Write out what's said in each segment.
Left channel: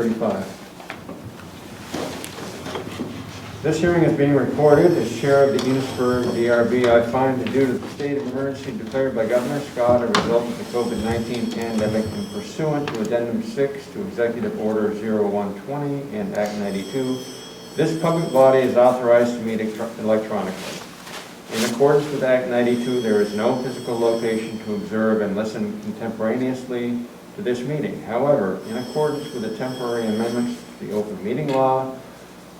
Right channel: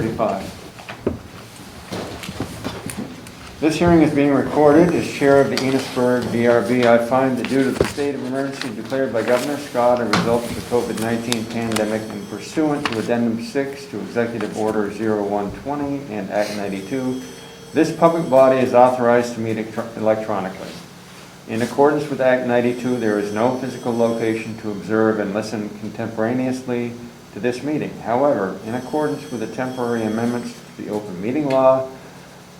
6:35. This hearing is being recorded. As chair of the Enosburg DRB, I find that due to the state of emergency declared by Governor Scott, a result of the COVID-19 pandemic, and pursuant to Addendum 6 to Executive Order 0120 and Act 92, this public body is authorized to meet electronically. In accordance with Act 92, there is no physical location to observe and listen contemporaneously to this meeting. However, in accordance with the temporary amendments to the open meeting law,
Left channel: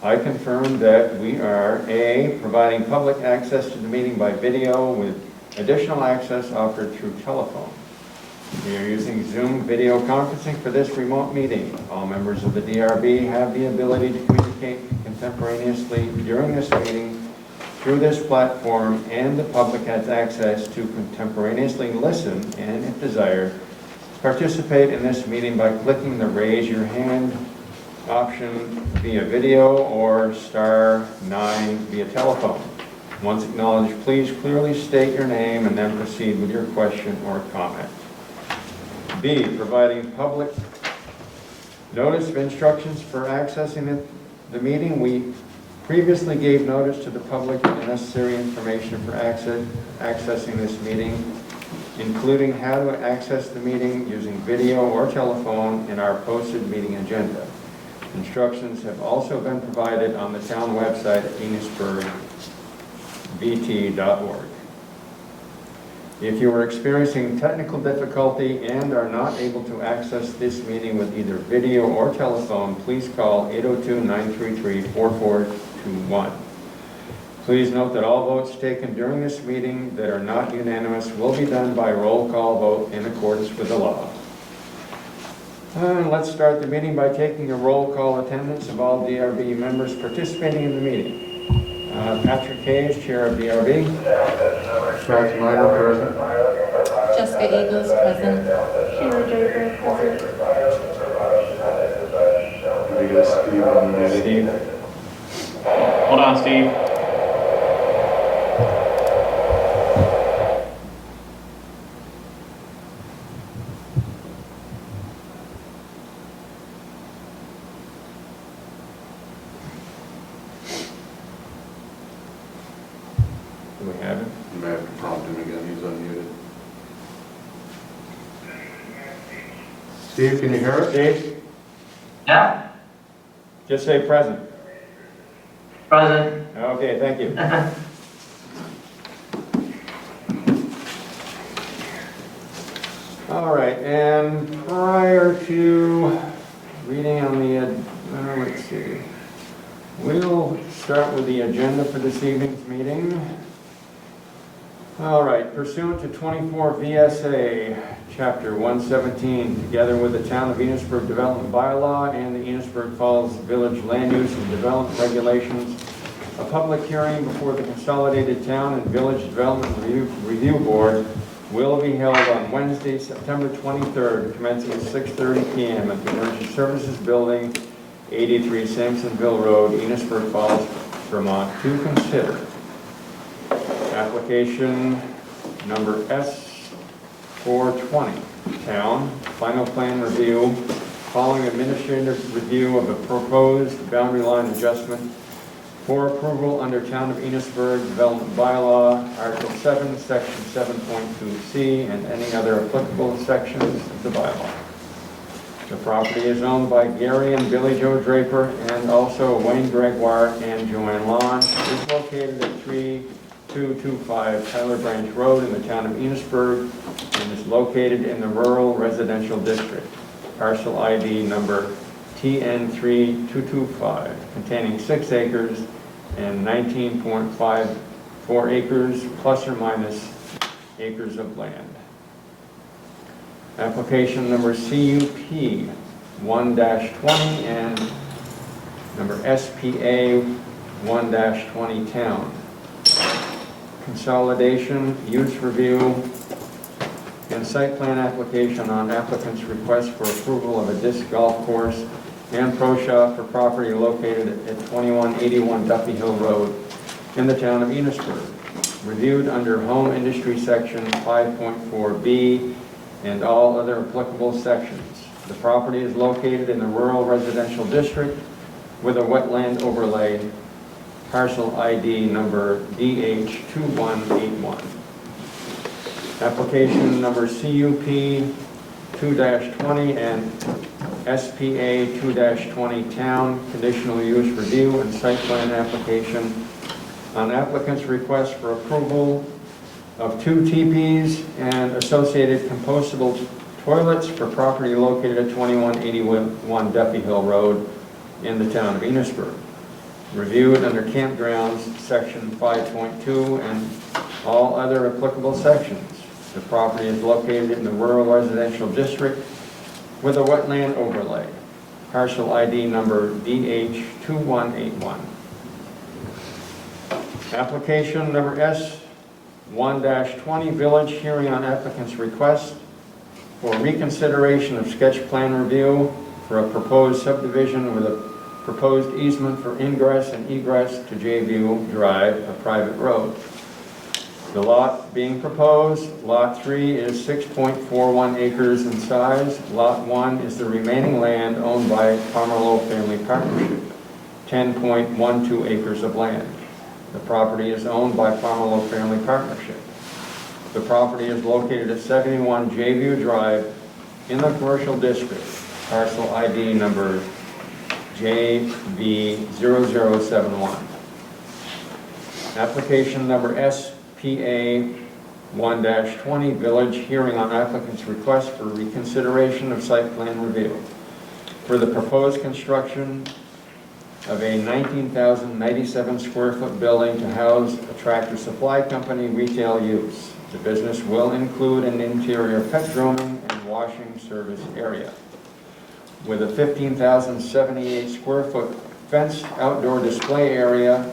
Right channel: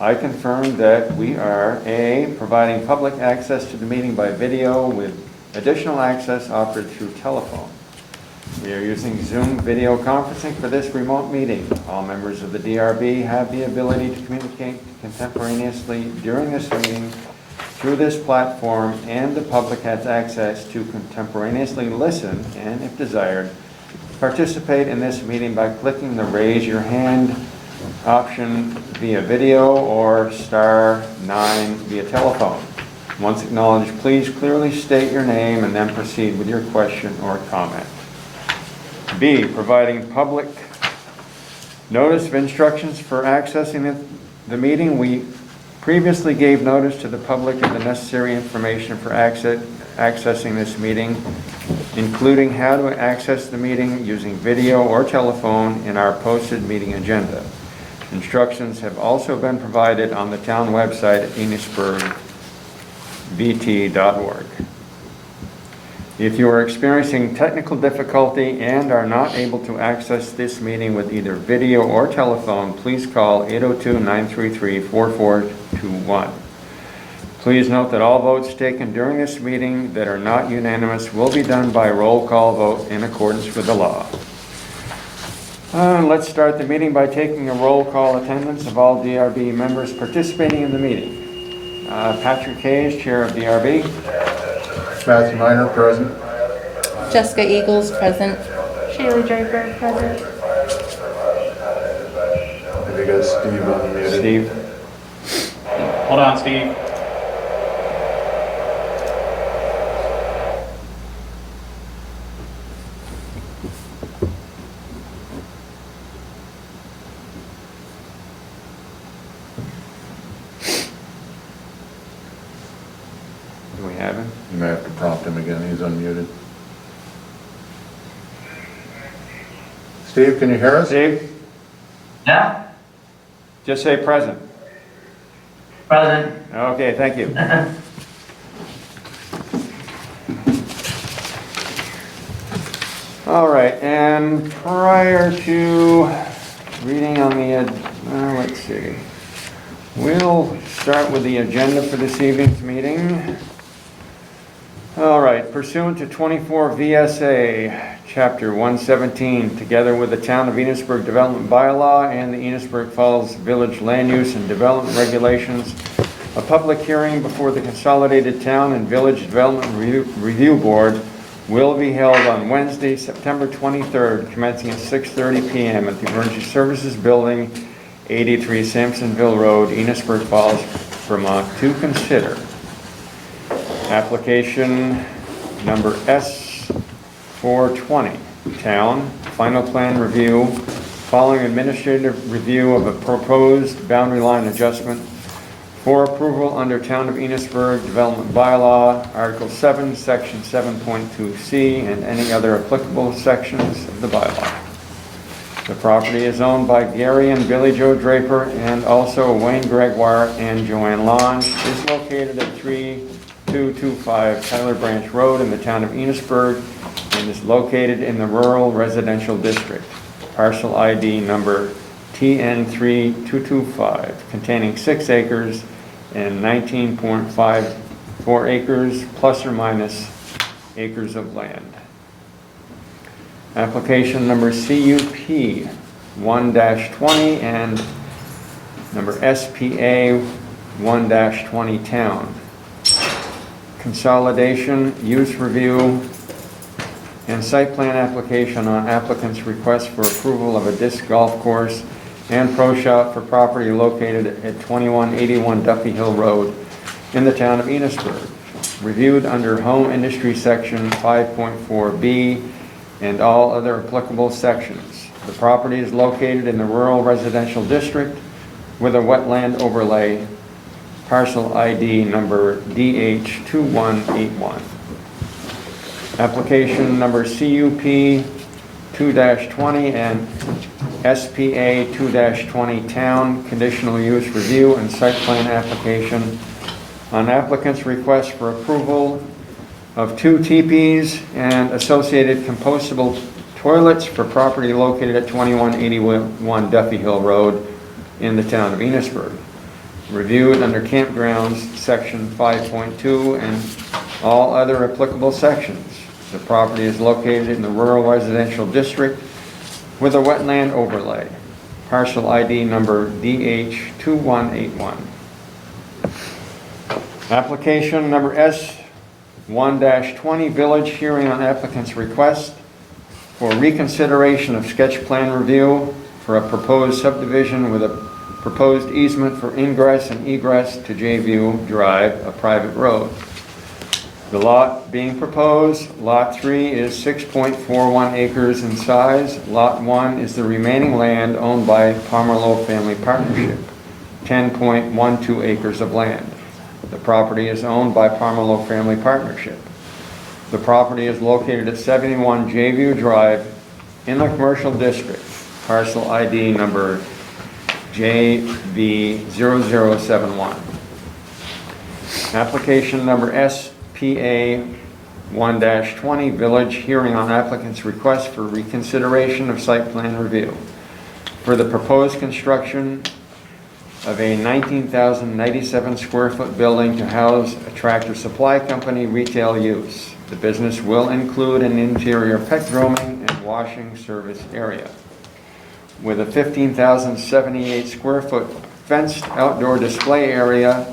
I confirm that we are A, providing public access to the meeting by video with additional access offered through telephone. We are using Zoom video conferencing for this remote meeting. All members of the DRB have the ability to communicate contemporaneously during this meeting through this platform, and the public has access to contemporaneously listen and, if desired, participate in this meeting by clicking the raise your hand option via video or *9 via telephone. Once acknowledged, please clearly state your name and then proceed with your question or comment. B, providing public notice of instructions for accessing the meeting. We previously gave notice to the public of the necessary information for accessing this meeting, including how to access the meeting using video or telephone in our posted meeting agenda. Instructions have also been provided on the town website at enosburgvt.org. If you are experiencing technical difficulty and are not able to access this meeting with either video or telephone, please call 802-933-4421. Please note that all votes taken during this meeting that are not unanimous will be done by roll call vote in accordance with the law. Let's start the meeting by taking a roll call attendance of all DRB members participating in the meeting. Patrick Hayes, Chair of DRB. Matthew Miner, present. Jessica Eagles, present. Shaylee Draper, present. Have you got Steve unmuted? Steve. Hold on, Steve. Do we have him? You may have to prompt him again, he's unmuted. Steve, can you hear us? Steve? Yeah, Just say present. present. Okay, thank you. All right, and prior to reading on the, let's see, we'll start with the agenda for this evening's meeting. All right, pursuant to 24 VSA, Chapter 117, together with the Town of Enosburg Development Bylaw and the Enosburg Falls Village Land Use and Development Regulations, a public hearing before the Consolidated Town and Village Development Review Board will be held on Wednesday, September 23rd, commencing at 6:30 p.m. at the Emergency Services Building, 83 Sampsonville Road, Enosburg Falls, Vermont, to consider application number S420, Town Final Plan Review, following administrative review of a proposed boundary line adjustment for approval under Town of Enosburg Development Bylaw, Article 7, Section 7.2C, and any other applicable sections of the bylaw. The property is owned by Gary and Billy Joe Draper, and also Wayne Gregoire and Joanne Lange. It is located at 3225 Tyler Branch Road in the Town of Enosburg, and is located in the Rural Residential District. Parcel ID number TN3225, containing 6 acres and 19.54 acres plus or minus acres of land. Application number CUP 1-20 and number SPA 1-20 Town. Consolidation, use review, and site plan application on applicant's request for approval of a disc golf course and pro shop for property located at 2181 Duffy Hill Road in the Town of Enosburg. Reviewed under Home Industry Section 5.4B and all other applicable sections. The property is located in the rural residential district with a wetland overlay, parcel ID number DH2181. Application number CUP 2-20 and SPA 2-20 Town Conditional Use Review and Site Plan Application on applicant's request for approval of 2 teepees and associated compostable toilets for property located at 2181 Duffy Hill Road in the town of Enosburg. Reviewed under campgrounds, section 5.2 and all other applicable sections. The property is located in the rural residential district with a wetland overlay. Parcel ID number DH2181. Application number S1-20, Village Hearing on Applicant's Request for Reconsideration of Sketch Plan Review for a proposed subdivision with a proposed easement for ingress and egress to J-View Drive, a private road. The lot being proposed, Lot 3, is 6.41 acres in size. Lot 1 is the remaining land owned by Pomerleau Family Partnership, 10.12 acres of land. The property is owned by Pomerleau Family Partnership. The property is located at 71 J-View Drive in the commercial district, parcel ID number JV0071. Application number SPA 1-20, Village Hearing on Applicant's Request for Reconsideration of Site Plan Review for the proposed construction of a 19,097 square foot building to house a Tractor Supply Company retail use. The business will include an interior pet grooming and washing service area with a 15,078 square foot fenced outdoor display area,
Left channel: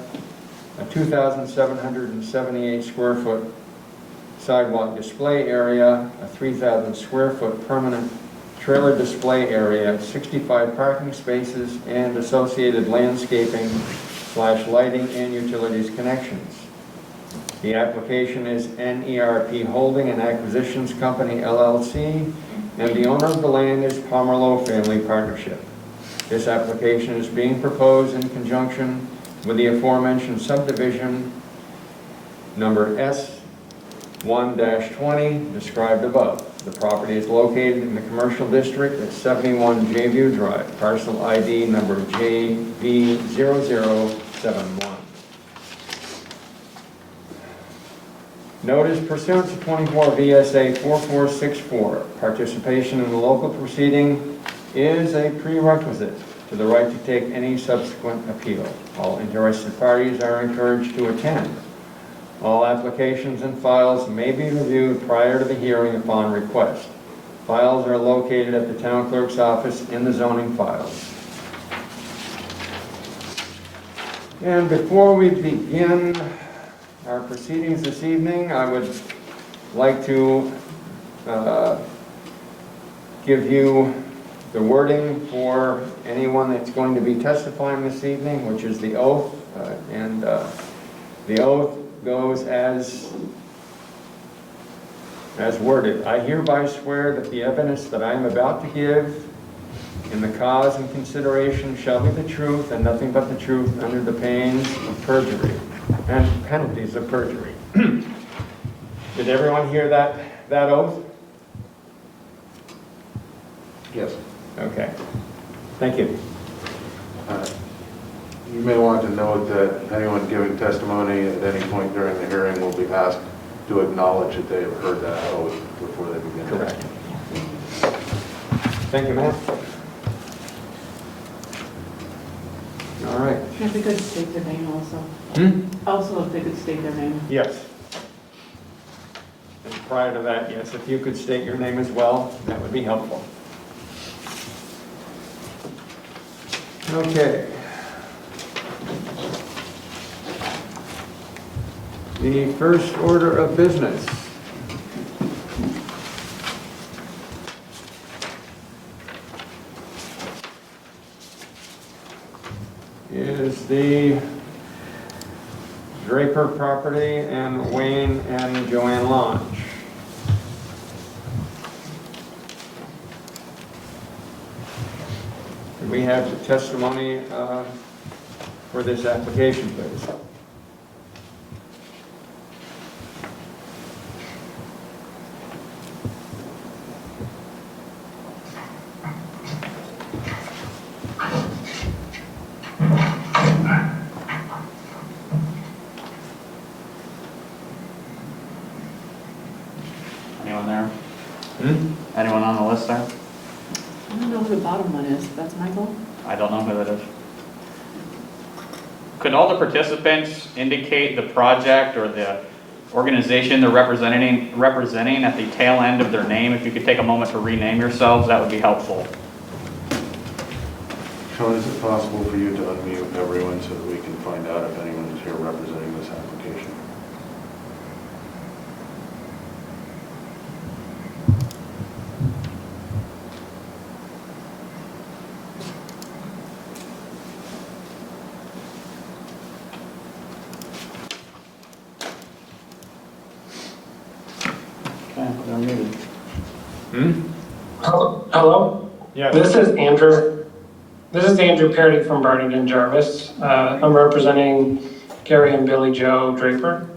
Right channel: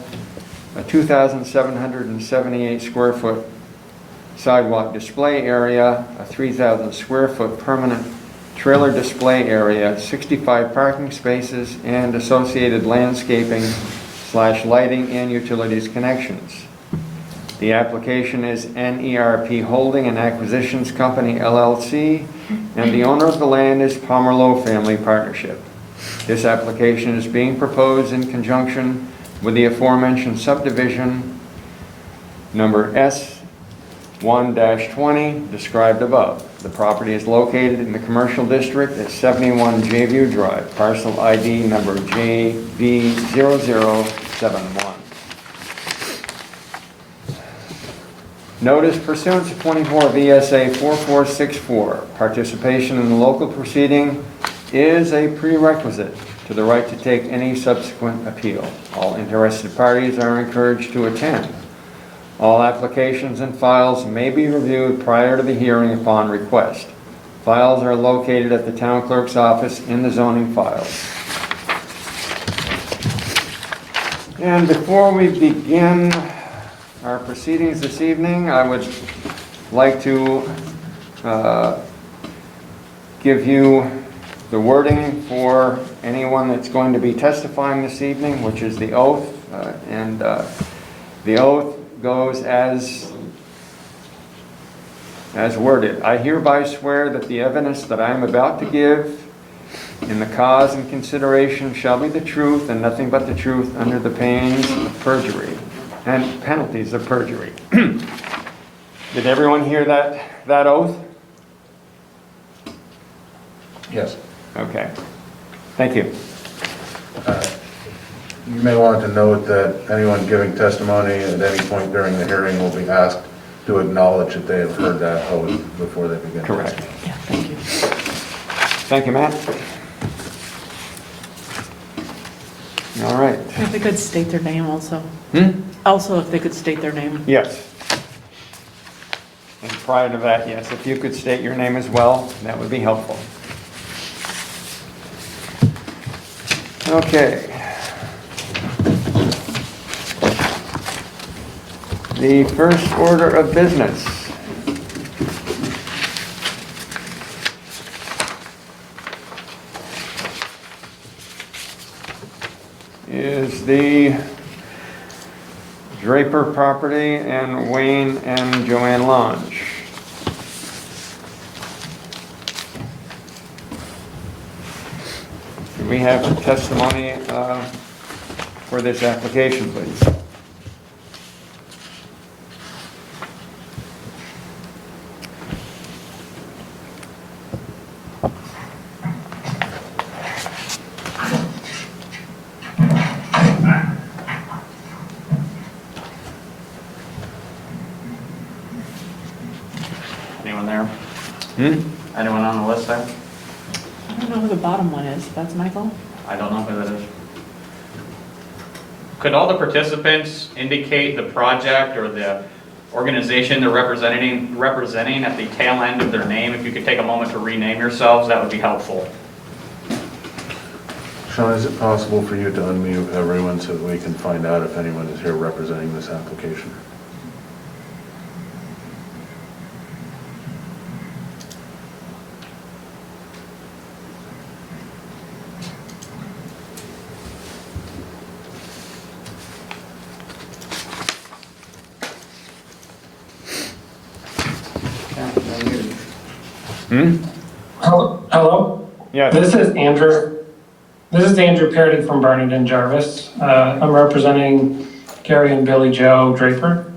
a 2,778 square foot sidewalk display area, a 3,000 square foot permanent trailer display area, 65 parking spaces, and associated landscaping/lighting and utilities connections. The application is NERP Holding and Acquisitions Company, LLC, and the owner of the land is Pomerleau Family Partnership. This application is being proposed in conjunction with the aforementioned subdivision number S1-20 described above. The property is located in the commercial district at 71 J-View Drive, parcel ID number JB0071. Notice pursuant to 24 VSA 4464, participation in the local proceeding is a prerequisite to the right to take any subsequent appeal. All interested parties are encouraged to attend. All applications and files may be reviewed prior to the hearing upon request. Files are located at the town clerk's office in the zoning files. And before we begin our proceedings this evening, I would like to give you the wording for anyone that's going to be testifying this evening, which is the oath. The oath goes as worded. I hereby swear that the evidence that I am about to give in the cause and consideration shall be the truth and nothing but the truth under the pains of perjury and penalties of perjury. Did everyone hear that oath? Yes. Okay. Thank you. You may want to note that anyone giving testimony at any point during the hearing will be asked to acknowledge that they have heard that oath before they begin. Correct. Yeah, thank you. Thank you, Matt. All right. If they could state their name also. Also, if they could state their name. Yes. And prior to that, yes, if you could state your name as well, that would be helpful. Okay. The first order of business is the Draper property and Wayne and Joanne Lange. Do we have testimony for this application, please? Anyone there? Hmm? Anyone on the list there? I don't know who the bottom one is. That's Michael? I don't know who that is. Could all the participants indicate the project or the organization they're representing at the tail end of their name? If you could take a moment to rename yourselves, that would be helpful. Sean, is it possible for you to unmute everyone so that we can find out if anyone is here representing this application? Hmm? Hello? Yes. This is Andrew. This is Andrew Parody from Bernard and Jarvis. I'm representing Gary and Billy Joe Draper.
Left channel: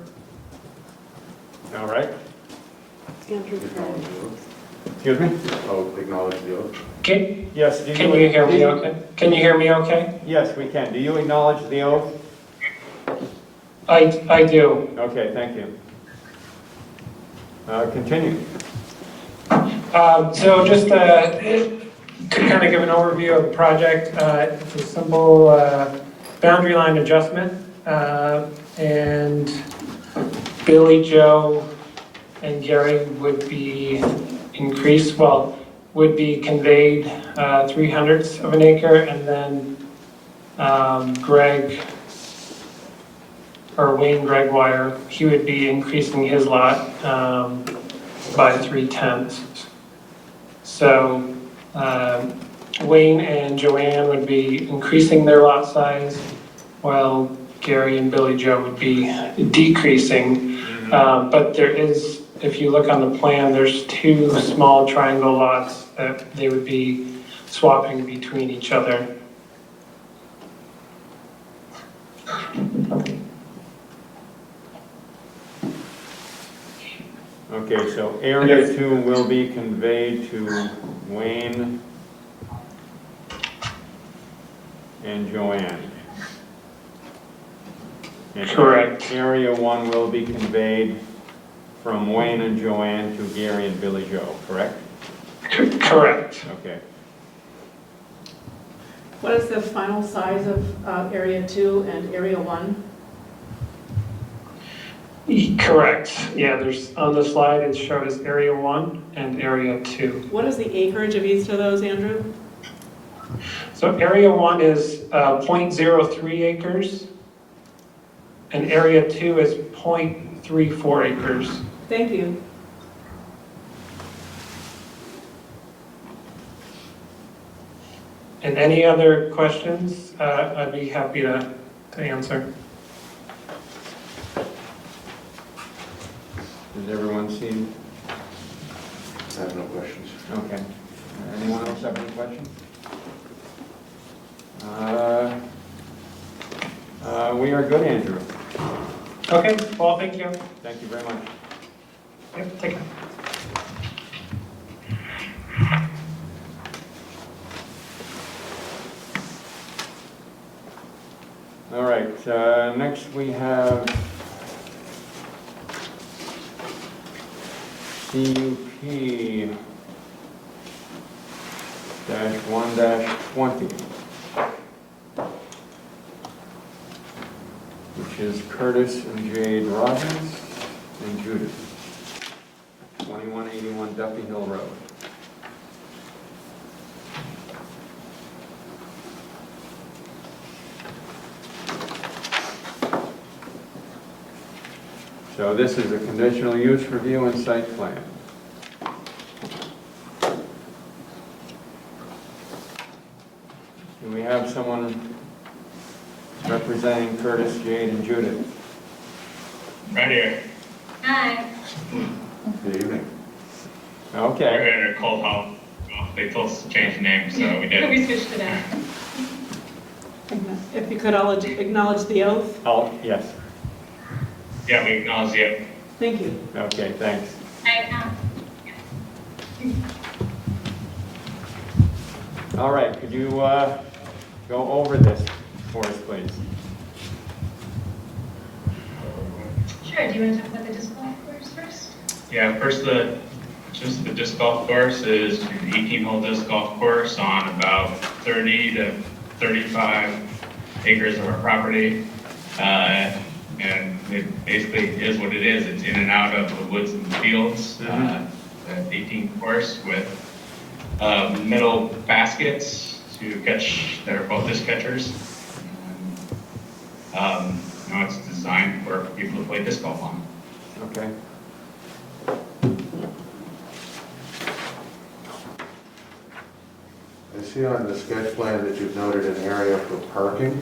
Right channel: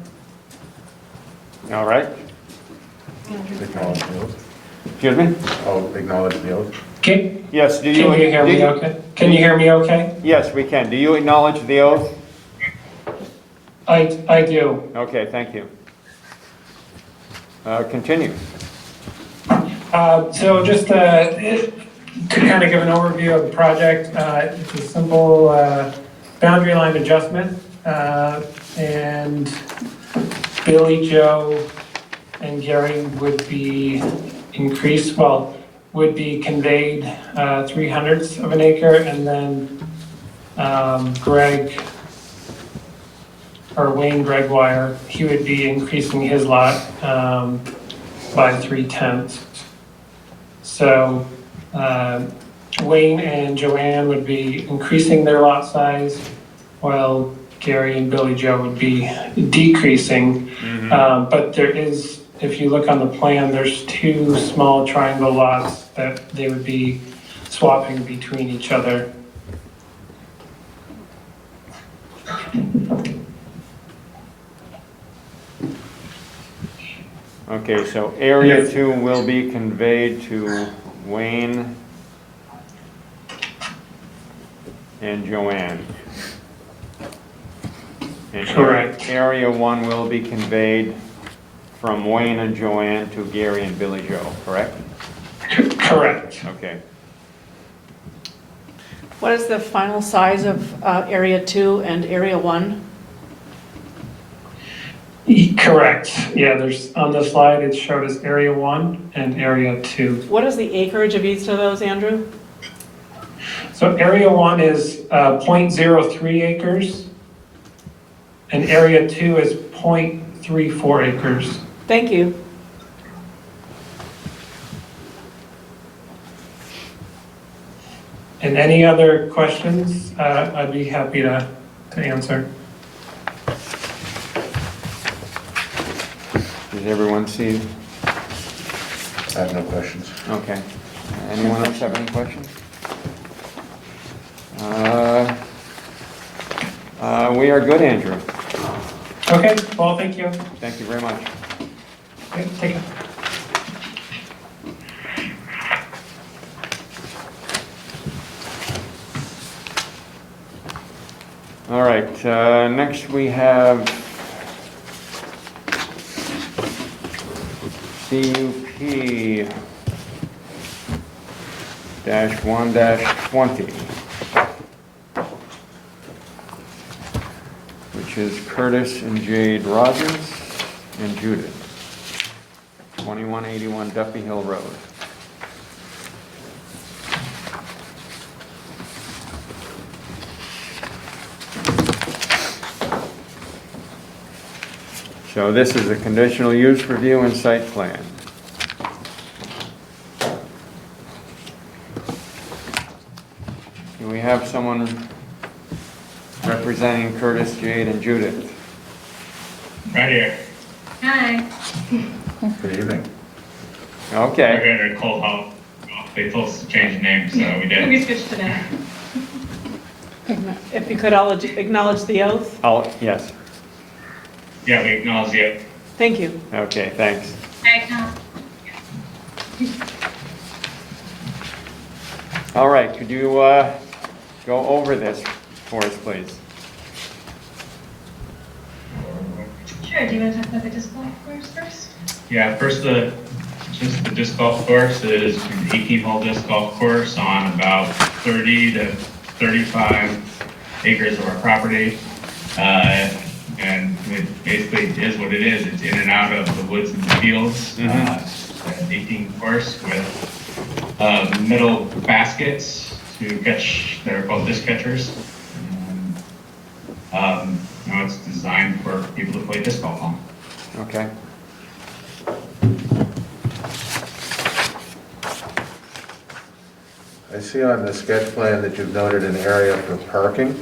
All right. Acknowledge the oath. Excuse me? Oh, acknowledge the oath. Can Yes, do you? you hear me okay? Can you hear me okay? Yes, we can. Do you acknowledge the oath? I do. Okay, thank you. Continue. So just to kind of give an overview of the project, it's a simple boundary line adjustment. And Billy, Joe, and Gary would be increased, would be conveyed 3/100 of an acre, and then Wayne Gregwire, he would be increasing his lot by 3/10. So Wayne and Joanne would be increasing their lot size, while Gary and Billy Joe would be decreasing. But there is, if you look on the plan, there's two small triangle lots that they would be swapping between each other. Okay, so area 2 will be conveyed to Wayne and Joanne. And Correct. Area 1 will be conveyed from Wayne and Joanne to Gary and Billy Joe, correct? Correct. Okay. What is the final size of Area 2 and Area 1? Correct. Yeah, there's, on the slide, it's showed as Area 1 and Area 2. What is the acreage of each of those, Andrew? So Area 1 is 0.03 acres, and Area 2 is 0.34 acres. Thank you. And any other questions, I'd be happy to answer. Does everyone see? I have no questions. Okay. Anyone else have any questions? We are good, Andrew. Okay, well, thank you. Thank you very much. Okay, take care. All right, next we have CUP -1-20, which is Curtis and Jade Rogers and Judith, 2181 Duffy Hill Road. So this is a conditional use review and site plan. Do we have someone representing Curtis, Jade, and Judith? Right here. Hi. Good evening. Okay. We're in a cold home. they told us to change the name, so we did. We switched to that. If you could all acknowledge the oath. Oh, yes. Yeah, we acknowledge it. Thank you. Okay, thanks. All right, could you go over this for us, please? Sure, do you want to talk about the disc golf course first? Yeah, first just the disc golf course is an 18-hole disc golf course on about 30 to 35 acres of our property. And it basically is what it is. It's in and out of the woods and the fields. It's an 18 course with metal baskets to catch, that are called disc catchers. It's designed for people to play disc golf on. Okay. I see on the sketch plan that you've noted an area for parking.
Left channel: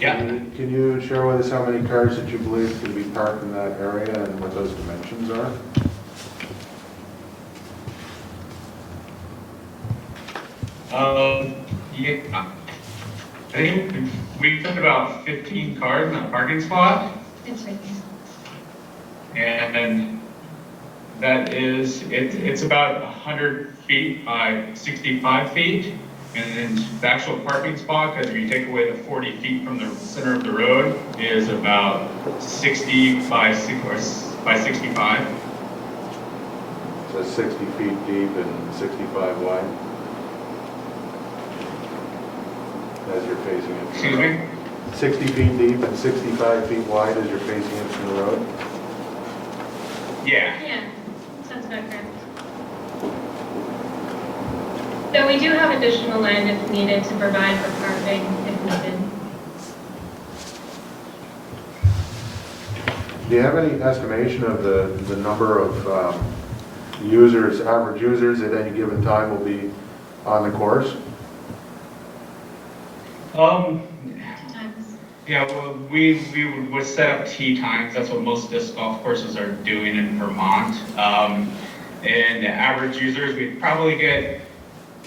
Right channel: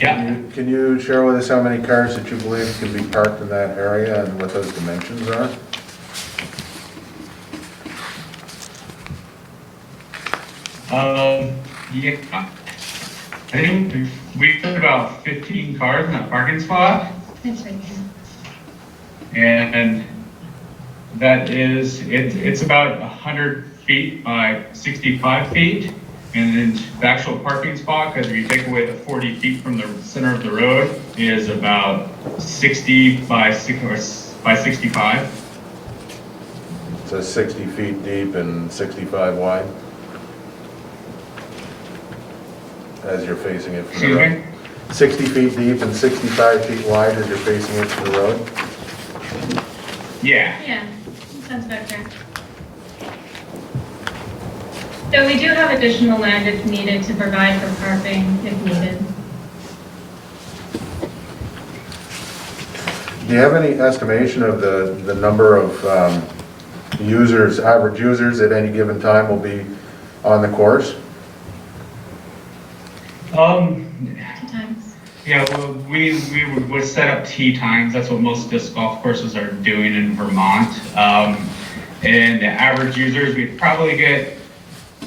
Yeah. Can you share with us how many cars that you believe can be parked in that area and what those dimensions are? Yeah. I think we put about 15 cars in that parking spot, It's right there. and that is, it's about 100 feet by 65 feet. And then the actual parking spot, because if you take away the 40 feet from the center of the road, is about 60 by 65. So 60 feet deep and 65 wide? As you're facing it from the Excuse road. me? 60 feet deep and 65 feet wide as you're facing it from the road? Yeah. Yeah, sounds about fair. So we do have additional land if needed to provide for parking if needed. Do you have any estimation of the number of users, average users at any given time will be on the course? 2 times. Yeah, well, we would set up tee times. That's what most disc golf courses are doing in Vermont. And the average users, we probably get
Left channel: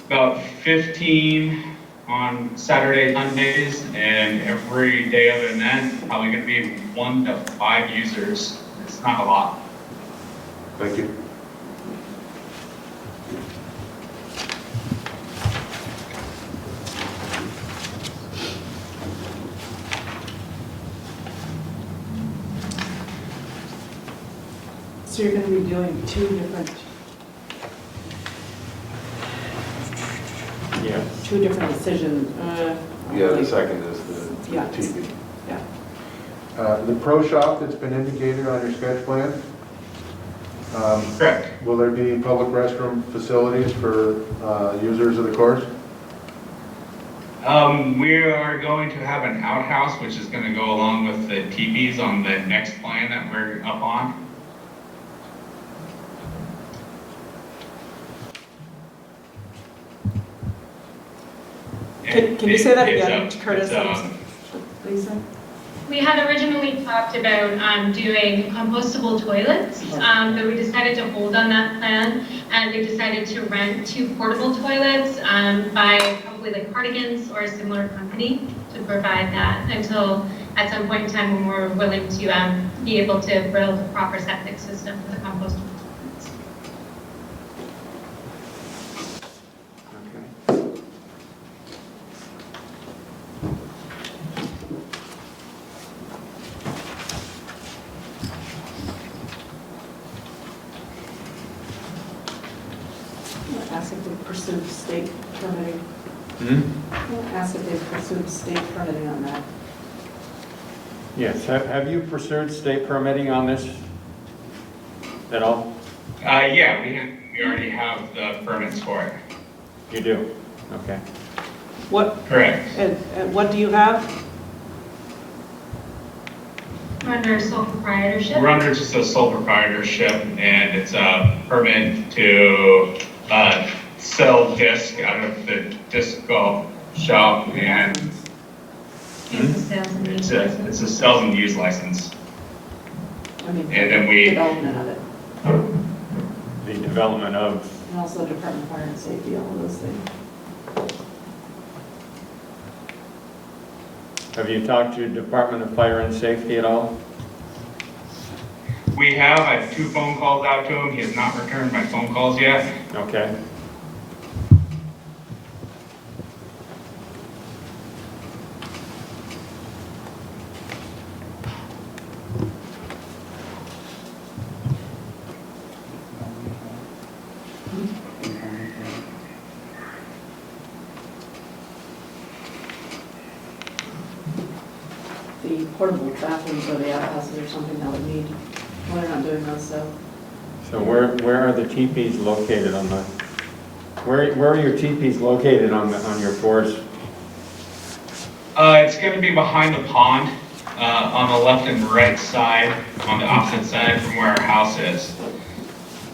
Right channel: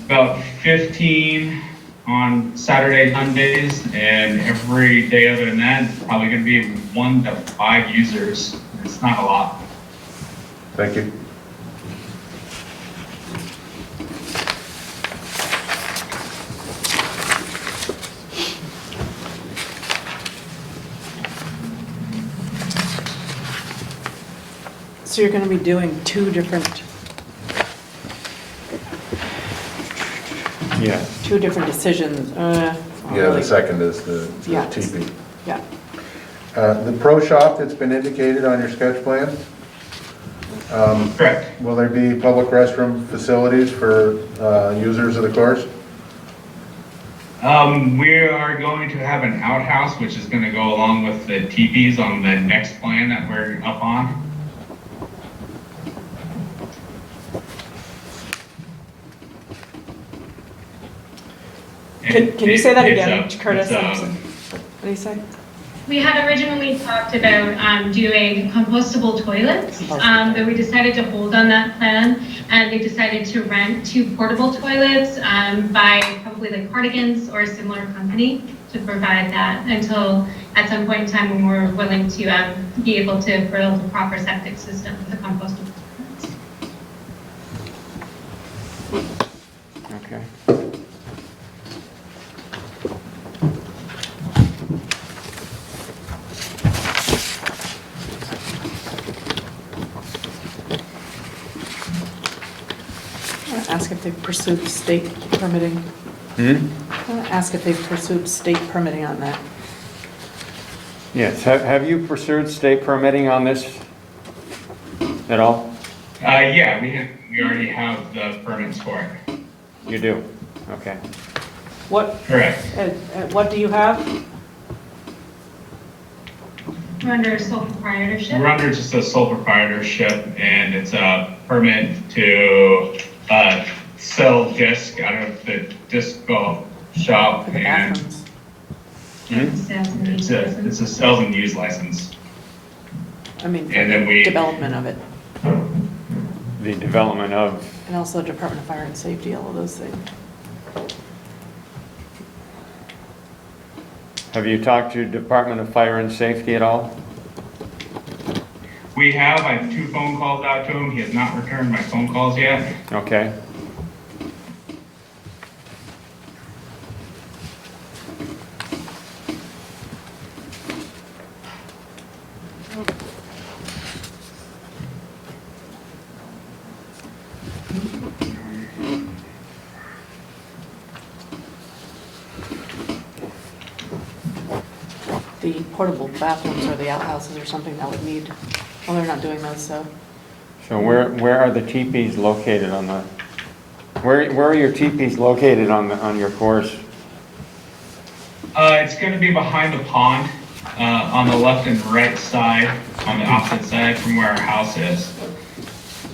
about 15 on Saturday, Sundays, and every day other than that, it's probably going to be 1 to 5 users. It's not a lot. Thank you. So you're going to be doing 2 different Yeah. decisions. Yeah, the second is the Yeah. TP. Yeah. The pro shop that's been indicated on your sketch plan, Correct. will there be public restroom facilities for users of the course? We are going to have an outhouse, which is going to go along with the teepees on the next plan that we're up on. Can you say that It's again, Curtis? it's, What do you say? We had originally talked about doing compostable toilets, but we decided to hold on that plan, and we decided to rent 2 portable toilets by probably like Cardigans or a similar company to provide that until at some point in time when we're willing to be able to build a proper septic system for the compostable toilets. Okay. Ask if they've pursued state permitting. Ask if they've pursued state permitting on that. Yes, have you pursued state permitting on this at all? Yeah, we already have the permits for it. You do? Okay. What, Correct. what do you have? We're under sole proprietorship. We're under just a sole proprietorship, and it's a permit to sell disc out of the disc golf shop, and it's a sales and use license. I mean, And then we- development of it. The development of And also Department of Fire and Safety, all of those things. Have you talked to Department of Fire and Safety at all? We have, I have 2 phone calls out to him. He has not returned my phone calls yet. Okay. The portable bathrooms or the outhouses or something that would need, well, they're not doing those, so. So where are the teepees located on the, where are your teepees located on your course? It's gonna be behind the pond, on the left and right side, on the opposite side from where our house is.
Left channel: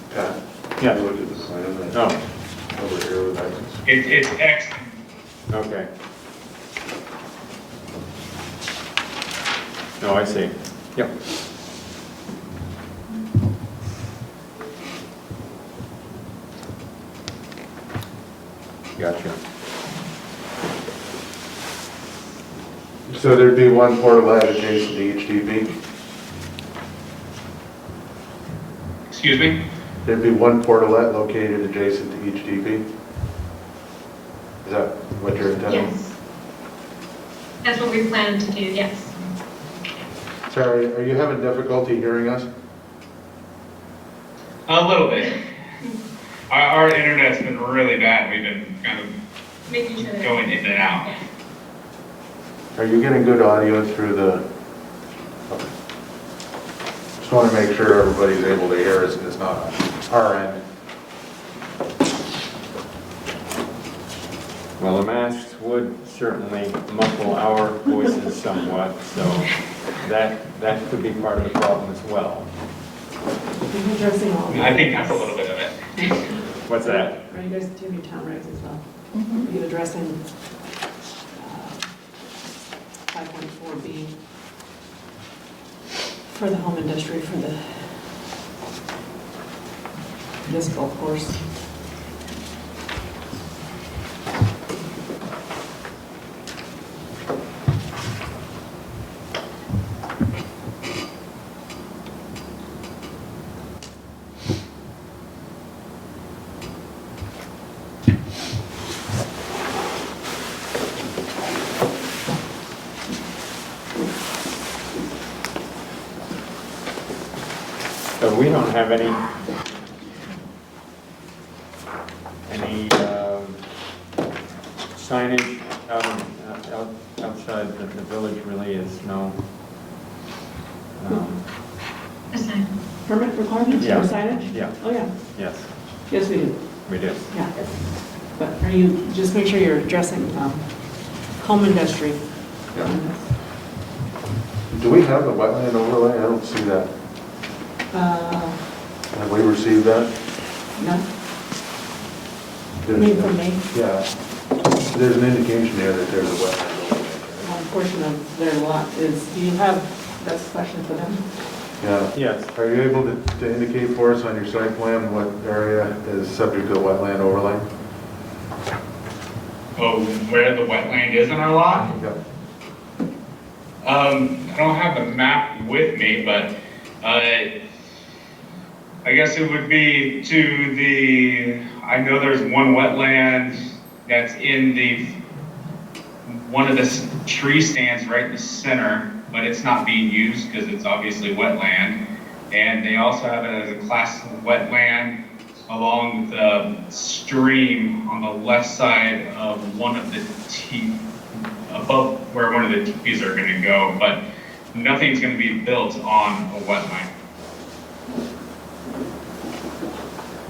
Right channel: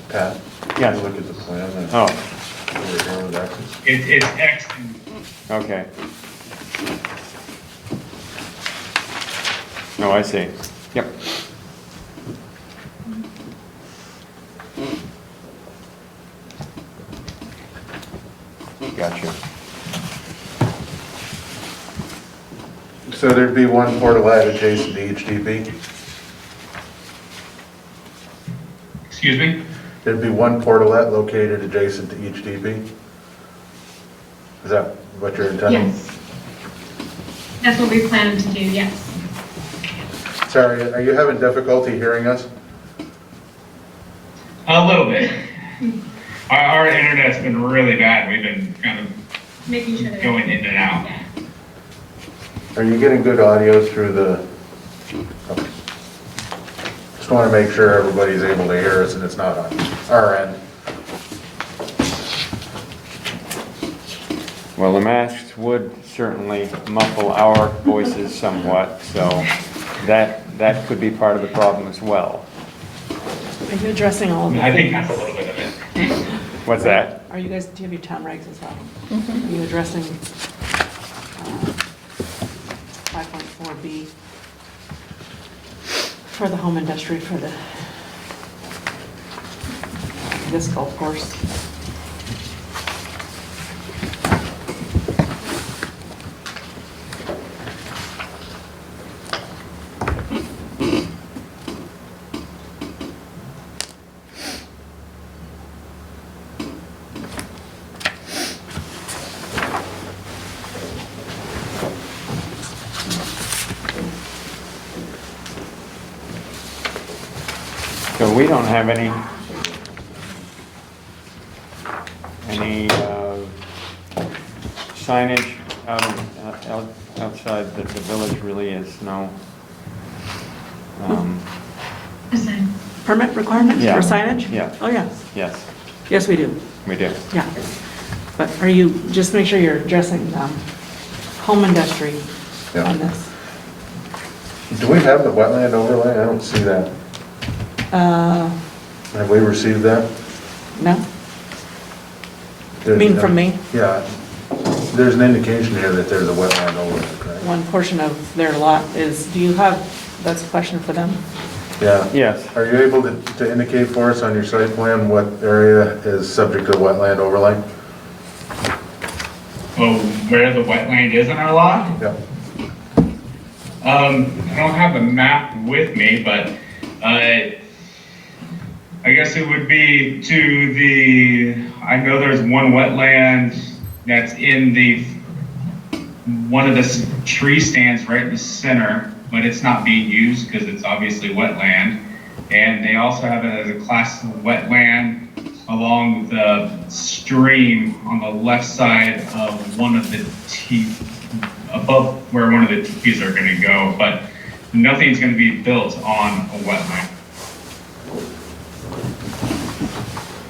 Pat? Yes. Look at the plan. and Oh, Over here with access. It's X, okay. No, I see. Yep. Gotcha. So there'd be one portalet adjacent to each DB? excuse me? There'd be one portalet located adjacent to each DB? Is that what you're intending? Yes. That's what we plan to do, yes. Sorry, are you having difficulty hearing us? A little bit. Our internet's been really bad. We've been kind of Making sure. that- going in and out. Yeah. Are you getting good audio through the? Okay. Just want to make sure everybody's able to hear us and it's not on our end. Well, the masks would certainly muffle our voices somewhat, so that could be part of the problem as well. Are you addressing all of the I think things? that's a little bit of it. What's that? Are you guys, do you have your town regs as well? Mhm. Are you addressing 5.4B for the home industry for this golf course? So we don't have any signage outside that the village really is, no. Design. Permit requirements Yeah. for signage? Yeah. Oh, yeah. Yes, Yes, we do. we do. Yeah. But are you, just make sure you're addressing home industry Yeah. on this. Do we have the wetland overlay? I don't see that. Uh, Have we received that? No? You mean from me? Yeah. There's an indication here that there's a wetland overlay, correct? One portion of their lot is, do you have, that's a question for them? Yeah. Yes, Are you able to indicate for us on your site plan what area is subject to wetland overlay? Oh, where the wetland is in our lot? Yeah. I don't have the map with me, but, I guess it would be to the, I know there's one wetland that's in one of the tree stands right in the center, but it's not being used because it's obviously wetland. And they also have it as a class of wetland along the stream on the left side of one of the above where one of the teepees are gonna go, but nothing's gonna be built on a wetland.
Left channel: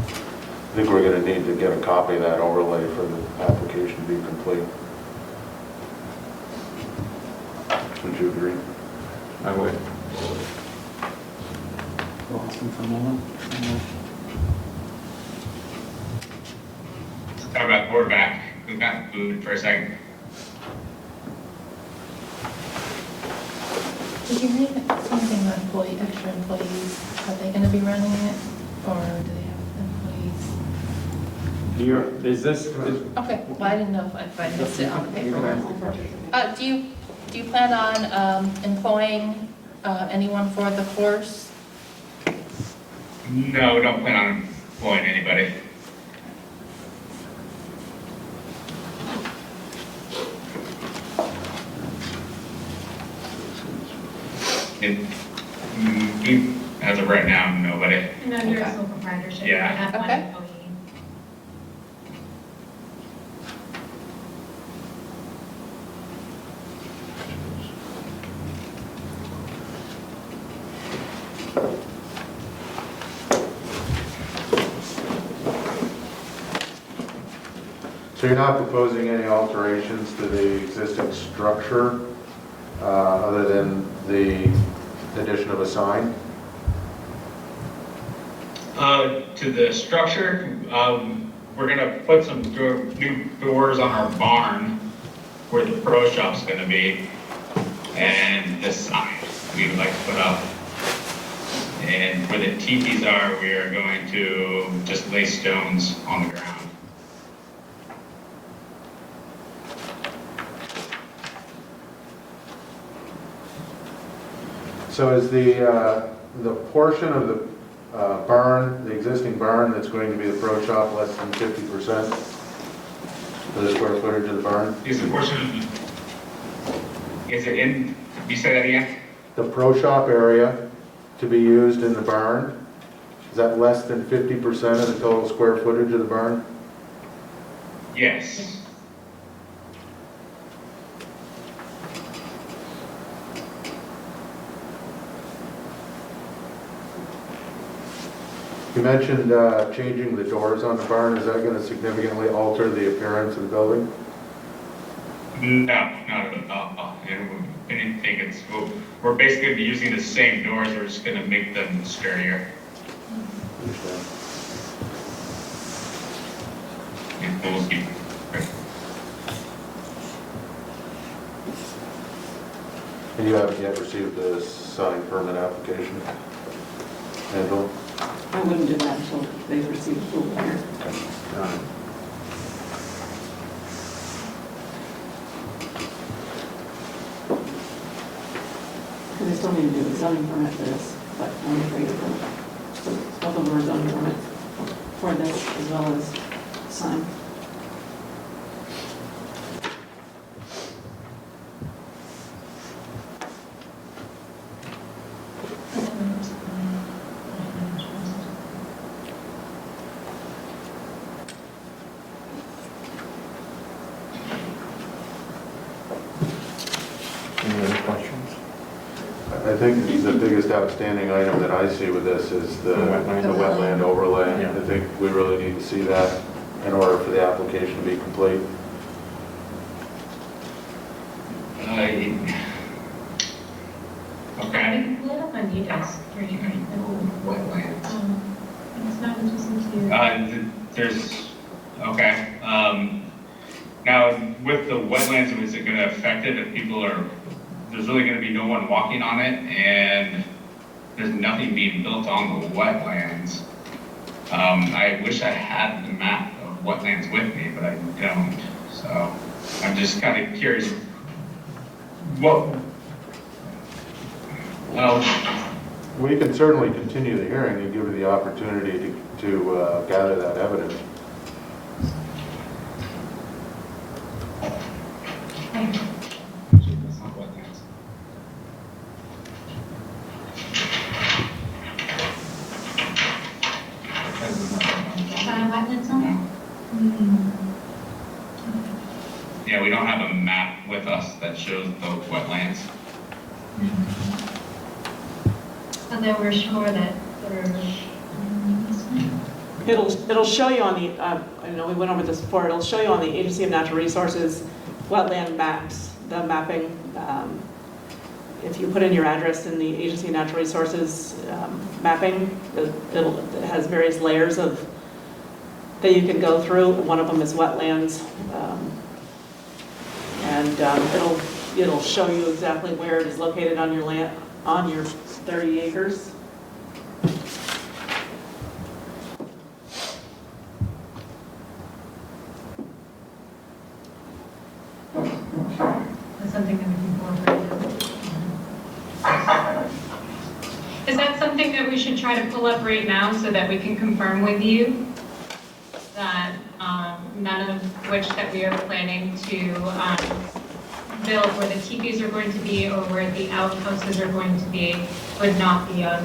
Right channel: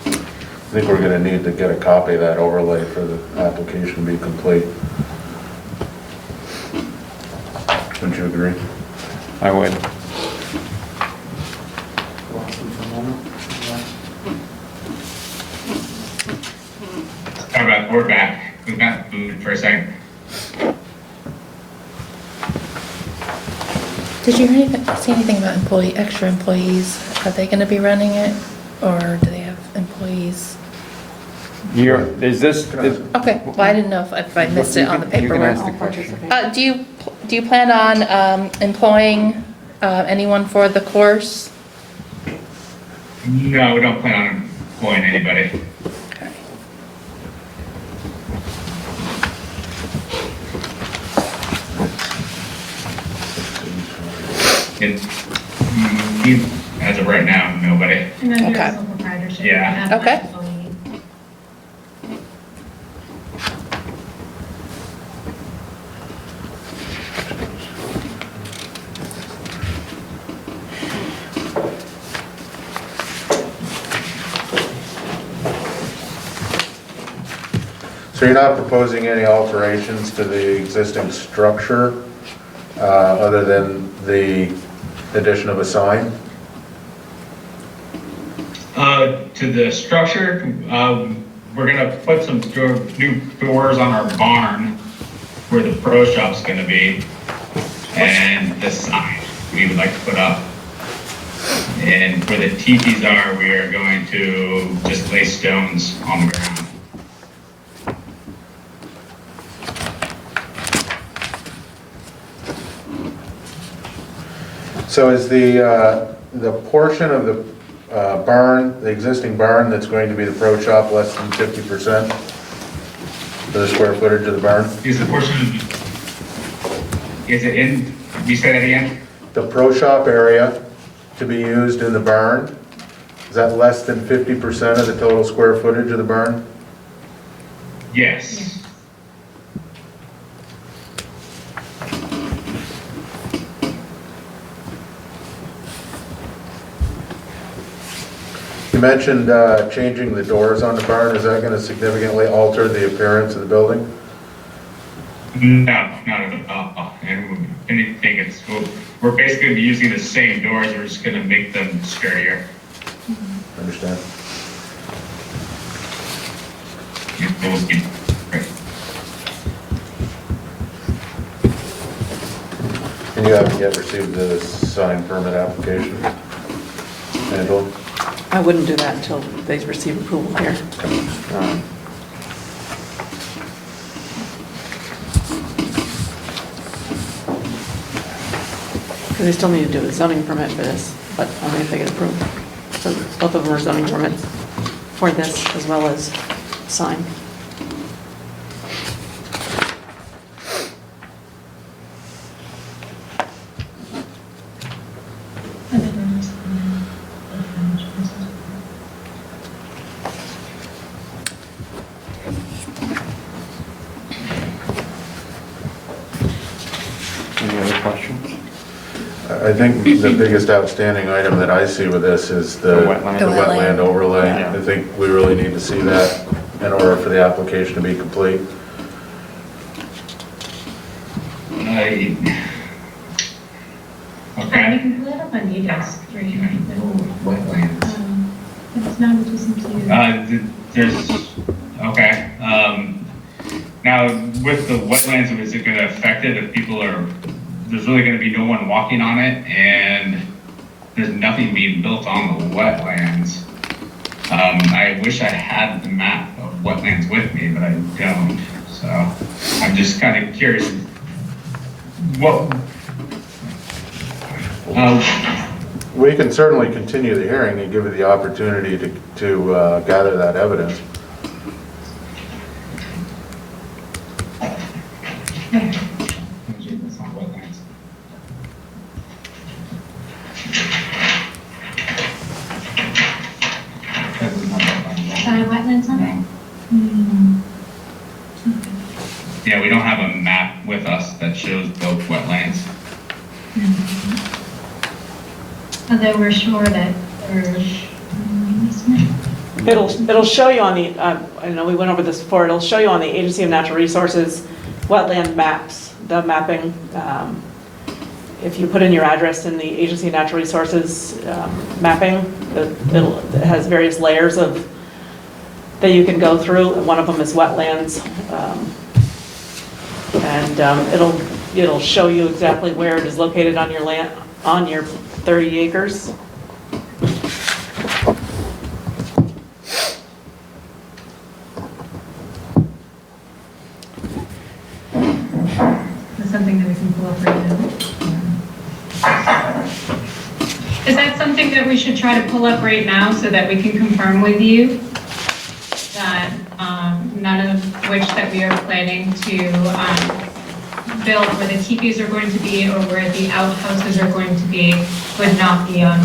I think we're gonna need to get a copy of that overlay for the application to be complete. Wouldn't you agree? I would. How about, we're back. We got booted for a second. Did you see anything about extra employees? Are they gonna be running it, or do they have employees? Is this, Okay, well, I didn't know if I missed it on the You can paperwork. ask the I'll question. participate. Do you plan on employing anyone for the course? No, we don't plan on employing anybody. Okay. As of right now, nobody. No, you're Okay. a sole proprietorship. Yeah. You're not Okay. employee. So you're not proposing any alterations to the existing structure, other than the addition of a sign? To the structure, we're gonna put some new doors on our barn where the pro shop's gonna be. And the sign we would like to put up. And where the teepees are, we are going to just lay stones on the ground. So is the portion of the barn, the existing barn that's going to be the pro shop, less than 50% of the square footage of the barn? Is the portion, is it in, you say that again? The pro shop area to be used in the barn, is that less than 50% of the total square footage of the barn? Yes. You mentioned changing the doors on the barn. Is that going to significantly alter the appearance of the building? No, not at all. And if anything, we're basically gonna be using the same doors, we're just gonna make them scarier. Understand. And you haven't yet received the sign permit application? Handled? I wouldn't do that until they receive approval here. Because they still need to do a zoning permit for this, but I mean, if they get approved. So both of them are zoning permits for this as well as sign. Any other questions? I think the biggest outstanding item that I see with this is the The wetland. the The wetland overlay. Yeah. I think we really need to see that in order for the application to be complete. We Okay. can pull it up on Enos, right here. Wetlands. It's not adjacent to. There's, okay, now with the wetlands, is it gonna affect it if people are, there's really gonna be no one walking on it and there's nothing being built on the wetlands? I wish I had the map of wetlands with me, but I don't, so I'm just kind of curious. What? We can certainly continue the hearing and give you the opportunity to gather that evidence. That's not wetlands. Wetlands on it? Yeah, we don't have a map with us that shows both wetlands. So then we're sure that there's. It'll show you on the, I know we went over this before, it'll show you on the Agency of Natural Resources wetland maps, the mapping. If you put in your address in the Agency of Natural Resources mapping, it has various layers of, that you can go through. One of them is wetlands. And it'll show you exactly where it is located on your land, on your 30 acres. something that we can pull up right now. Is that something that we should try to pull up right now so that we can confirm with you that none of which that we are planning to build where the teepees are going to be or where the outhouses are going to be would not be on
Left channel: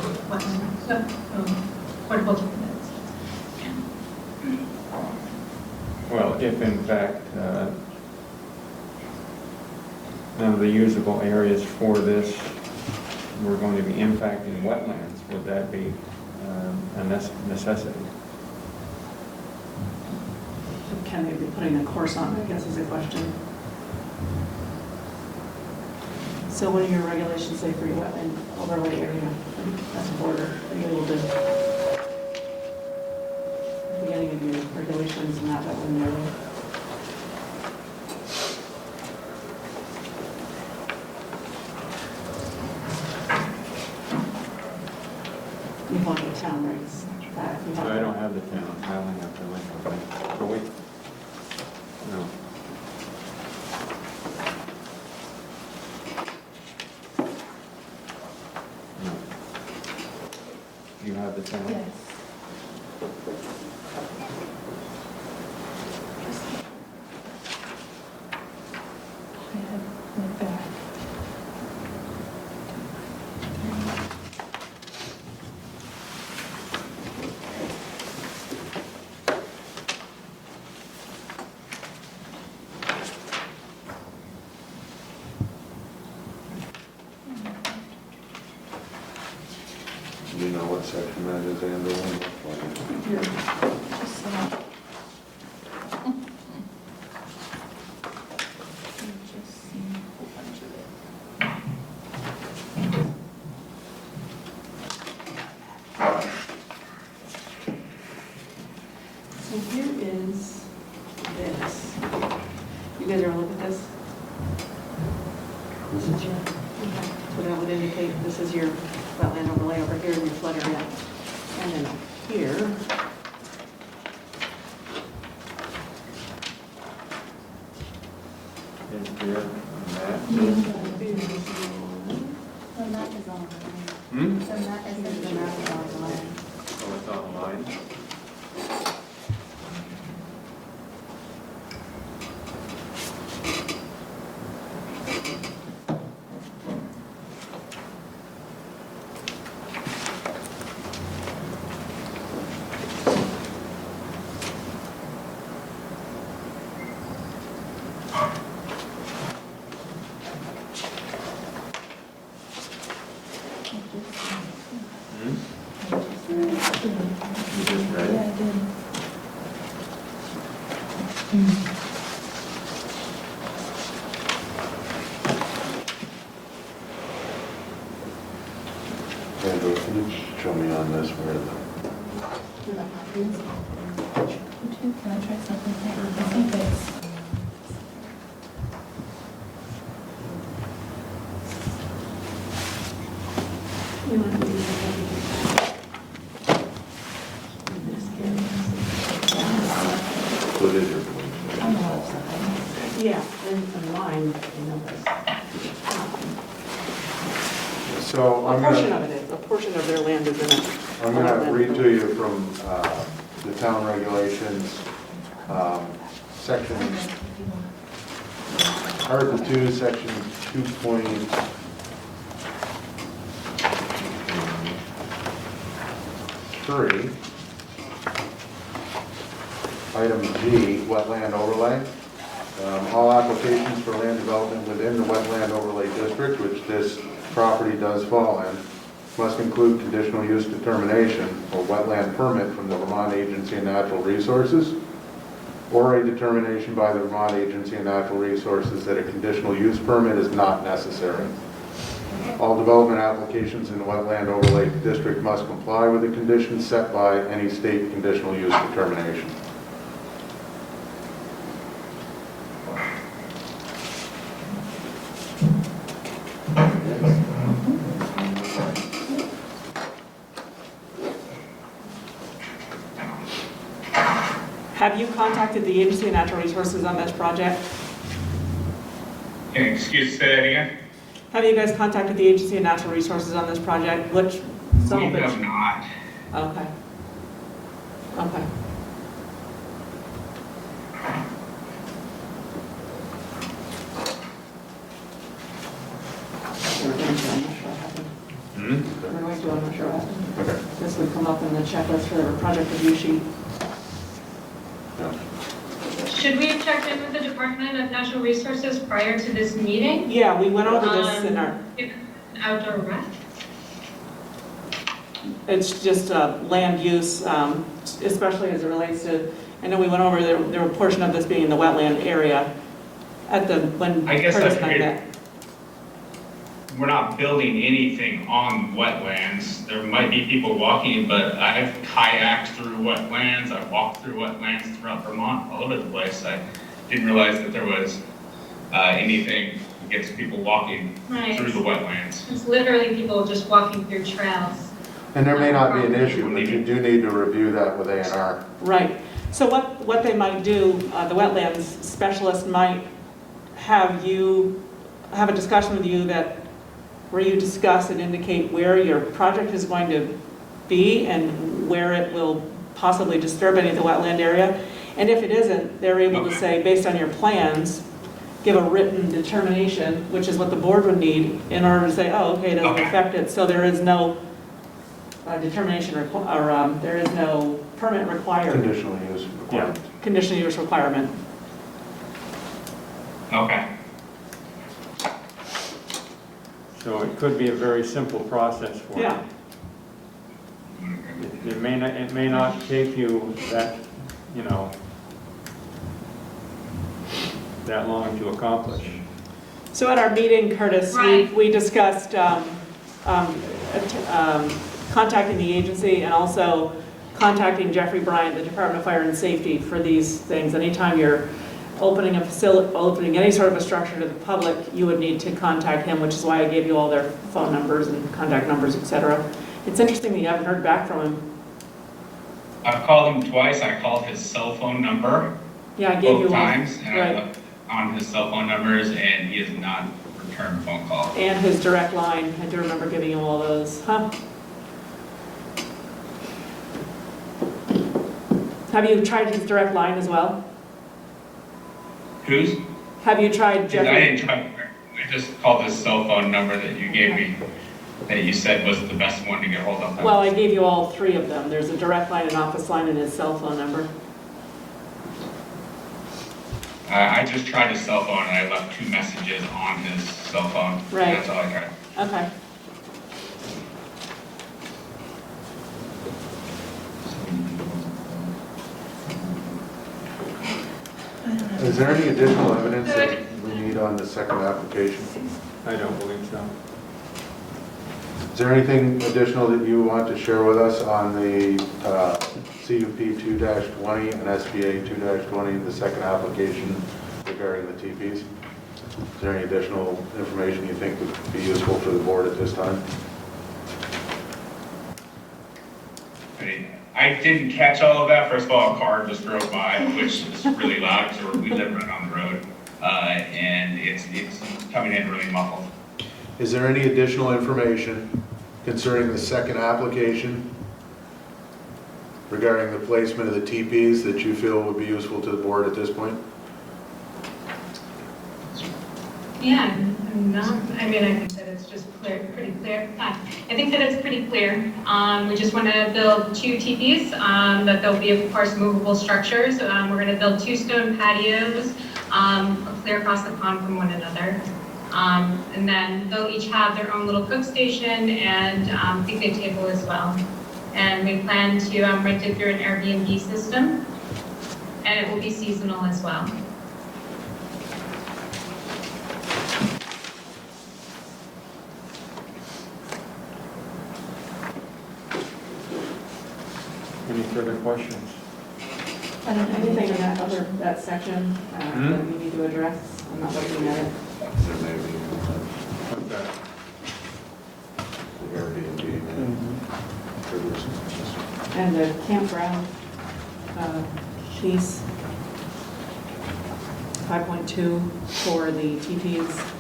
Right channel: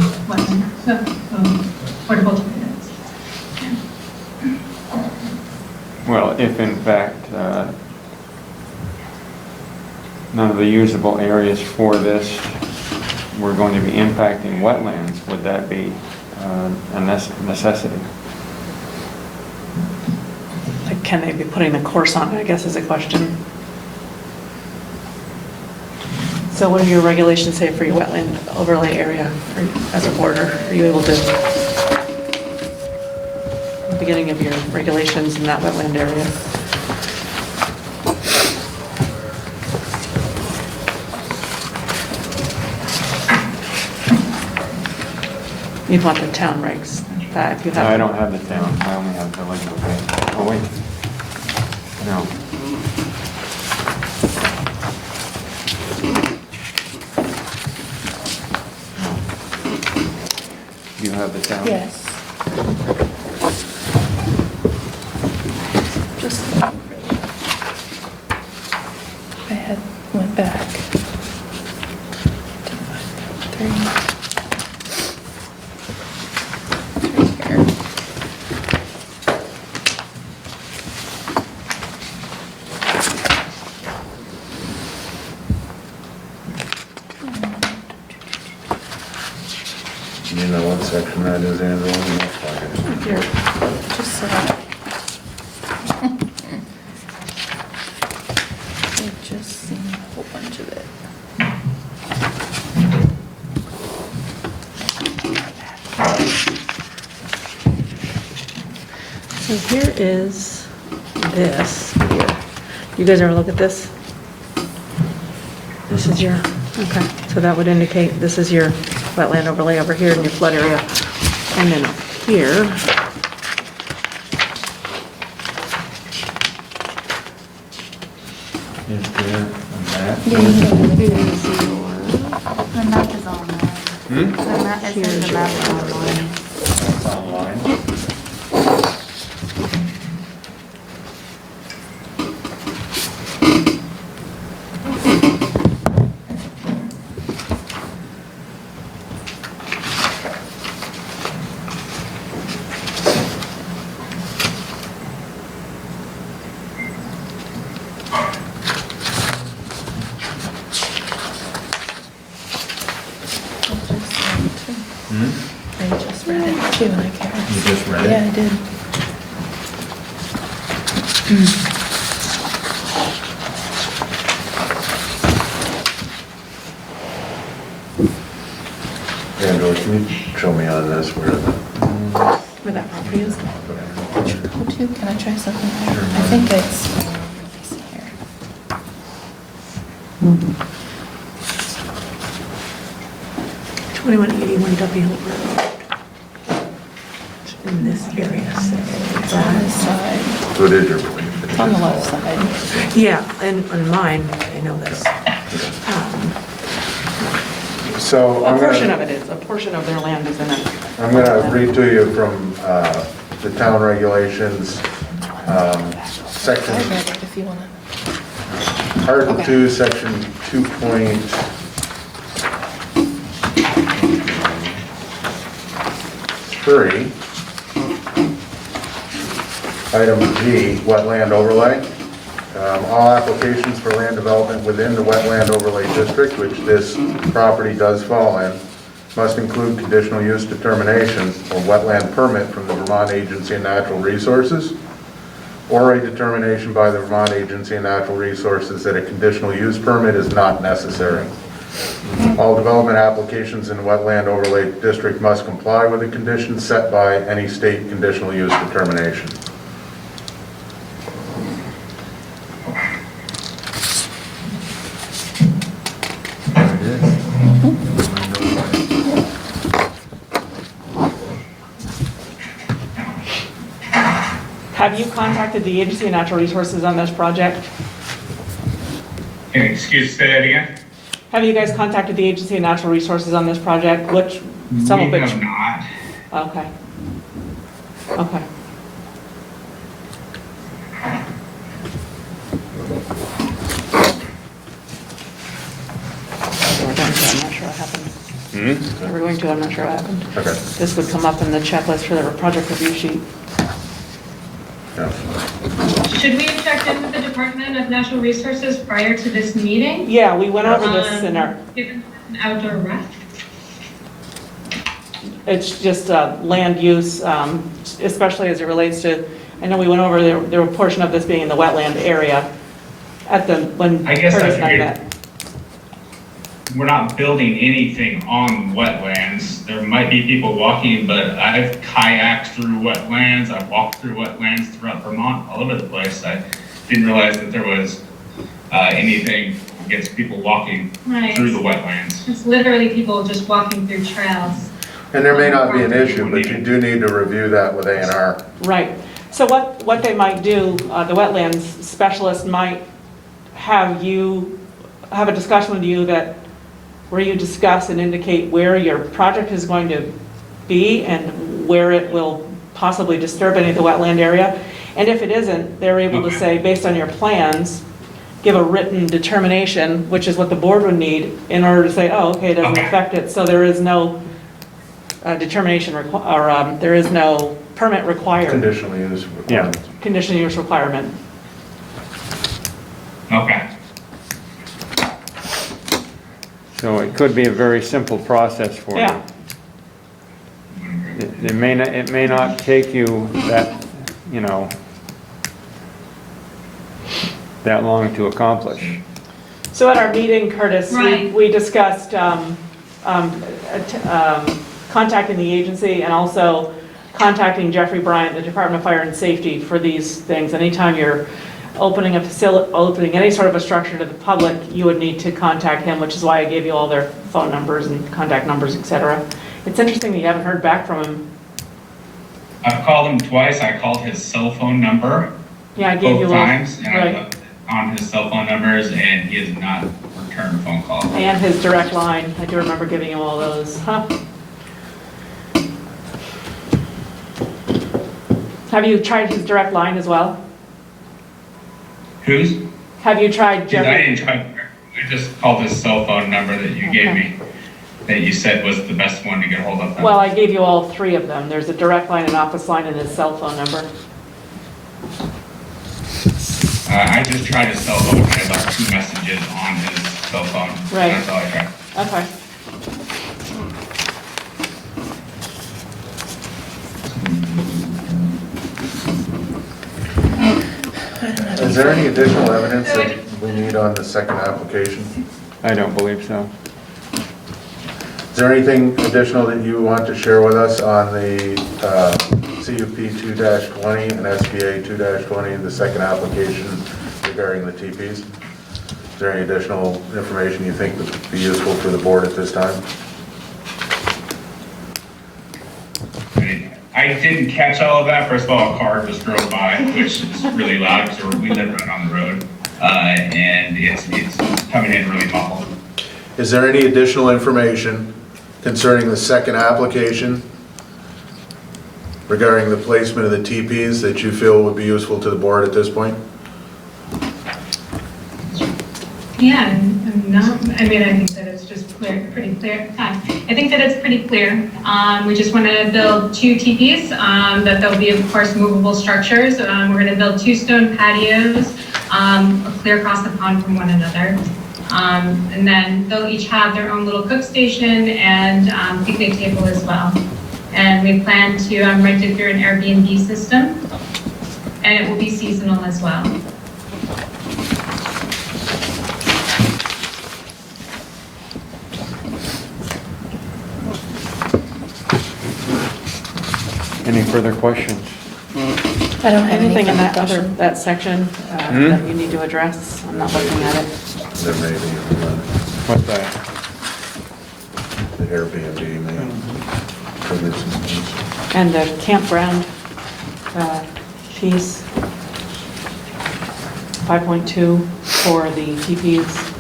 portable toilets? Well, if in fact, none of the usable areas for this were going to be impacting wetlands, would that be a necessity? Like, can they be putting the course on it, I guess is a question. So what do your regulations say for your wetland overlay area as a border? Are you able to, the beginning of your regulations in that wetland area? You'd want the town regs back. You'd have I don't have the town, I only have the village. Okay. Oh, wait. No. You have the town? Yes. Just, I had went back. Three. Here. You know what section that is, Angela? Here. Just so I I've just seen a whole bunch of it. So here is this here. You guys ever look at this? This is your, okay, so that would indicate this is your wetland overlay over here in your flood area. And then up here, Is there a map? Yeah, The map is online. The map, it says the map is online. It's online. I just read it too, I can't. You just read it? Yeah, I did. Angela, can you show me on this where where that property is. Go to, can I try something? I think it's, let me see here. 2181 W. In this area. It's on this side, so it is your. it's on the left side. Yeah, and on mine, I know this. So A I'm portion gonna, of it is, a portion of their land is in it. I'm gonna read to you from the town regulations, section, I read it if you want to. Article Okay. 2, section 2.3. Item G, wetland overlay. All applications for land development within the wetland overlay district, which this property does fall in, must include conditional use determination or wetland permit from the Vermont Agency of Natural Resources, or a determination by the Vermont Agency of Natural Resources that a conditional use permit is not necessary. All development applications in the wetland overlay district must comply with the conditions set by any state conditional use determination. Have you contacted the Agency of Natural Resources on this project? Say that again? Have you guys contacted the Agency of Natural Resources on this project? Some of We which? have not. Okay. Okay. We're going to, I'm not sure what happened. We're going to, I'm not sure what happened. Okay. This would come up in the checklist for the project review sheet. Yeah. Should we have checked in with the Department of Natural Resources prior to this meeting? Yeah, we went over this in our, Given outdoor rec? it's just land use, especially as it relates to, I know we went over, there were a portion of this being in the wetland area when I guess Curtis I and I figured- met. We're not building anything on wetlands. There might be people walking, but I've kayaked through wetlands. I've walked through wetlands throughout Vermont, all over the place. I didn't realize that there was anything against people walking Right. through the wetlands. It's literally people just walking through trails. And there may not be an issue, but you do need to review that with A&R. Right. So what they might do, the wetlands specialist might have a discussion with you where you discuss and indicate where your project is going to be and where it will possibly disturb any of the wetland area. And if it isn't, they're able to Okay. say, based on your plans, give a written determination, which is what the board would need in order to say, oh, okay, it doesn't Okay. affect it. So there is no determination, there is no permit required, Conditional use. Yeah. conditional use requirement. Okay. So it could be a very simple process for you. Yeah. It may not take you that, that long to accomplish. So at our meeting, Curtis, Right. we discussed contacting the agency and also contacting Jeffrey Bryant, the Department of Fire and Safety, for these things. Anytime you're opening any sort of a structure to the public, you would need to contact him, which is why I gave you all their phone numbers and contact numbers, et cetera. It's interesting that you haven't heard back from him. I've called him twice. I called his cell phone number Yeah, I gave you both all. times, and I Right. looked on his cell phone numbers, and he has not returned a phone call. And his direct line. I do remember giving you all those. Huh? Have you tried his direct line as well? Who's? Have you tried I Jeffrey? didn't try. I just called his cell phone number that you gave me, that you said was the best one to get hold of. Well, I gave you all three of them. There's a direct line, an office line, and his cell phone number. I just tried his cell phone. I left 2 messages on his cell phone. Right. That's all I tried. Okay. Is there any additional evidence that we need on the second application? I don't believe so. Is there anything additional that you want to share with us on the CUP 2-20 and SBA 2-20, the second application regarding the TPs? Is there any additional information you think would be useful for the board at this time? I didn't catch all of that. First of all, a car just drove by, which is really loud because we live right on the road, and it's coming in really muffled. Is there any additional information concerning the second application regarding the placement of the TPs that you feel would be useful to the board at this point? Yeah, I'm not, I think that it's just pretty clear. I think that it's pretty clear. We just want to build 2 teepees, that they'll be, of course, movable structures. We're going to build 2 stone patios, clear across the pond from one another. And then they'll each have their own little cook station and picnic table as well. And we plan to rent it through an Airbnb system, and it will be seasonal as well. Any further questions? I don't have Anything in that question. that section that you need to address? I'm not looking at it. There may be What's that? the Airbnb, maybe, for this instance. And the campground piece. 5.2 for the TPs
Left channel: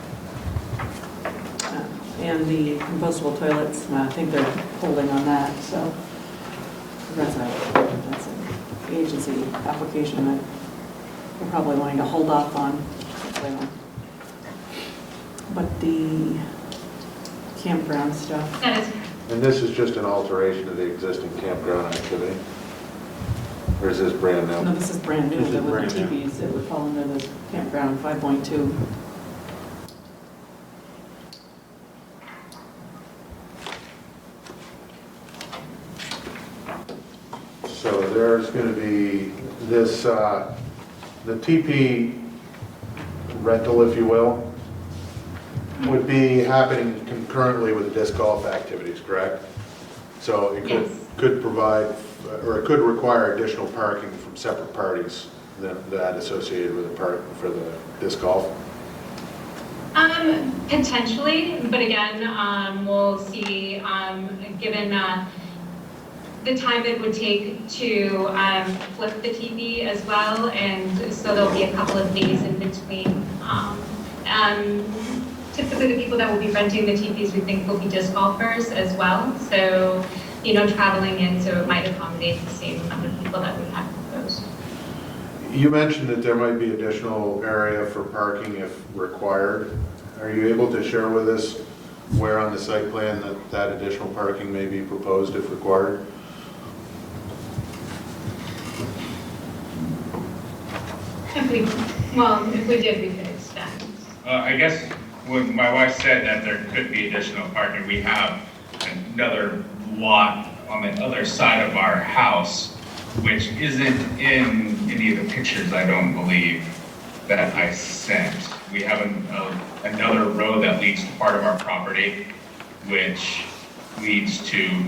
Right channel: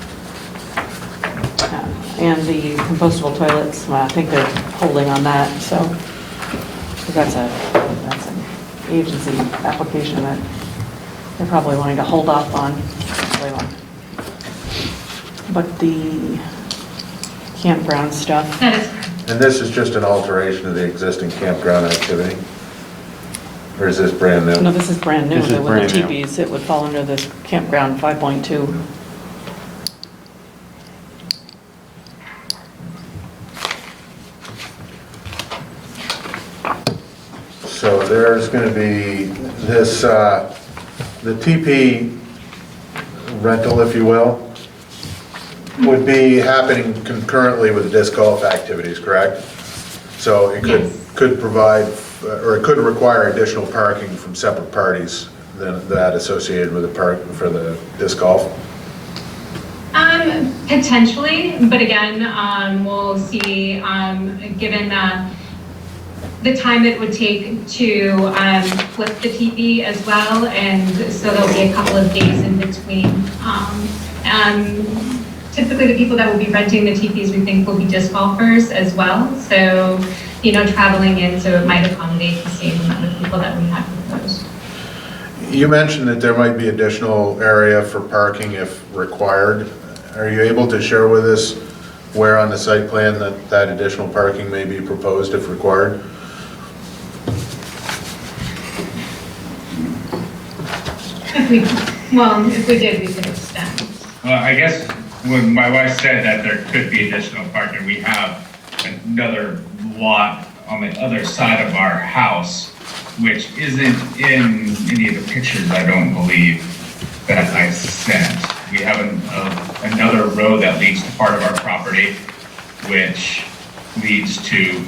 and the compostable toilets. Well, I think they're holding on that, so 'cause that's an agency application that they're probably wanting to hold off on. But the campground stuff, That is And this is just an alteration of the existing campground activity? Or is this brand new? no, this is brand new. This is With the brand new. TPs, it would fall under this campground 5.2. So there's going to be this, the TP rental, if you will, would be happening concurrently with the disc golf activities, correct? So it Yes. could provide, or it could require additional parking from separate parties than that associated with the park for the disc golf? Potentially, but again, we'll see, given the time it would take to flip the teepee as well, and so there'll be a couple of days in between. Typically, the people that will be renting the teepees, we think, will be disc golfers as well, so, traveling in, so it might accommodate the same amount of people that we have proposed. You mentioned that there might be additional area for parking if required. Are you able to share with us where on the site plan that additional parking may be proposed if required? If we did, we could extend. Well, I guess when my wife said that there could be additional parking, we have another lot on the other side of our house, which isn't in any of the pictures, I don't believe, that I sent. We have another road that leads to part of our property, which leads to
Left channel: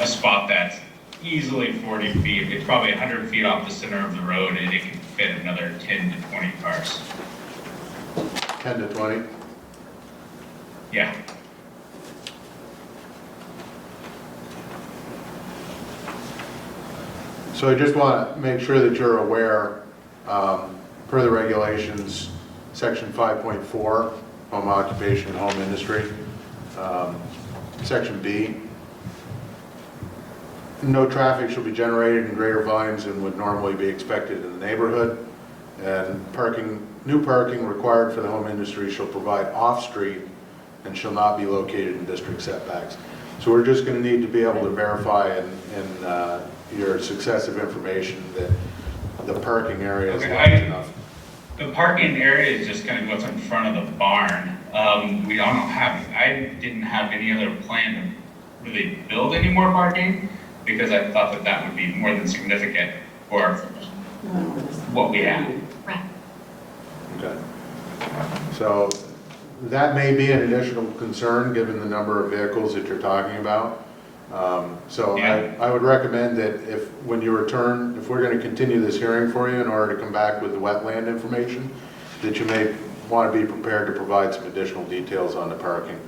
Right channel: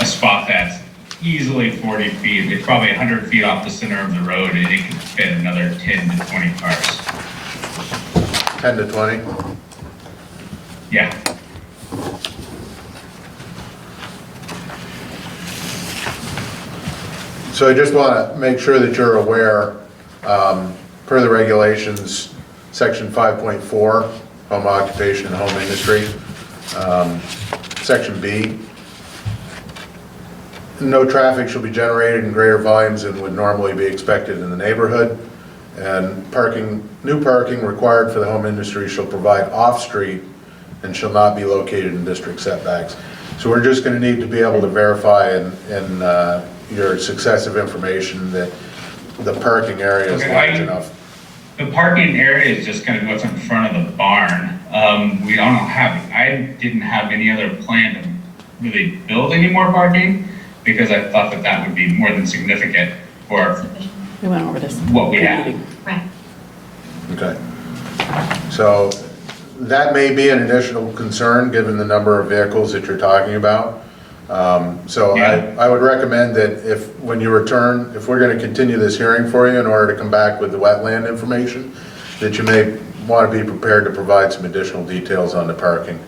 a spot that's easily 40 feet. It's probably 100 feet off the center of the road, and it could fit another 10 to 20 cars. 10 to 20? Yeah. So I just want to make sure that you're aware, per the regulations, section 5.4, home occupation and home industry, section B, no traffic shall be generated in greater volumes than would normally be expected in the neighborhood, and new parking required for the home industry shall provide off-street and shall not be located in district setbacks. So we're just going to need to be able to verify in your successive information that the parking area is Okay, large enough. The parking area is just kind of what's in front of the barn. I didn't have any other plan to really build any more parking because I thought that that would be more than significant for We went over this. what we have. Right. Okay. So that may be an additional concern, given the number of vehicles that you're talking about. So Yeah. I would recommend that when you return, if we're going to continue this hearing for you in order to come back with the wetland information, that you may want to be prepared to provide some additional details on the parking.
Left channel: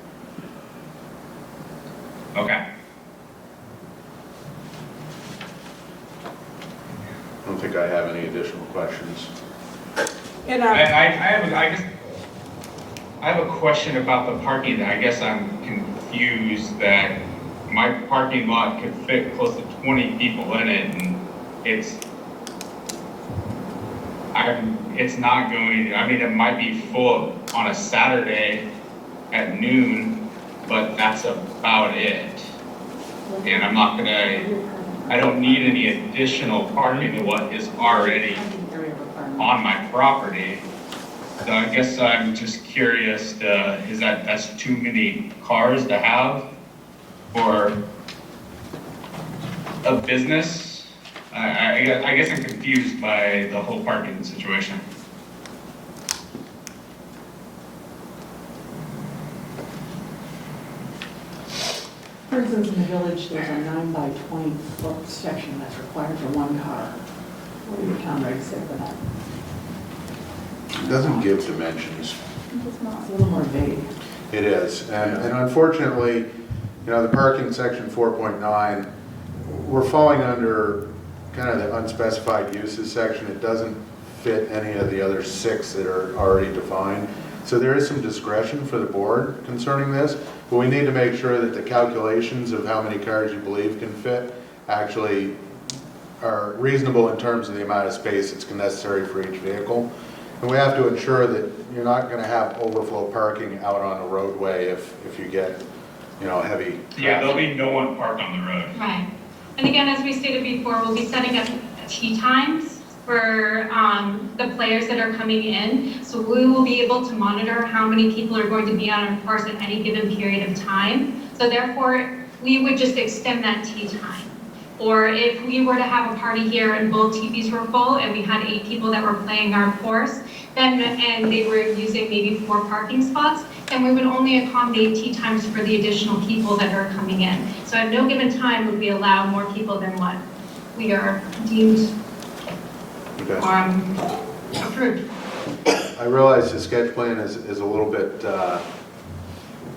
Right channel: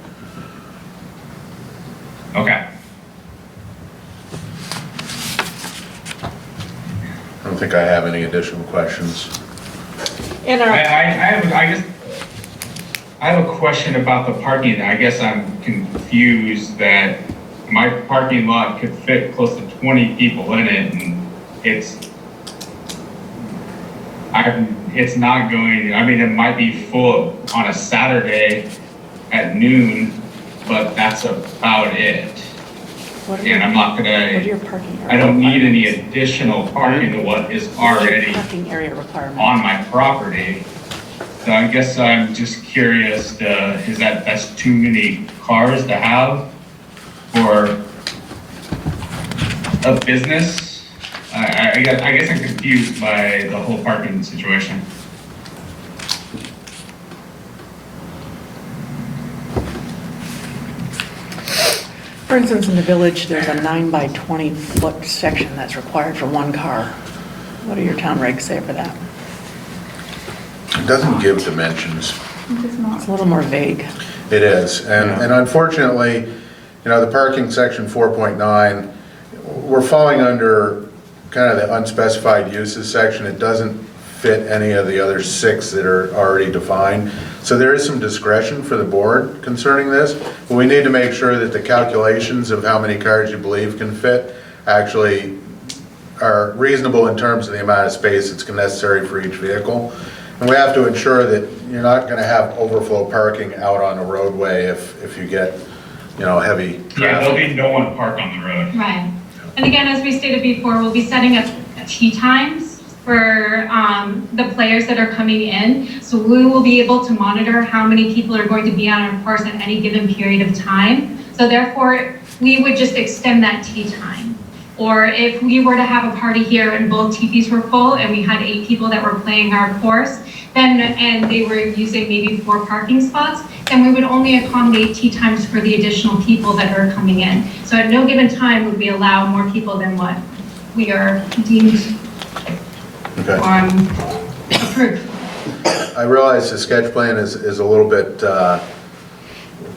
Okay. I don't think I have any additional questions. In our, I have a question about the parking. I guess I'm confused that my parking lot could fit close to 20 people in it, and it's not going, I mean, it might be full on a Saturday at noon, but that's about it. And I'm not what are your gonna, parking? I don't need any additional parking to what is already Parking area requirement. on my property. So I guess I'm just curious, that's too many cars to have for a business? I guess I'm confused by the whole parking situation. For instance, in the village, there's a 9 by 20 foot section that's required for one car. What do your town regs say for that? It doesn't give dimensions. It's a little more vague. It is, and unfortunately, the parking section 4.9, we're falling under kind of the unspecified uses section. It doesn't fit any of the other 6 that are already defined. So there is some discretion for the board concerning this, but we need to make sure that the calculations of how many cars you believe can fit actually are reasonable in terms of the amount of space that's necessary for each vehicle. And we have to ensure that you're not going to have overflow parking out on a roadway if you get, heavy traffic. Yeah, there'll be no one parked on the road. Right. And again, as we stated before, we'll be setting up tee times for the players that are coming in. So we will be able to monitor how many people are going to be on our course at any given period of time. So therefore, we would just extend that tee time. Or if we were to have a party here and both teepees were full and we had 8 people that were playing our course, then, and they were using maybe 4 parking spots, then we would only accommodate tee times for the additional people that are coming in. So at no given time would we allow more people than what we are deemed approved. I realize the sketch plan is a little bit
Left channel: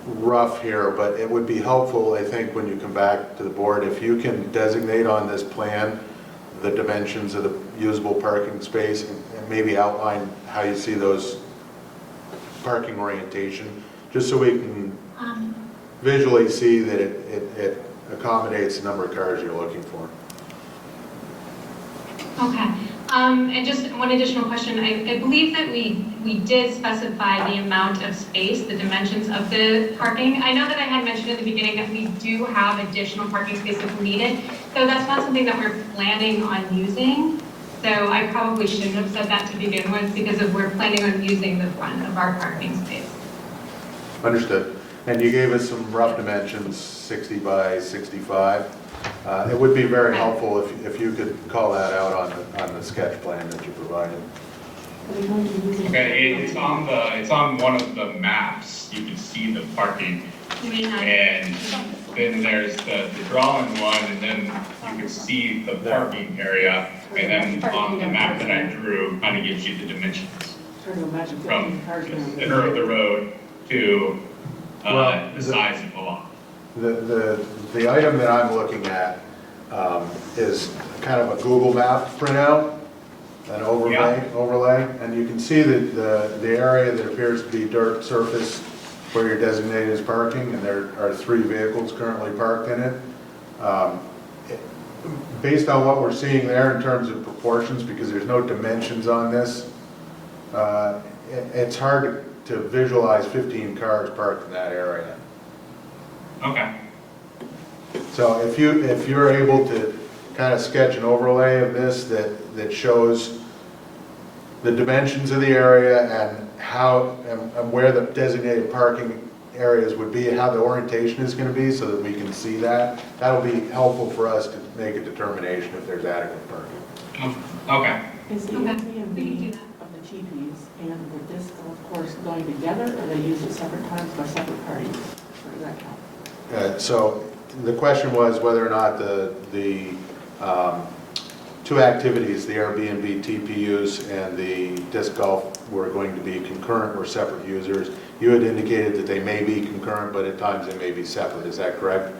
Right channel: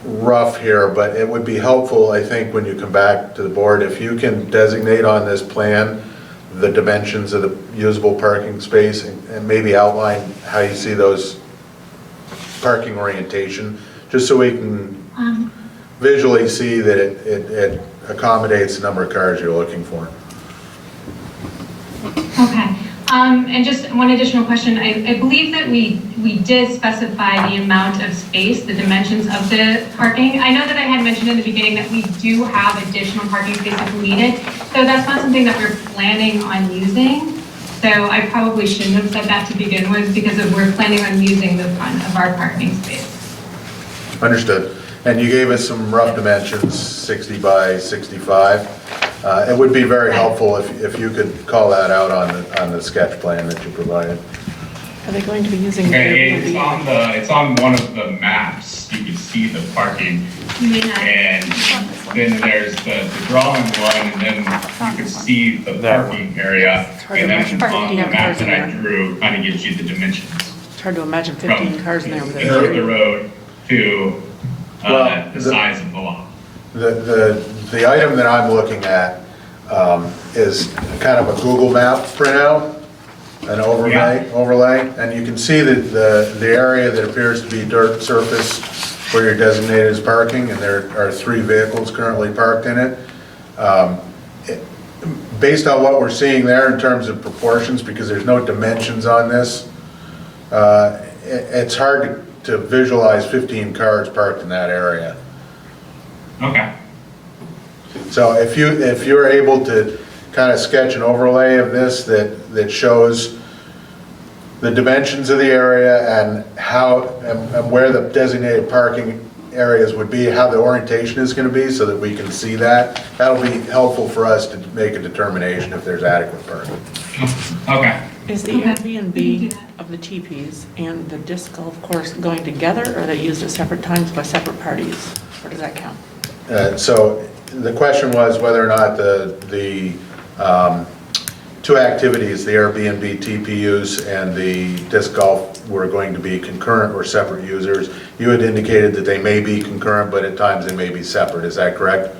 rough here, but it would be helpful, I think, when you come back to the board, if you can designate on this plan the dimensions of the usable parking space and maybe outline how you see those parking orientation, just so we can visually see that it accommodates the number of cars you're looking for. Okay. And just one additional question. I believe that we did specify the amount of space, the dimensions of the parking. I know that I had mentioned in the beginning that we do have additional parking space if we need it. So that's not something that we're planning on using. So I probably shouldn't have said that to begin with because we're planning on using the front of our parking space. Understood. And you gave us some rough dimensions, 60 by 65. It would be very helpful if you could call that out on the sketch plan that you provided. Are they going to be using? Okay, it's on one of the maps. You can see the parking, and then there's the drawing one, and then you can see the parking area. And then on the map that I drew, kind of gives you the dimensions. It's hard to imagine 15 cars in there with the curve of the road to the size of the lot. The item that I'm looking at is kind of a Google map printout, an overlay, and you can see that the area that appears to be dirt surface where you're designated as parking, and there are 3 vehicles currently parked in it. Based on what we're seeing there in terms of proportions, because there's no dimensions on this, it's hard to visualize 15 cars parked in that area. Okay. So if you're able to kind of sketch an overlay of this that shows the dimensions of the area and how and where the designated parking areas would be, how the orientation is going to be, so that we can see that, that'll be helpful for us to make a determination if there's adequate parking. Okay. Is the Airbnb of the teepees and the disc golf course going together, or are they used at separate times by separate parties? Or does that count? So the question was whether or not the 2 activities, the Airbnb TP use and the disc golf, were going to be concurrent or separate users. You had indicated that they may be concurrent, but at times they may be separate. Is that correct?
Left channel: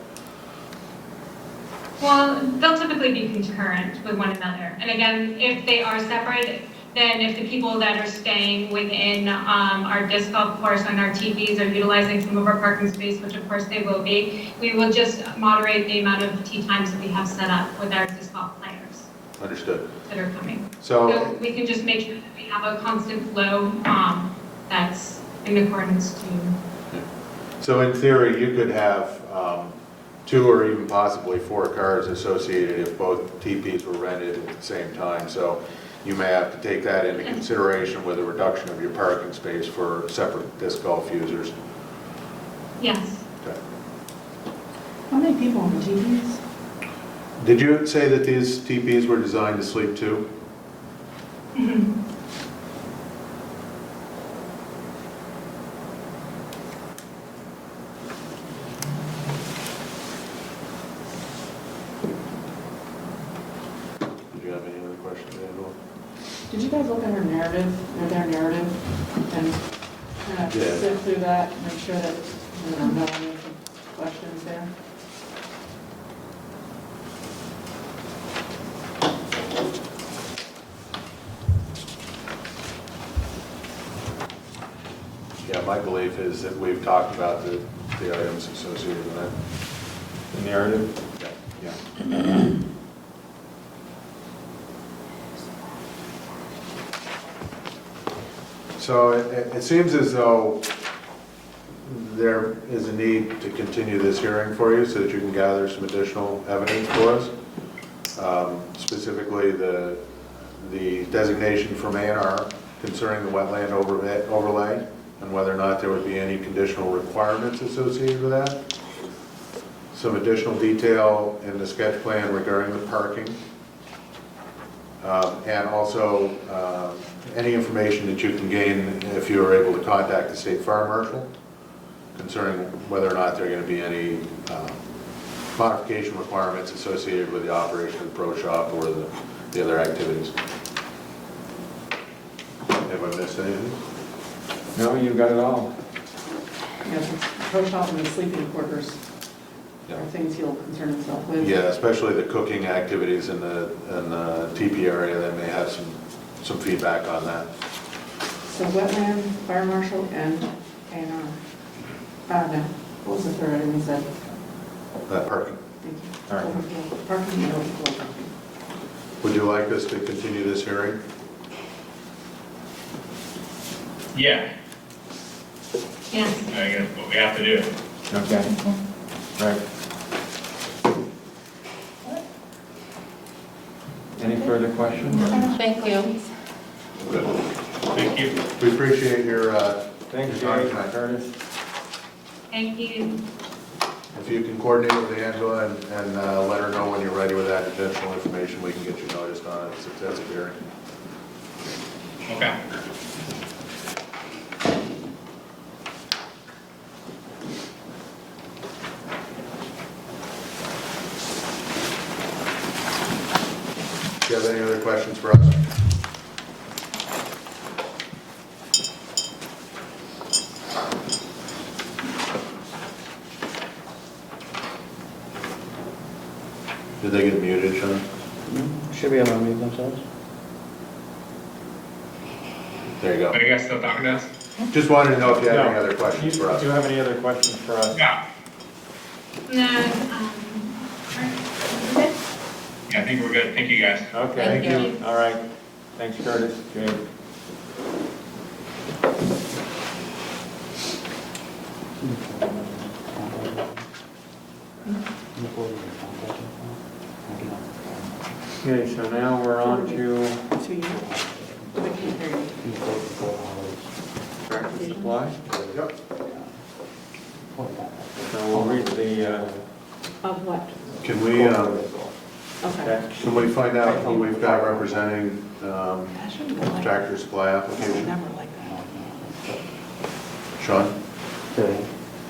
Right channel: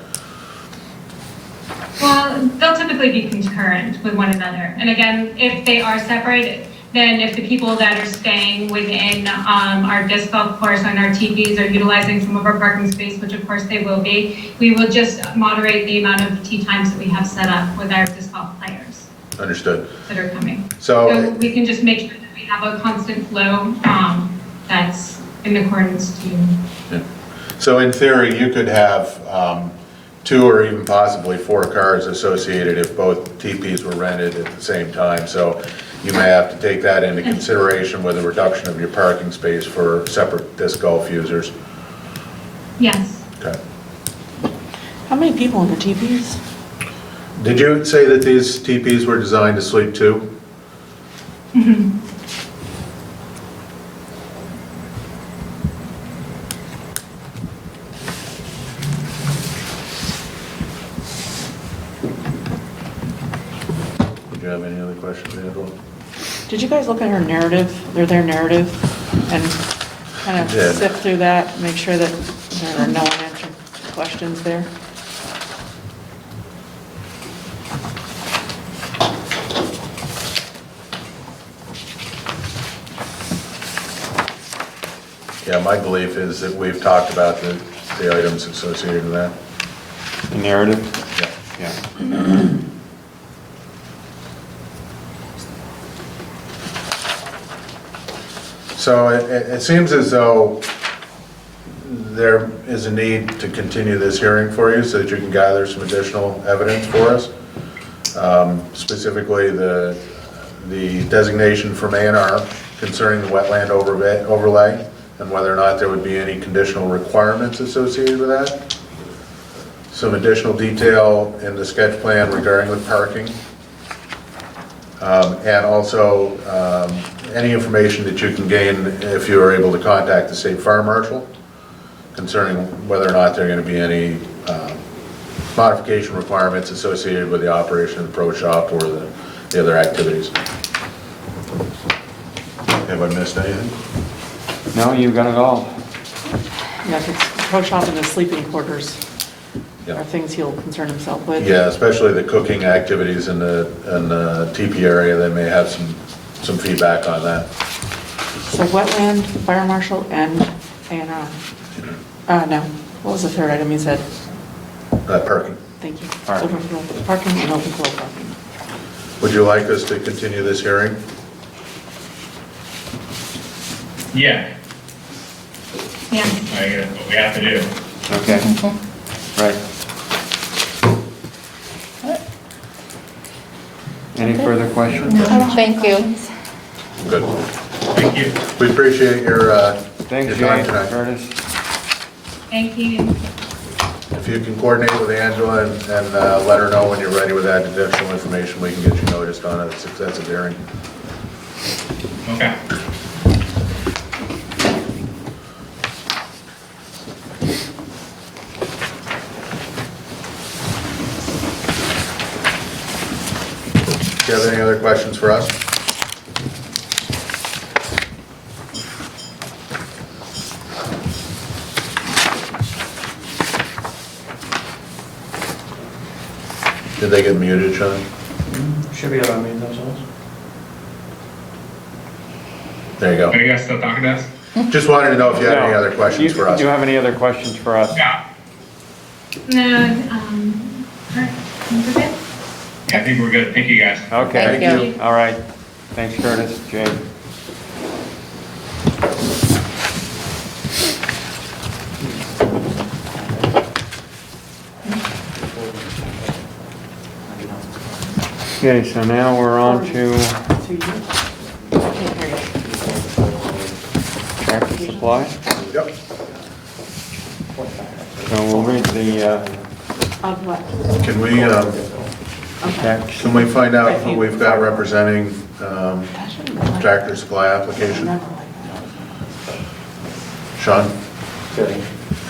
Well, they'll typically be concurrent with one another. And again, if they are separate, then if the people that are staying within our disc golf course and our TVs are utilizing some of our parking space, which of course they will be, we will just moderate the amount of tee times that we have set up with our disc golf players. Understood. That are coming. So we can just make sure that we have a constant flow that's in accordance to. yeah. So in theory, you could have 2 or even possibly 4 cars associated if both TPs were rented at the same time. So you may have to take that into consideration with a reduction of your parking space for separate disc golf users. Yes. Okay. How many people in the teepees? Did you say that these TPs were designed to sleep 2? Mm-hmm. Did you have any other questions, Angela? Did you guys look at their narrative, their narrative, and kind of Yeah. sift through that, make sure that there are no unanswered questions there? Yeah, my belief is that we've talked about the items associated with that. The narrative? Yeah. Yeah. So it seems as though there is a need to continue this hearing for you so that you can gather some additional evidence for us. Specifically, the designation from A&R concerning the wetland overlay and whether or not there would be any conditional requirements associated with that. Some additional detail in the sketch plan regarding the parking. And also any information that you can gain if you are able to contact the state fire marshal concerning whether or not there are going to be any modification requirements associated with the operation of the pro shop or the other activities. Have I missed anything? No, you got it all. Yeah, because pro shop and the sleeping quarters Yeah. are things he'll concern himself with. Yeah, especially the cooking activities in the teepee area, they may have some feedback on that. So wetland, fire marshal, and A&R. No, what was the third item you said? Parking. Thank you. Parking. Overflow parking and overflow parking. Would you like us to continue this hearing? Yeah, Yeah. I guess what we have to do. Okay. Right. Any further questions? Thank you. Good. Thank you. We appreciate your Thanks, your time Jay, tonight. Curtis. Thank you. If you can coordinate with Angela and let her know when you're ready with that additional information, we can get you noticed on a successive hearing. Okay. Do you have any other questions for us? Did they get muted, Sean? Should be able to mute themselves. There you Are go. you guys still talking to us? Just wanted to know if you had any No. other questions for us. Do you have any other questions for us? Yeah. No, we're good? I think we're good. Thank you, guys. Okay. Thank you. All right. Thanks, Curtis. Jay. Okay, so now we're on to To you? I can't hear you. tractor supply. Yep. So we'll read the Of what? Can we, Okay. text. can we find out who we've got representing That shouldn't be like Tractor Supply application? Never like that. Sean?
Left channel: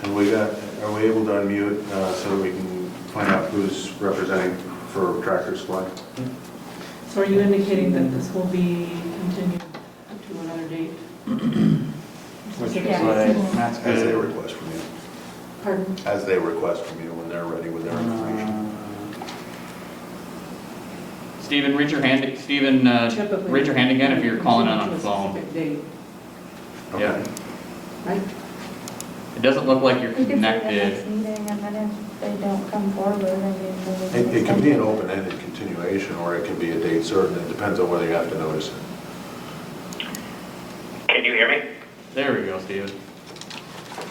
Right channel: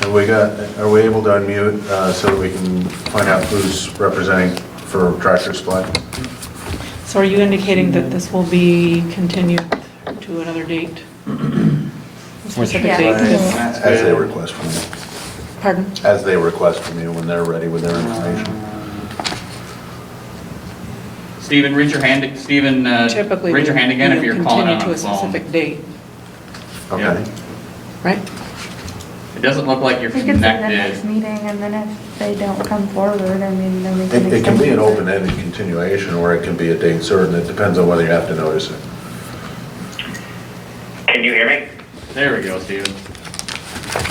Are we able to unmute so that we can find out who's representing for Tractor Supply? So are you indicating that this will be continued to another date? Specific Yeah. date? As they request from you. Pardon? As they request from you when they're ready with their information. Stephen, raise your hand, Stephen, Typically, raise your hand again if you're calling on continue the to a phone. specific date, Okay. right? It doesn't look like you're We can set the next connected. meeting, and then if they don't come forward, I mean, then we can. It can be an extend it. open-ended continuation, or it can be a date certain. It depends on whether you have to notice it. Can you hear me? There we go, Stephen.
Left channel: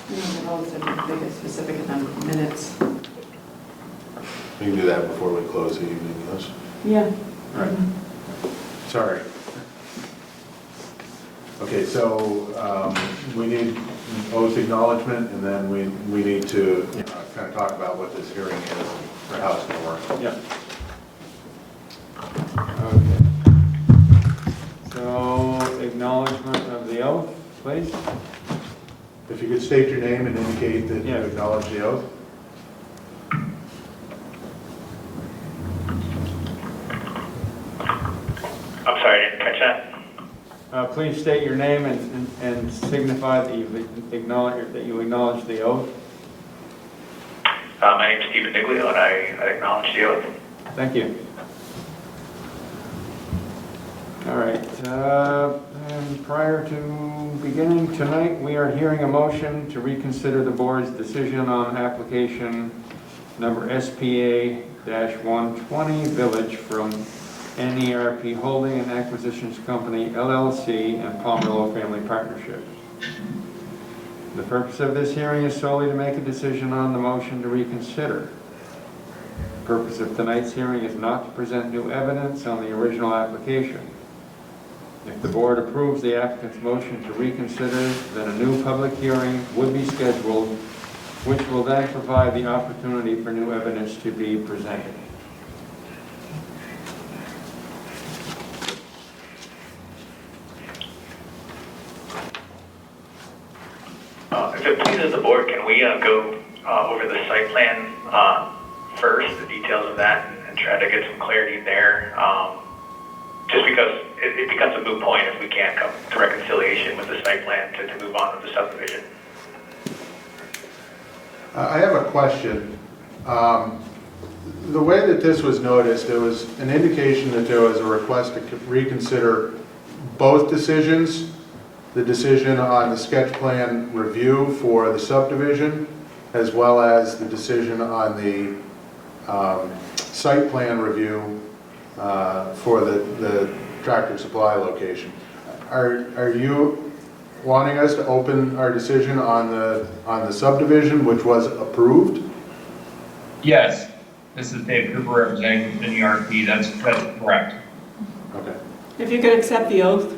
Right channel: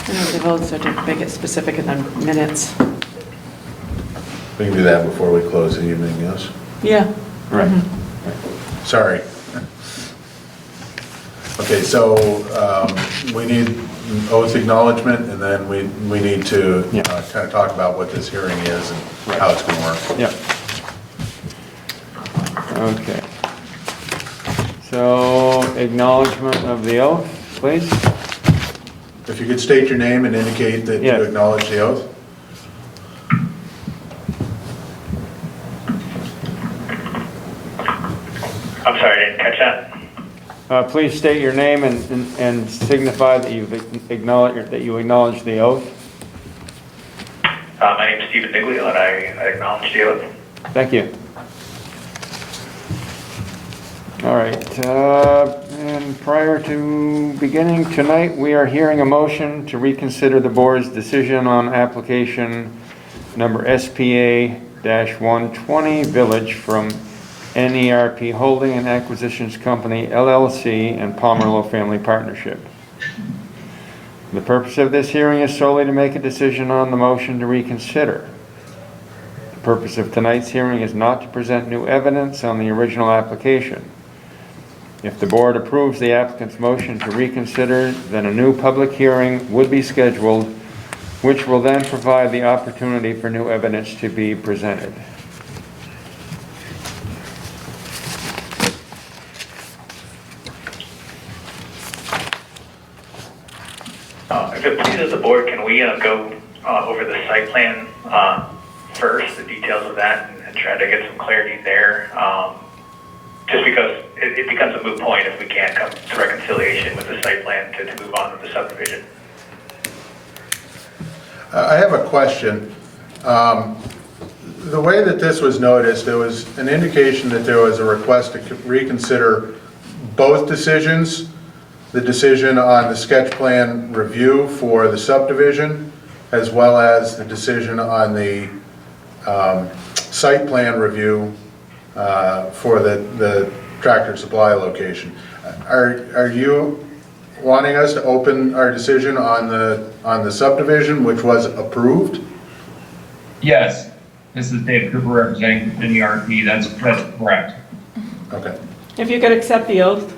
You know, the votes are to make it specific in the minutes. We can do that before we close the evening, yes? Yeah. Right. Mhm. Sorry. Okay, so we need oath acknowledgement, and then we need to Yeah. kind of talk about what this hearing is and how it's going to work. Yep. Okay. So acknowledgement of the oath, please. If you could state your name and indicate that you Yeah. acknowledge the oath. I'm sorry, I didn't catch that. Please state your name and signify that you acknowledge the oath. My name's Stephen Niglio, and I acknowledge the oath. Thank you. All right, and prior to beginning tonight, we are hearing a motion to reconsider the board's decision on application number SPA-120 Village from NERP Holding and Acquisitions Company LLC and Pomerleau Family Partnership. The purpose of this hearing is solely to make a decision on the motion to reconsider. The purpose of tonight's hearing is not to present new evidence on the original application. If the board approves the applicant's motion to reconsider, then a new public hearing would be scheduled, which will then provide the opportunity for new evidence to be presented. If it pleases the board, can we go over the site plan first, the details of that, and try to get some clarity there? Just because it becomes a moot point if we can't come to reconciliation with the site plan to move on with the subdivision. I have a question. The way that this was noticed, there was an indication that there was a request to reconsider both decisions, the decision on the sketch plan review for the subdivision, as well as the decision on the site plan review for the Tractor Supply location. Are you wanting us to open our decision on the subdivision, which was approved? Yes, this is Dave Cooper representing the NERP. That's correct. Okay. If you could accept the oath.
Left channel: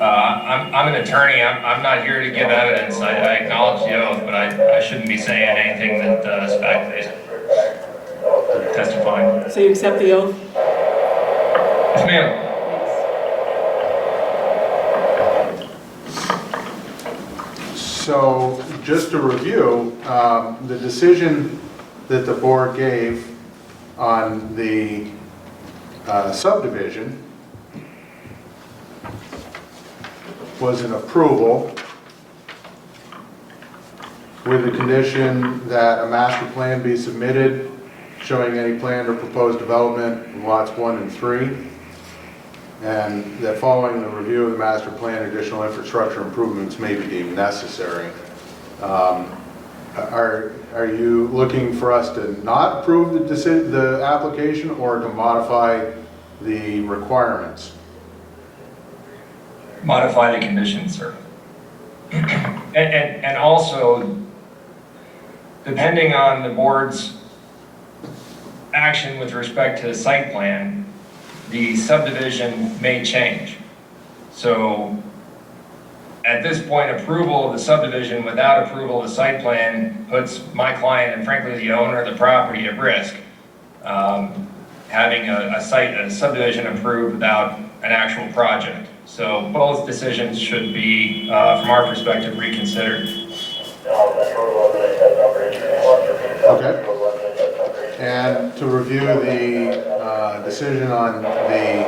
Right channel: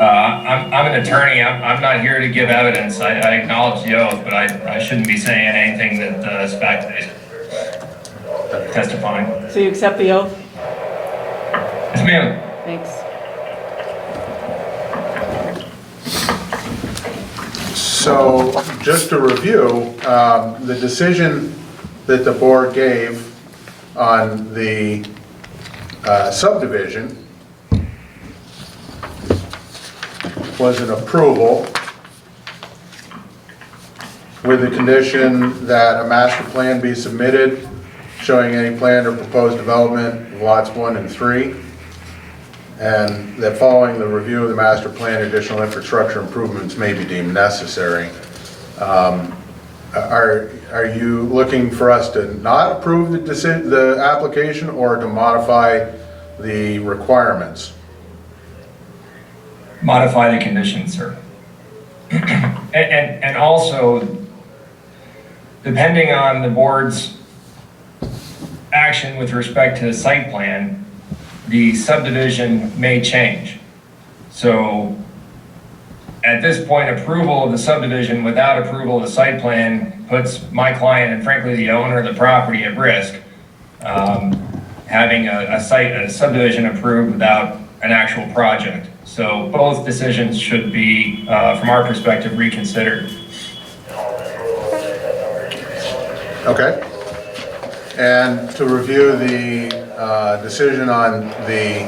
I'm an attorney. I'm not here to give evidence. I acknowledge the oath, but I shouldn't be saying anything that is fact-based. Testifying. So you accept the oath? Yes, ma'am. Thanks. So, just to review, the decision that the board gave on the subdivision was an approval with the condition that a master plan be submitted showing any planned or proposed development in lots 1 and 3, and that following the review of the master plan, additional infrastructure improvements may be deemed necessary. Are you looking for us to not approve the application or to modify the requirements? Modify the conditions, sir. And also, depending on the board's action with respect to the site plan, the subdivision may change. So at this point, approval of the subdivision without approval of the site plan puts my client and frankly the owner of the property at risk, having a subdivision approved without an actual project. So both decisions should be, from our perspective, reconsidered. Okay. And to review the decision on the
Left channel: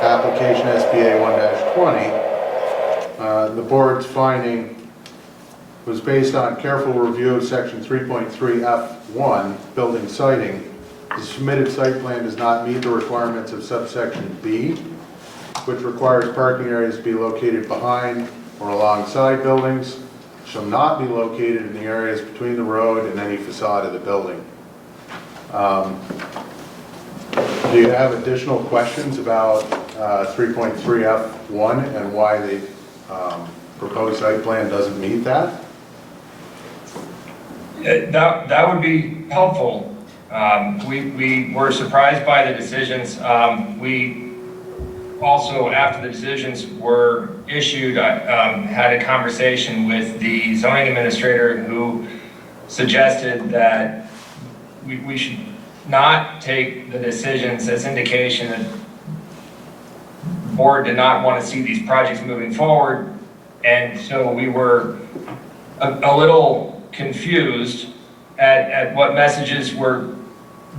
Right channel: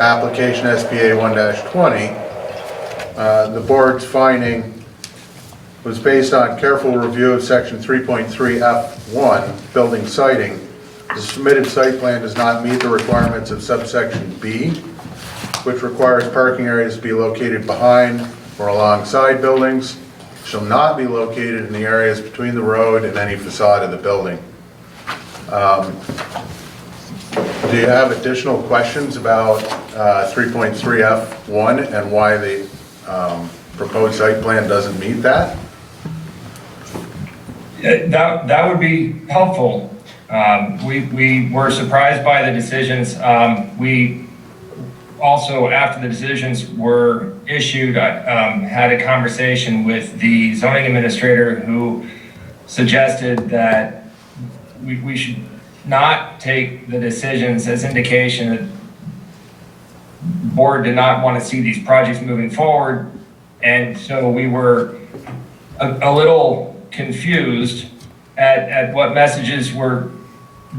application SPA 1-20, the board's finding was based on careful review of section 3.3F1, building siting. The submitted site plan does not meet the requirements of subsection B, which requires parking areas to be located behind or alongside buildings, shall not be located in the areas between the road and any facade of the building. Do you have additional questions about 3.3F1 and why the proposed site plan doesn't meet that? That would be helpful. We were surprised by the decisions. We also, after the decisions were issued, had a conversation with the zoning administrator who suggested that we should not take the decisions as indication that the board did not want to see these projects moving forward. And so we were a little confused at what messages were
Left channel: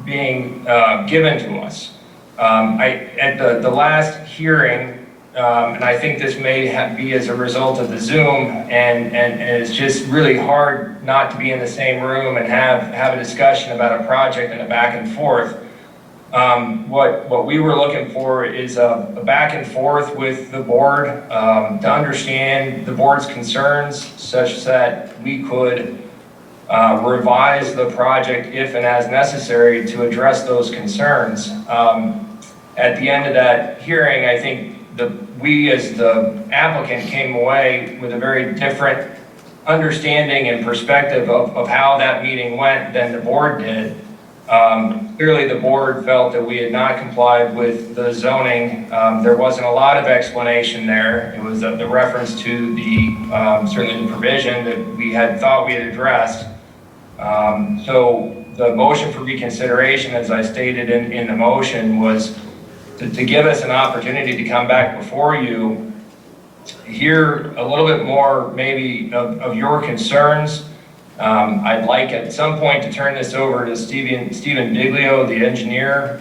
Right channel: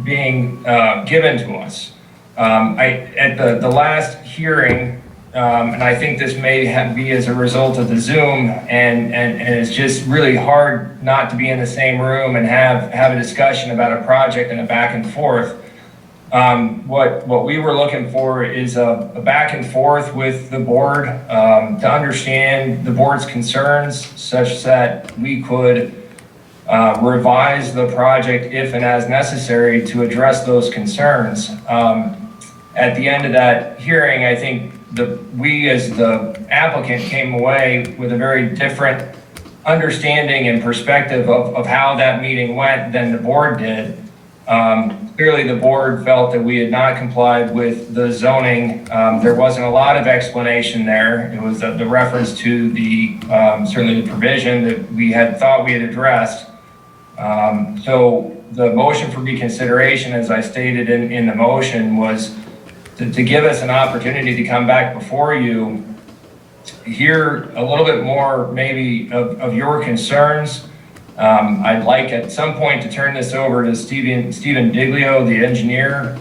being given to us. At the last hearing, and I think this may be as a result of the Zoom, and it's just really hard not to be in the same room and have a discussion about a project and a back and forth. What we were looking for is a back and forth with the board to understand the board's concerns such that we could revise the project if and as necessary to address those concerns. At the end of that hearing, I think we as the applicant came away with a very different understanding and perspective of how that meeting went than the board did. Clearly, the board felt that we had not complied with the zoning. There wasn't a lot of explanation there. It was the reference to the, certainly the provision that we had thought we had addressed. So the motion for reconsideration, as I stated in the motion, was to give us an opportunity to come back before you, hear a little bit more maybe of your concerns. I'd like at some point to turn this over to Stephen Diglio, the engineer.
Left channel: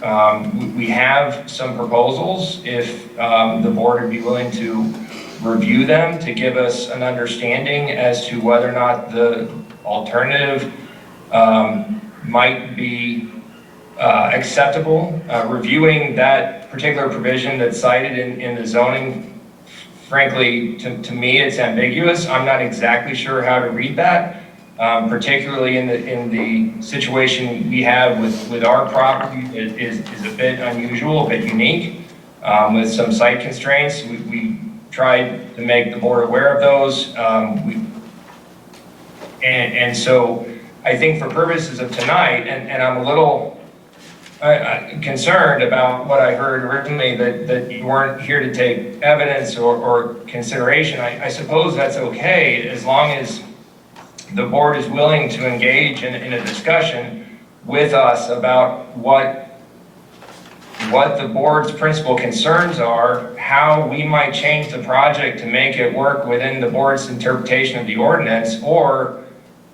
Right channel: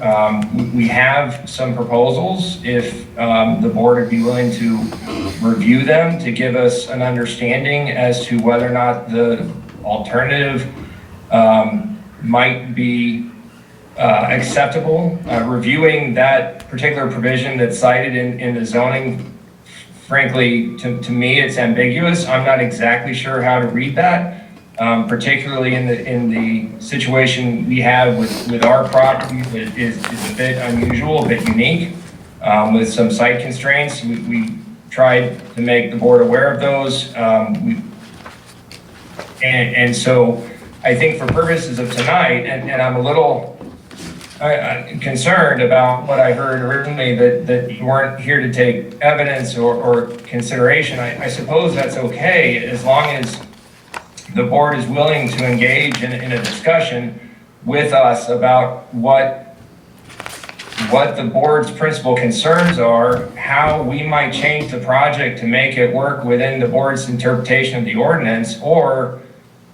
We have some proposals if the board would be willing to review them to give us an understanding as to whether or not the alternative might be acceptable. Reviewing that particular provision that's cited in the zoning, frankly, to me, it's ambiguous. I'm not exactly sure how to read that. Particularly in the situation we have with our property that is a bit unusual, a bit unique, with some site constraints. We tried to make the board aware of those. And so I think for purposes of tonight, and I'm a little concerned about what I heard originally, that you weren't here to take evidence or consideration. I suppose that's okay as long as the board is willing to engage in a discussion with us about what the board's principal concerns are, how we might change the project to make it work within the board's interpretation of the ordinance, or,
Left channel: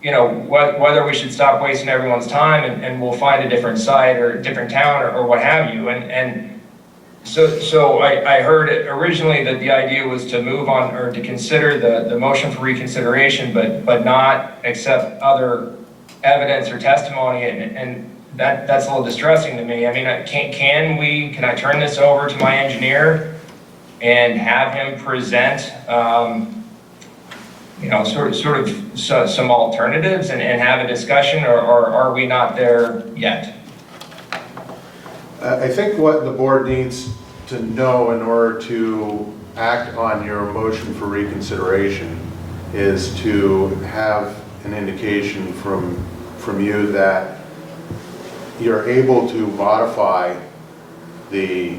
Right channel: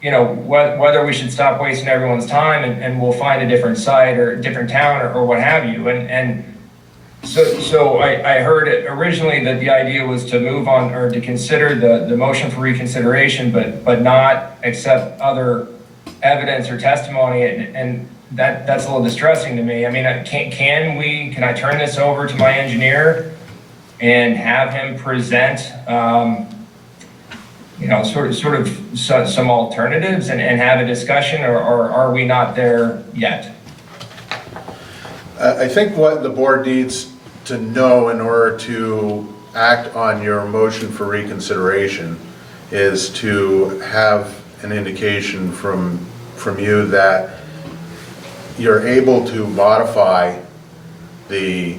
you know, whether we should stop wasting everyone's time and we'll find a different site or a different town or what have you. So I heard originally that the idea was to move on or to consider the motion for reconsideration, but not accept other evidence or testimony, and that's a little distressing to me. I mean, can I turn this over to my engineer and have him present, you know, sort of some alternatives and have a discussion, or are we not there yet? I think what the board needs to know in order to act on your motion for reconsideration is to have an indication from you that you're able to modify the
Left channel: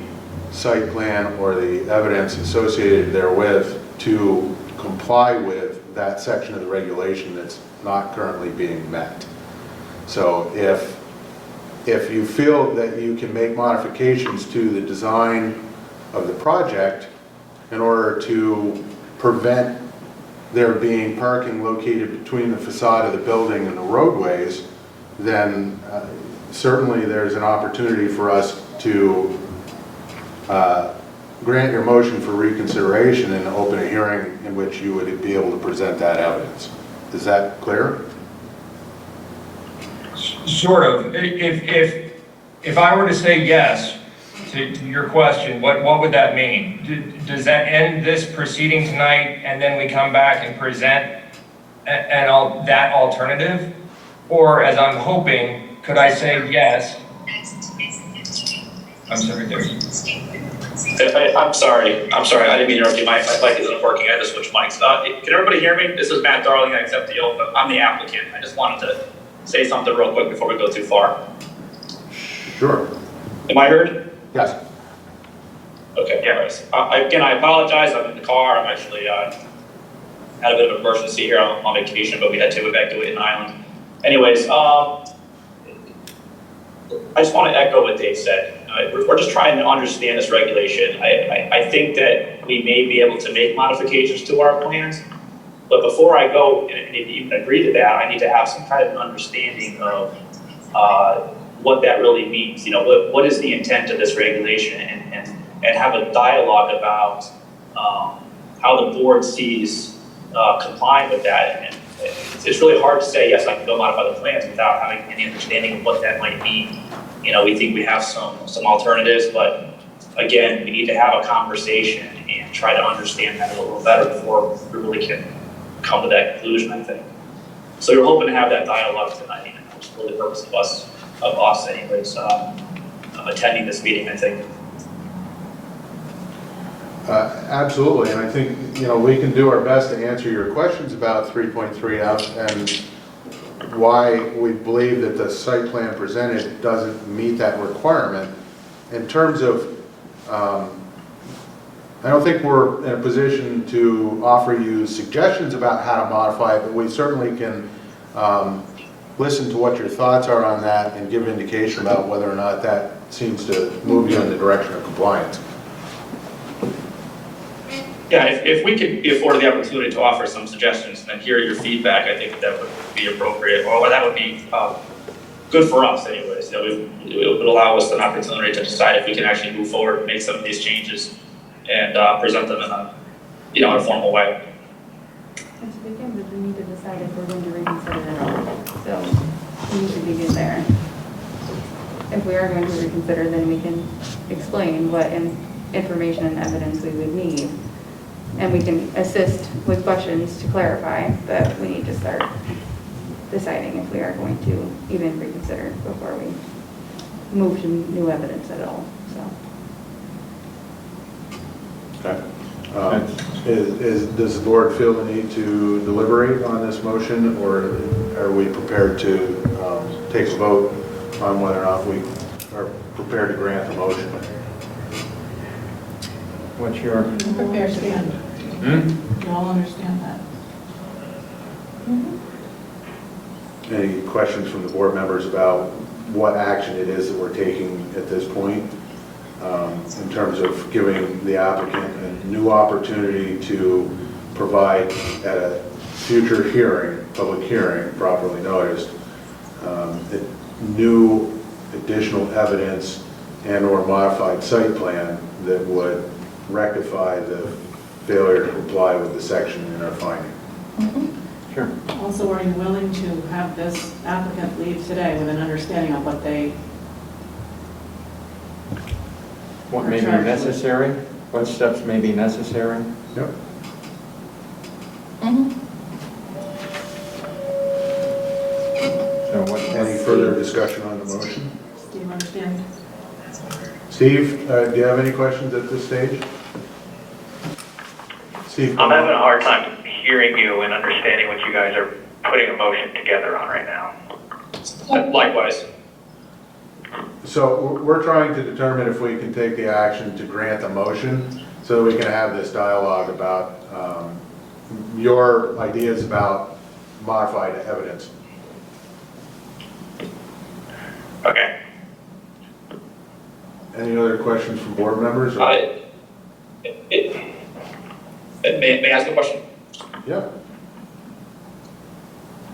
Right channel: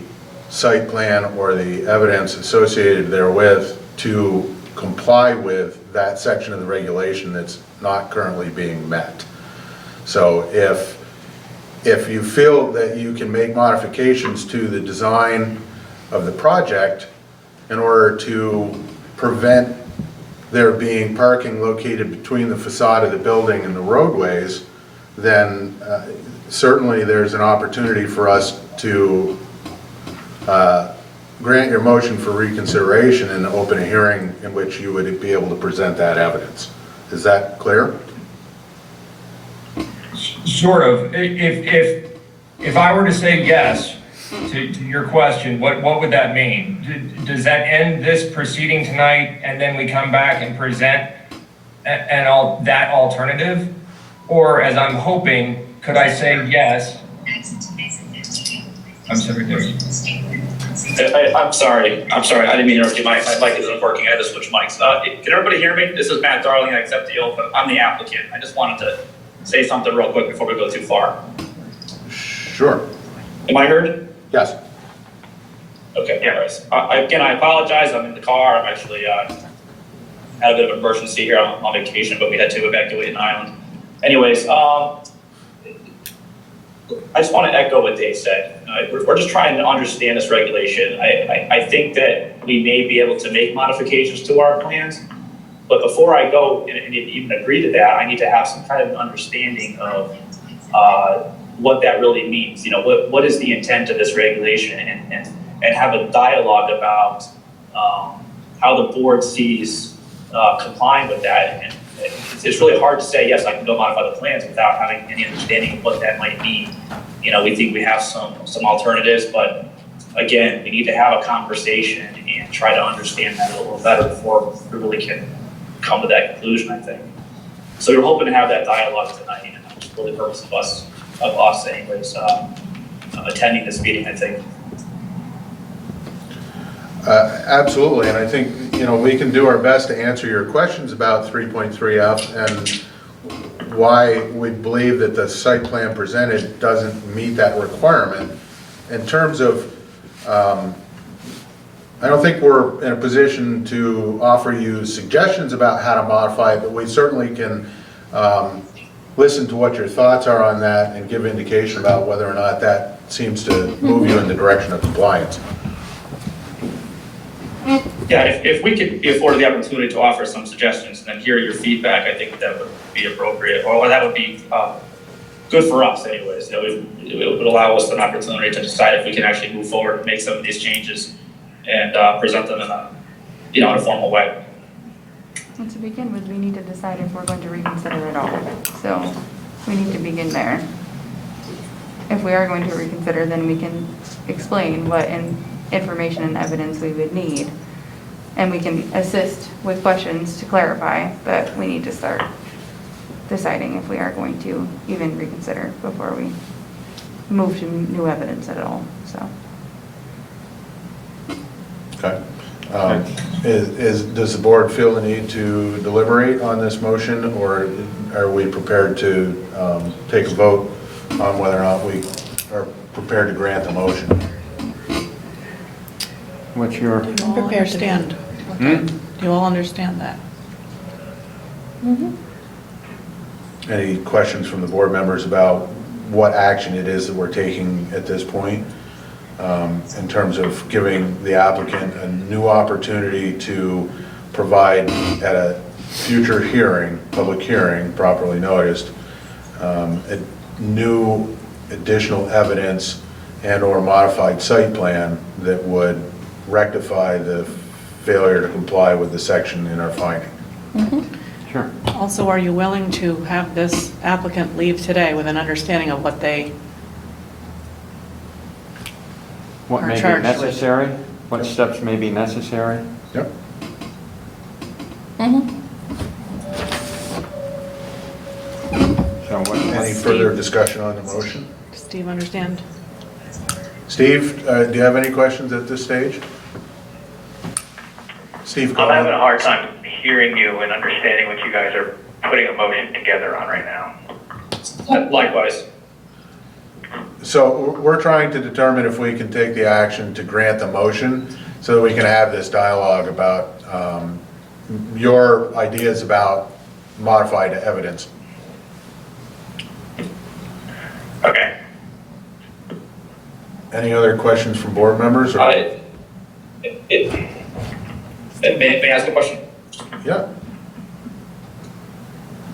site plan or the evidence associated therewith to comply with that section of the regulation that's not currently being met. So if you feel that you can make modifications to the design of the project in order to prevent there being parking located between the facade of the building and the roadways, then certainly there's an opportunity for us to grant your motion for reconsideration and open a hearing in which you would be able to present that evidence. Is that clear? Sort of. If I were to say yes to your question, what would that mean? Does that end this proceeding tonight and then we come back and present that alternative? Or, as I'm hoping, could I say yes? I'm sorry, I'm sorry, I didn't mean to interrupt you. My mic isn't working, I had to switch mics. Can everybody hear me? This is Matt Darling, I accept the oath. I'm the applicant. I just wanted to say something real quick before we go too far. Sure. Am I heard? Yes. Okay, anyways. Again, I apologize, I'm in the car. I'm actually had a bit of emergency here on vacation, but we had to evacuate an island. Anyways, I just want to echo what Dave said. We're just trying to understand this regulation. I think that we may be able to make modifications to our plans, but before I go and even agree to that, I need to have some kind of an understanding of what that really means. You know, what is the intent of this regulation, and have a dialogue about how the board sees complying with that. And it's really hard to say, yes, I can go modify the plans without having any understanding of what that might mean we think we have some alternatives, but again, we need to have a conversation and try to understand that a little better before we really can come to that conclusion, I think. So we're hoping to have that dialogue tonight, and that's really the purpose of us anyways, attending this meeting, I think. Absolutely, and I think, we can do our best to answer your questions about 3.3F and why we believe that the site plan presented doesn't meet that requirement. In terms of, I don't think we're in a position to offer you suggestions about how to modify it, but we certainly can listen to what your thoughts are on that and give indication about whether or not that seems to move you in the direction of compliance. Yeah, if we could be afforded the opportunity to offer some suggestions and then hear your feedback, I think that would be appropriate, or that would be good for us anyways. It would allow us an opportunity to decide if we can actually move forward, make some of these changes, and present them in a formal way. So to begin with, we need to decide if we're going to reconsider it all. So we need to begin there. If we are going to reconsider, then we can explain what information and evidence we would need. And we can assist with questions to clarify, but we need to start deciding if we are going to even reconsider before we move to new evidence at all, so. Okay. Does the board feel the need to deliberate on this motion, or are we prepared to take a vote on whether or not we are prepared to grant the motion? What's your? Understand. Do you all understand that? Any questions from the board members about what action it is that we're taking at this point in terms of giving the applicant a new opportunity to provide at a future hearing, public hearing, properly noticed, new additional evidence and/or modified site plan that would rectify the failure to comply with the section in our finding? Sure. Also, are you willing to have this applicant leave today with an understanding of what they What Or may be charged with. necessary? What steps may be necessary? Yep. So what? Any further discussion on the motion? Steve understand? Steve, do you have any questions at this stage? Steve? I'm having a hard time hearing you and understanding what you guys are putting a motion together on right now. Likewise. So we're trying to determine if we can take the action to grant the motion so that we can have this dialogue about your ideas about modified evidence. Okay. Any other questions from board members? Or? May I ask a question? Yeah.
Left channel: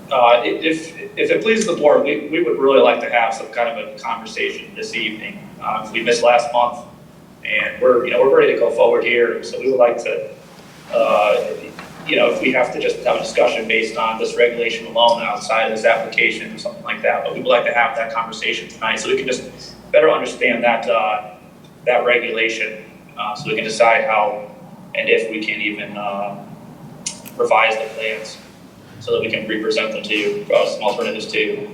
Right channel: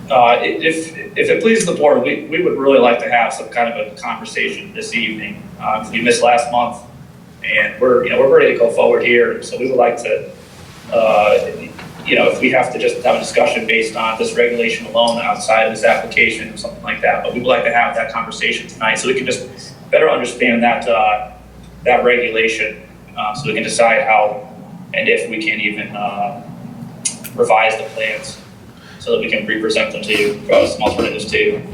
If it pleases the board, we would really like to have some kind of a conversation this evening. We missed last month, and we're ready to go forward here. So we would like to, if we have to just have a discussion based on this regulation alone outside of this application or something like that. But we would like to have that conversation tonight so we can just better understand that regulation, so we can decide how and if we can even revise the plans so that we can re-present them to you, draw some alternatives to you.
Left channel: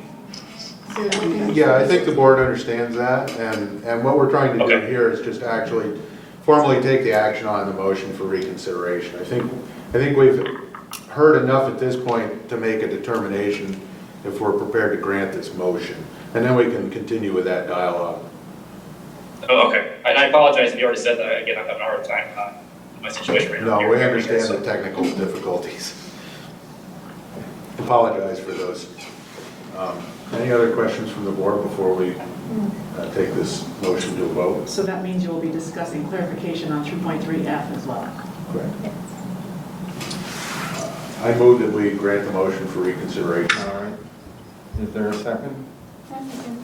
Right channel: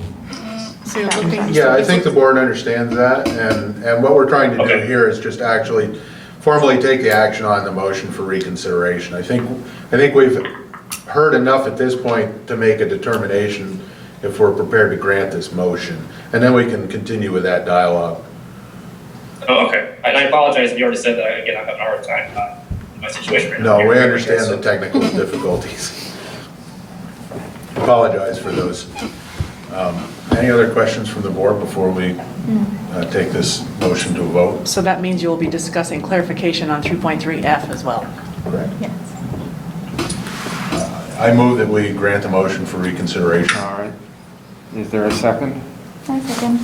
Yeah, I think the board understands that, and what we're trying to do here is just actually formally take the action on the motion for reconsideration. I think we've heard enough at this point to make a determination if we're prepared to grant this motion, and then we can continue with that dialogue. Oh, okay. And I apologize if you already said that. Again, I'm having a hard time in my situation right now. No, we understand the technical difficulties. Apologize for those. Any other questions from the board before we take this motion to a vote? So that means you will be discussing clarification on 2.3F as well. Correct. Yes. I move that we grant the motion for reconsideration. All right. Is there a second? I second.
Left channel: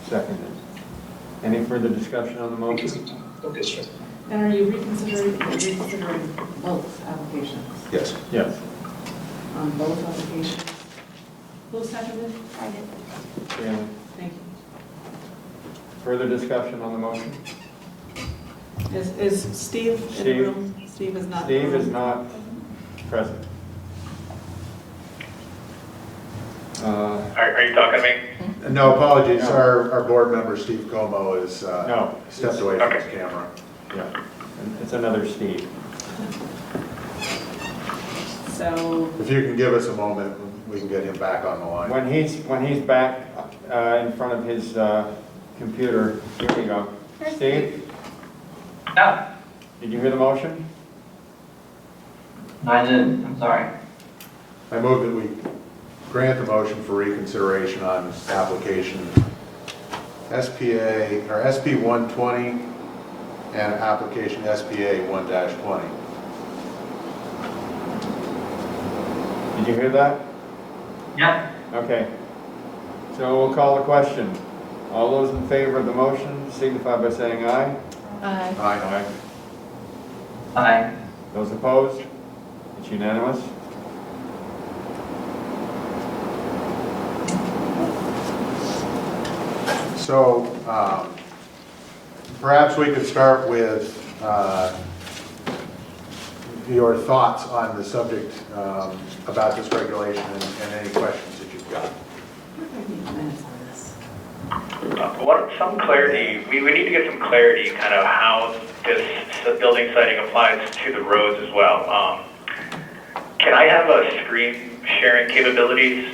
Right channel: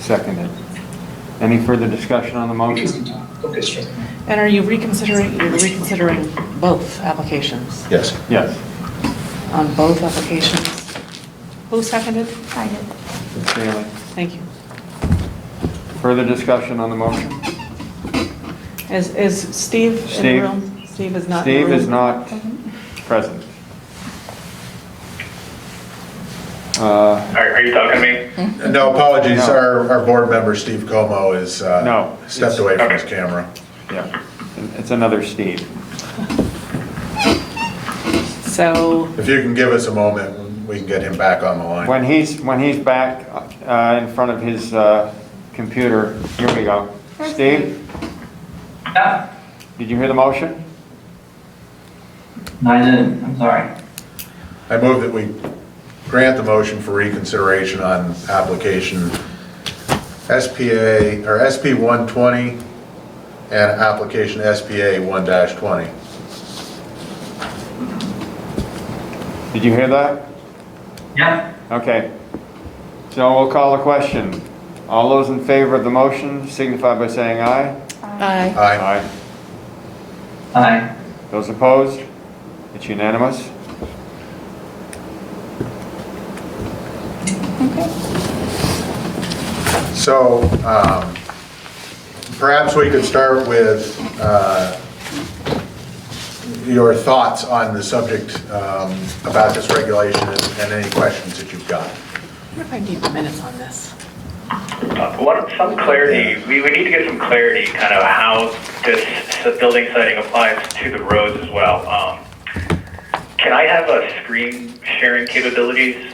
Seconded. Any further discussion on the motion? Okay, sure. And are you reconsidering both applications? Yes. Yes. On both applications? Who seconded? I did. Bailey. Thank you. Further discussion on the motion? Is Steve in the Steve? room? Steve is not in the room. Steve is not present. Are you talking to me? No, apologies, No. our board member, Steve Como, is No, stepped it's- away from his okay. camera. Yeah, it's another Steve. So, If you can give us a moment, we can get him back on the line. When he's back in front of his computer, here we go. Steve, Yeah, did you hear the motion? no, I didn't, I'm sorry. I move that we grant the motion for reconsideration on application SPA, or SP 120 and application SPA 1-20. Did you hear that? Yeah, Okay. So we'll call the question. All those in favor of the motion signify by saying aye. Aye. Aye. aye. Those opposed? It's unanimous. So perhaps we could start with your thoughts on the subject about this regulation and any questions that you've got. I wonder if I need minutes on this. Some clarity, we need to get some clarity kind of how this building siting applies to the roads as well. Can I have a screen sharing capabilities?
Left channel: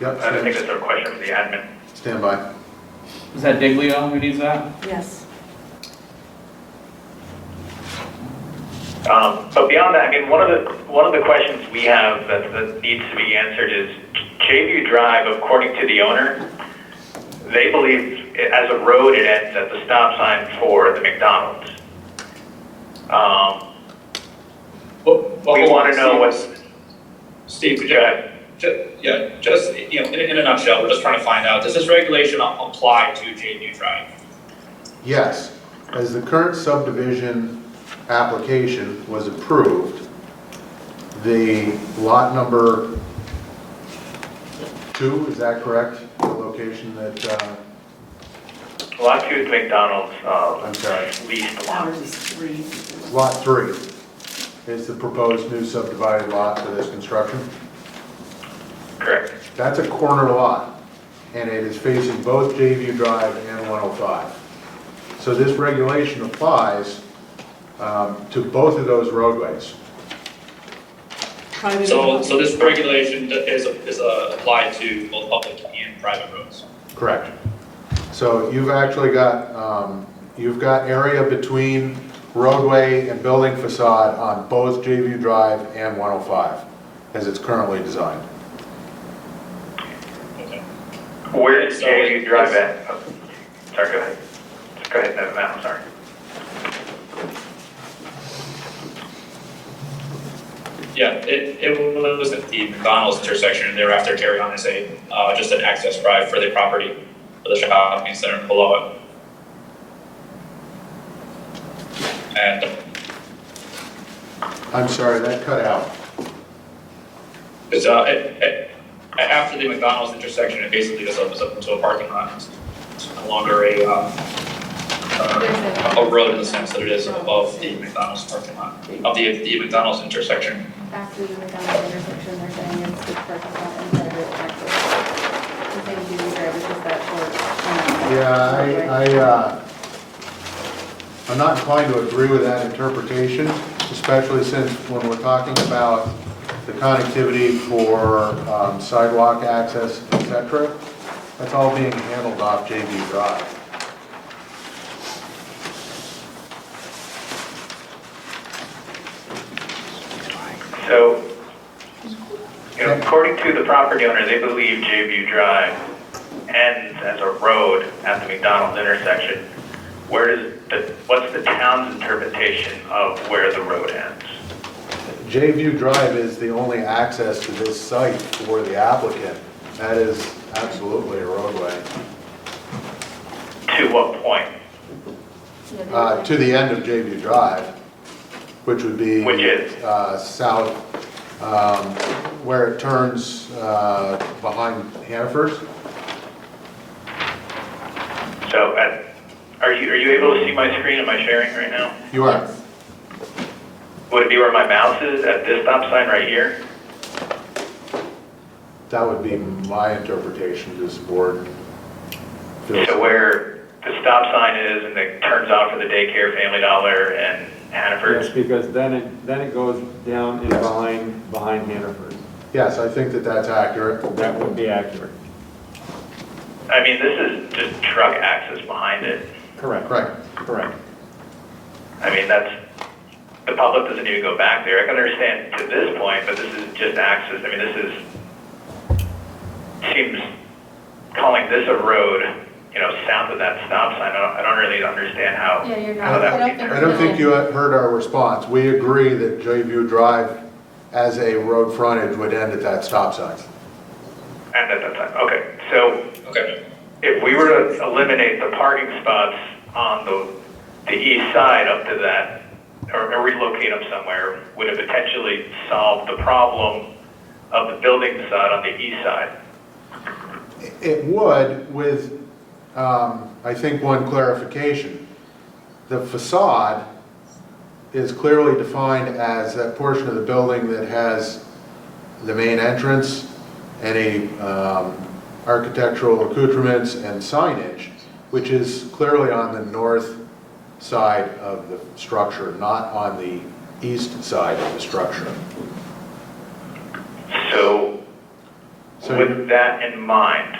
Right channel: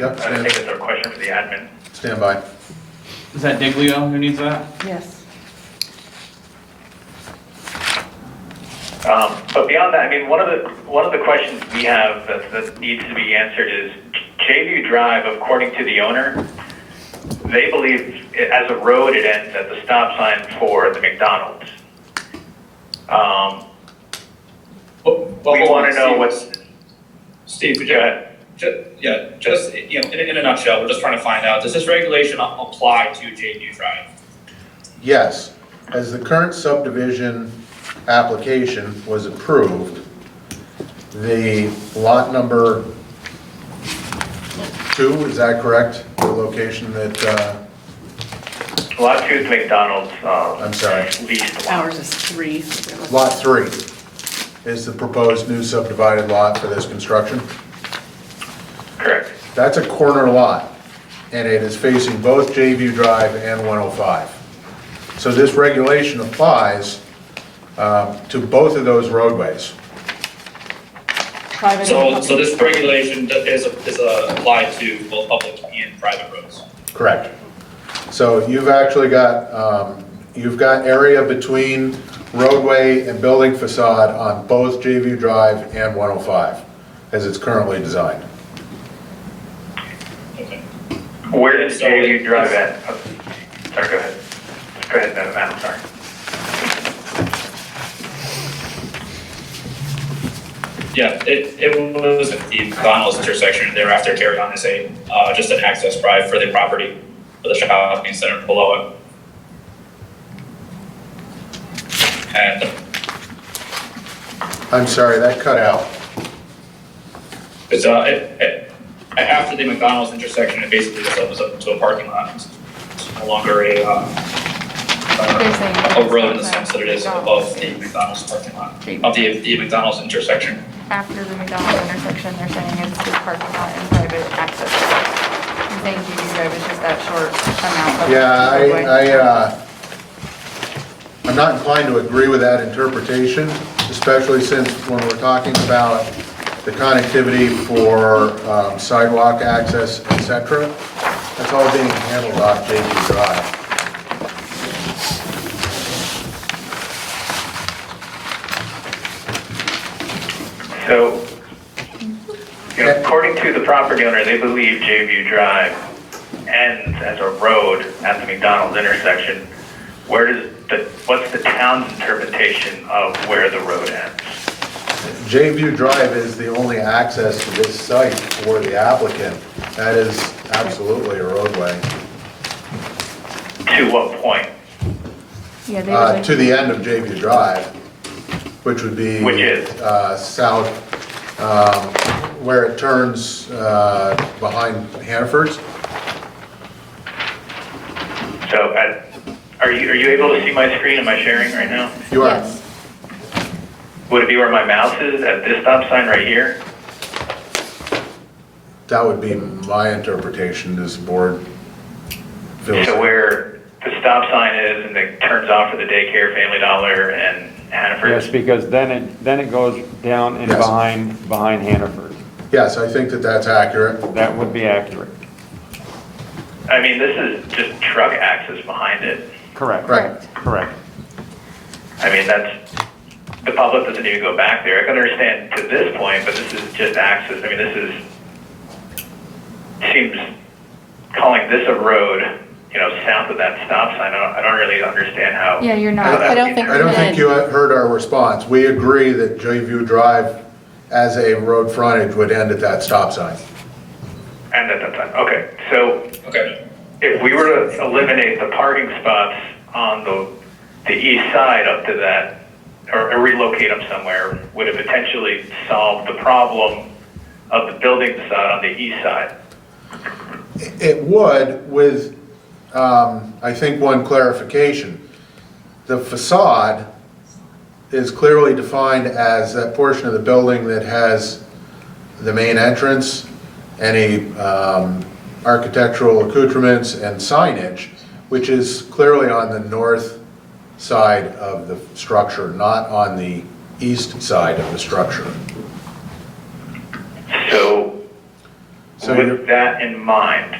Yep, I think that's a question for the admin. stand by. Is that Diglio who needs that? Yes. But beyond that, I mean, one of the questions we have that needs to be answered is Jayview Drive, according to the owner, they believe as a road it ends at the stop sign for the McDonald's. We want to know what's. Steve, could Go you, ahead. just, you know, in a nutshell, we're just trying to find out, does this regulation apply to JView Drive? Yes, as the current subdivision application was approved, the lot number 2, is that correct? The location that, Lot 2 is McDonald's. I'm sorry. Leased lot. Ours is 3. lot 3 is the proposed new subdivided lot for this construction. Correct. That's a corner lot, and it is facing both Jayview Drive and 105. So this regulation applies to both of those roadways. Private. So this regulation is applied to both public and private roads? Correct. So you've actually got, area between roadway and building facade on both Jayview Drive and 105, as it's currently designed. Okay. Where does Jayview Drive at? Oh, sorry, go ahead. Go ahead, Matt, I'm sorry. Yeah, it was at the McDonald's intersection, and thereafter carried on as just an access drive for the property, for the shopping center below it. And I'm sorry, that cut out. it's, after the McDonald's intersection, it basically just opens up into a parking lot. It's no longer a road in the sense that it is above the McDonald's parking lot, of the McDonald's intersection. After the McDonald's intersection, they're saying it's the parking lot and private access. They're saying GD Drive is just that short amount of roadway. Yeah, I'm not inclined to agree with that interpretation, especially since when we're talking about the connectivity for sidewalk access, et cetera, that's all being handled off Jayview Drive. So, according to the property owner, they believe Jayview Drive ends as a road at the McDonald's intersection. What's the town's interpretation of where the road ends? Jayview Drive is the only access to this site for the applicant. That is absolutely a roadway. To what point? Yeah, they would. To the end of Jayview Drive, which would be Which is? south, where it turns behind Hannaford's. So are you able to see my screen? Am I sharing right now? You are. Yes. Would it be where my mouse is at this stop sign right here? That would be my interpretation, this board feels. So where the stop sign is and it turns off for the daycare, Family Dollar, and Hannaford's? Yes, because then it goes down and Yes. behind Hannaford. Yes, I think that that's accurate. That would be accurate. I mean, this is just truck access behind it. Correct. Right. Correct. I mean, the public doesn't even go back there. I can understand to this point, but this is just access. I mean, seems calling this a road, south of that stop sign, I don't really understand how. Yeah, you're not. I don't think I don't think we you heard our response. We agree that J-View Drive as a road frontage would end at that stop sign. And at that time, okay. So Okay. if we were to eliminate the parking spots on the east side up to that, or relocate them somewhere, would it potentially solve the problem of the building facade on the east side? It would with, I think, one clarification. The facade is clearly defined as that portion of the building that has the main entrance, any architectural accoutrements and signage, which is clearly on the north side of the structure, not on the east side of the structure. So So with that in mind,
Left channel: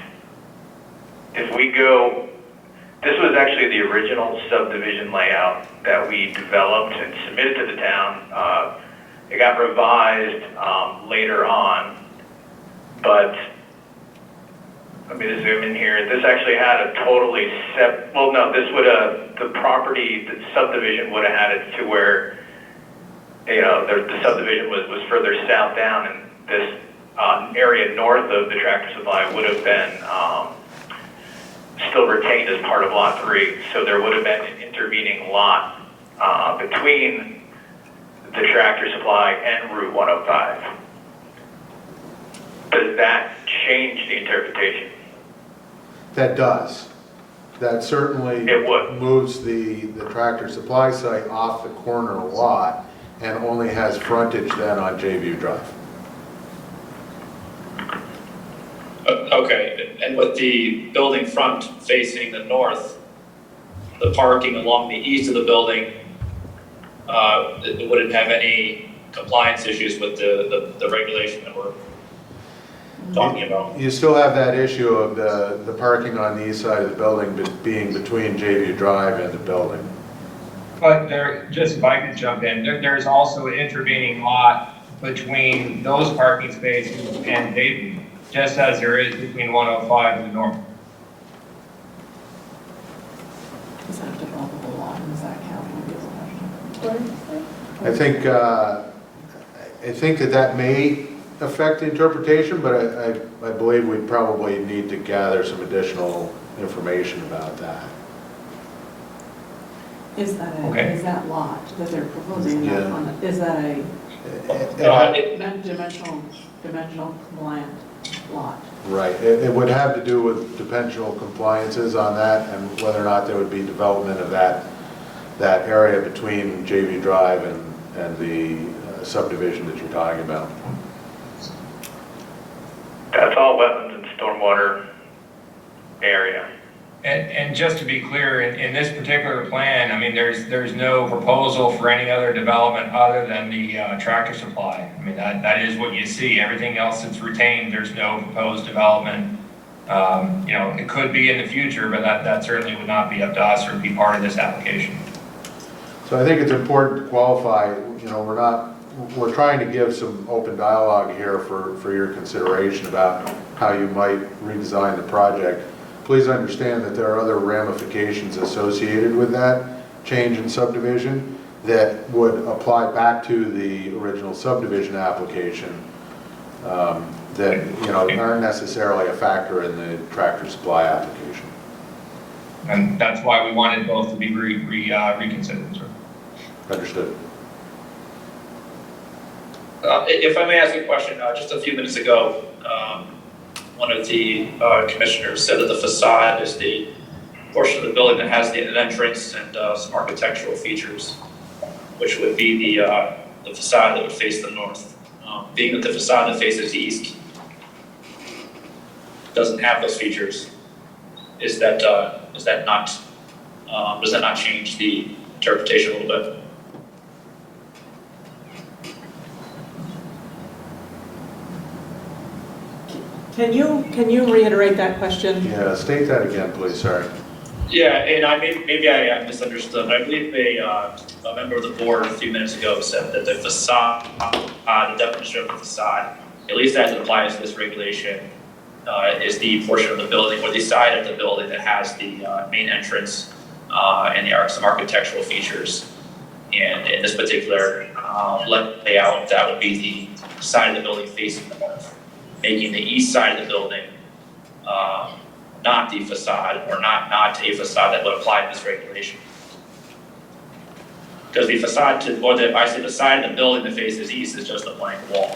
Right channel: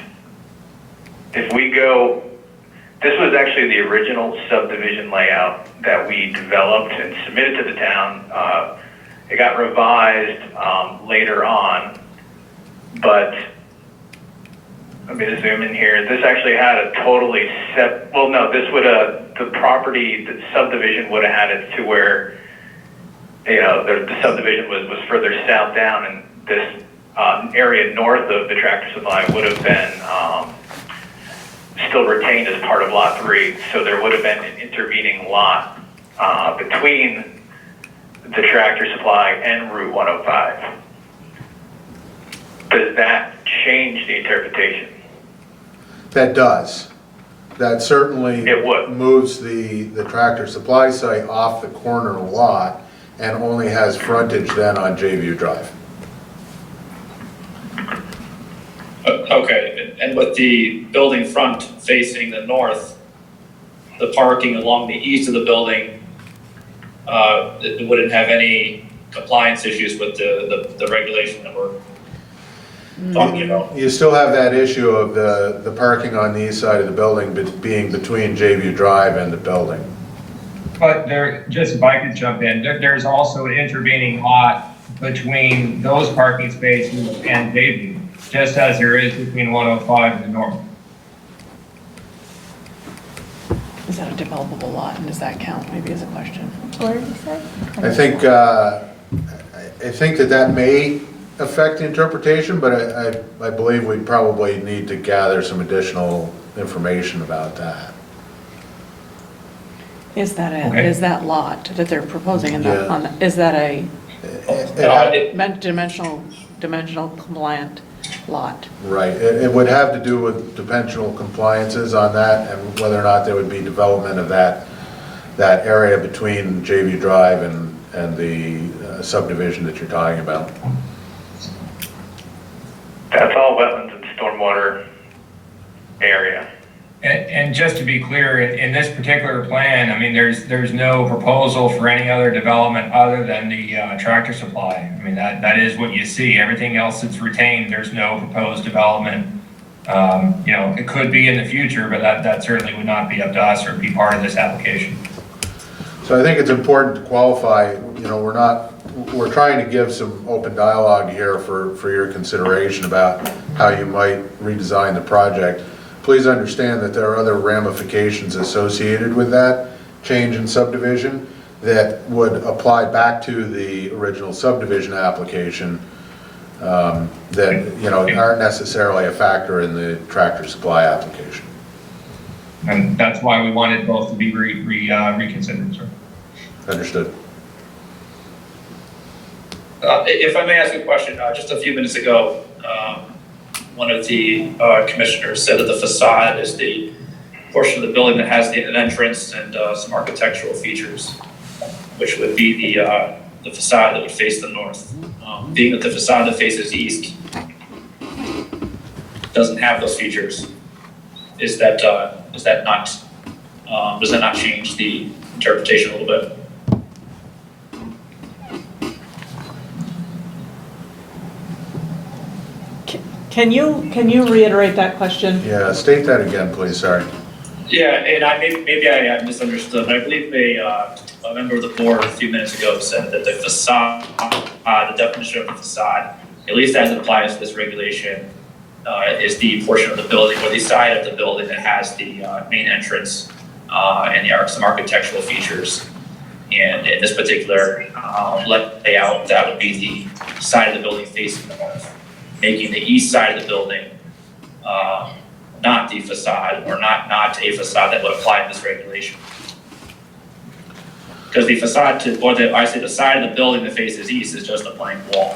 if we go, this was actually the original subdivision layout that we developed and submitted to the town. It got revised later on, but let me just zoom in here. This actually had a totally the property, the subdivision would have had it to where, the subdivision was further south down, and this area north of the Tractor Supply would have been still retained as part of Lot 3. So there would have been an intervening lot between the Tractor Supply and Route 105. Does that change the interpretation? that does. That certainly It would. moves the Tractor Supply site off the corner lot and only has frontage then on J-View Drive. Okay, and with the building front facing the north, the parking along the east of the building, it wouldn't have any compliance issues with the regulation that we're talking about. You still have that issue of the parking on the east side of the building being between J-View Drive and the building. But just if I could jump in, there's also an intervening lot between those parking spaces and Bayview, just as there is between 105 and the north. Is that a developable lot, and does that count, maybe is a question? What did you say? I think that may affect interpretation, but I believe we'd probably need to gather some additional information about that. Is that Okay. is that lot that they're proposing in that, Yeah. is that a It- dimensional compliant lot? Right, it would have to do with dimensional compliances on that and whether or not there would be development of that area between J-View Drive and the subdivision that you're talking about. That's all wetlands and stormwater area. And just to be clear, in this particular plan, I mean, there's no proposal for any other development other than the Tractor Supply. I mean, that is what you see. Everything else that's retained, there's no proposed development. It could be in the future, but that certainly would not be up to us or be part of this application. So I think it's important to qualify, we're trying to give some open dialogue here for your consideration about how you might redesign the project. Please understand that there are other ramifications associated with that change in subdivision that would apply back to the original subdivision application that, aren't necessarily a factor in the Tractor Supply application. And that's why we wanted both to be reconsidered, sir. Understood. If I may ask a question, just a few minutes ago, one of the commissioners said that the facade is the portion of the building that has an entrance and some architectural features, which would be the facade that would face the north. Being that the facade that faces east doesn't have those features, does that not change the interpretation a little bit? Can you reiterate that question? Yeah, state that again, please, sorry. Yeah, and maybe I misunderstood, but I believe a member of the board a few minutes ago said that the facade, the definition of the facade, at least as it applies to this regulation, is the portion of the building or the side of the building that has the main entrance and some architectural features. And in this particular layout, that would be the side of the building facing north, making the east side of the building not the facade, or not a facade that would apply to this regulation. Because the facade the side of the building that faces east is just a blank wall.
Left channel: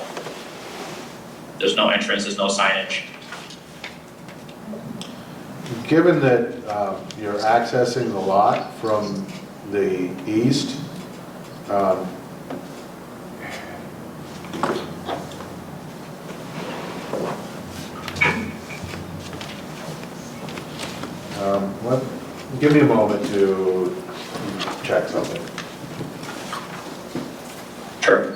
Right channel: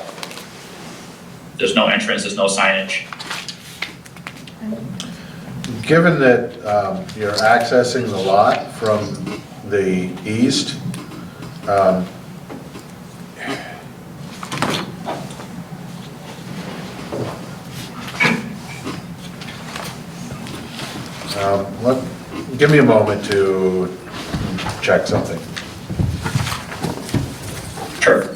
There's no entrance, there's no signage. Given that you're accessing the lot from the east, give me a moment to check something. Sure.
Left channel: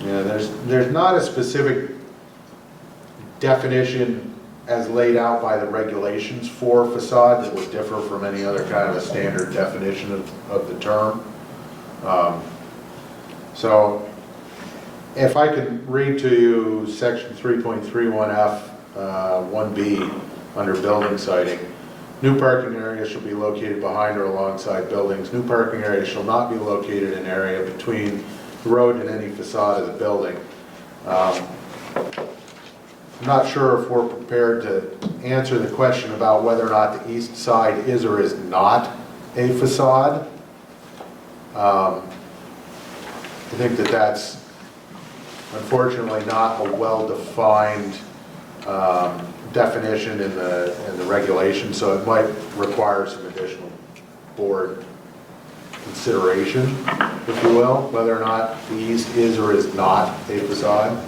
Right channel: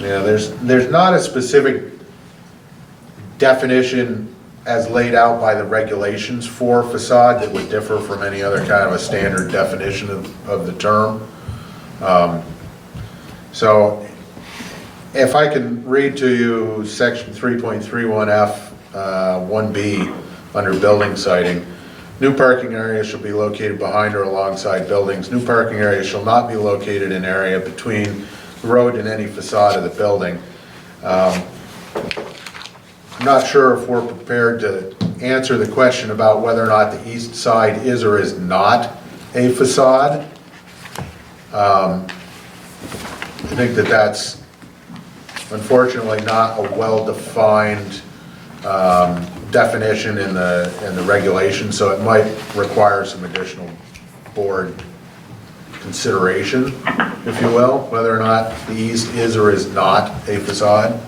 Yeah, there's not a specific definition as laid out by the regulations for facade that would differ from any other kind of a standard definition of the term. So if I can read to you section 3.31F 1B under building siting, new parking areas shall be located behind or alongside buildings. New parking areas shall not be located in area between the road and any facade of the building. I'm not sure if we're prepared to answer the question about whether or not the east side is or is not a facade. I think that's unfortunately not a well-defined definition in the regulation, so it might require some additional board consideration, if you will, whether or not the east is or is not a facade.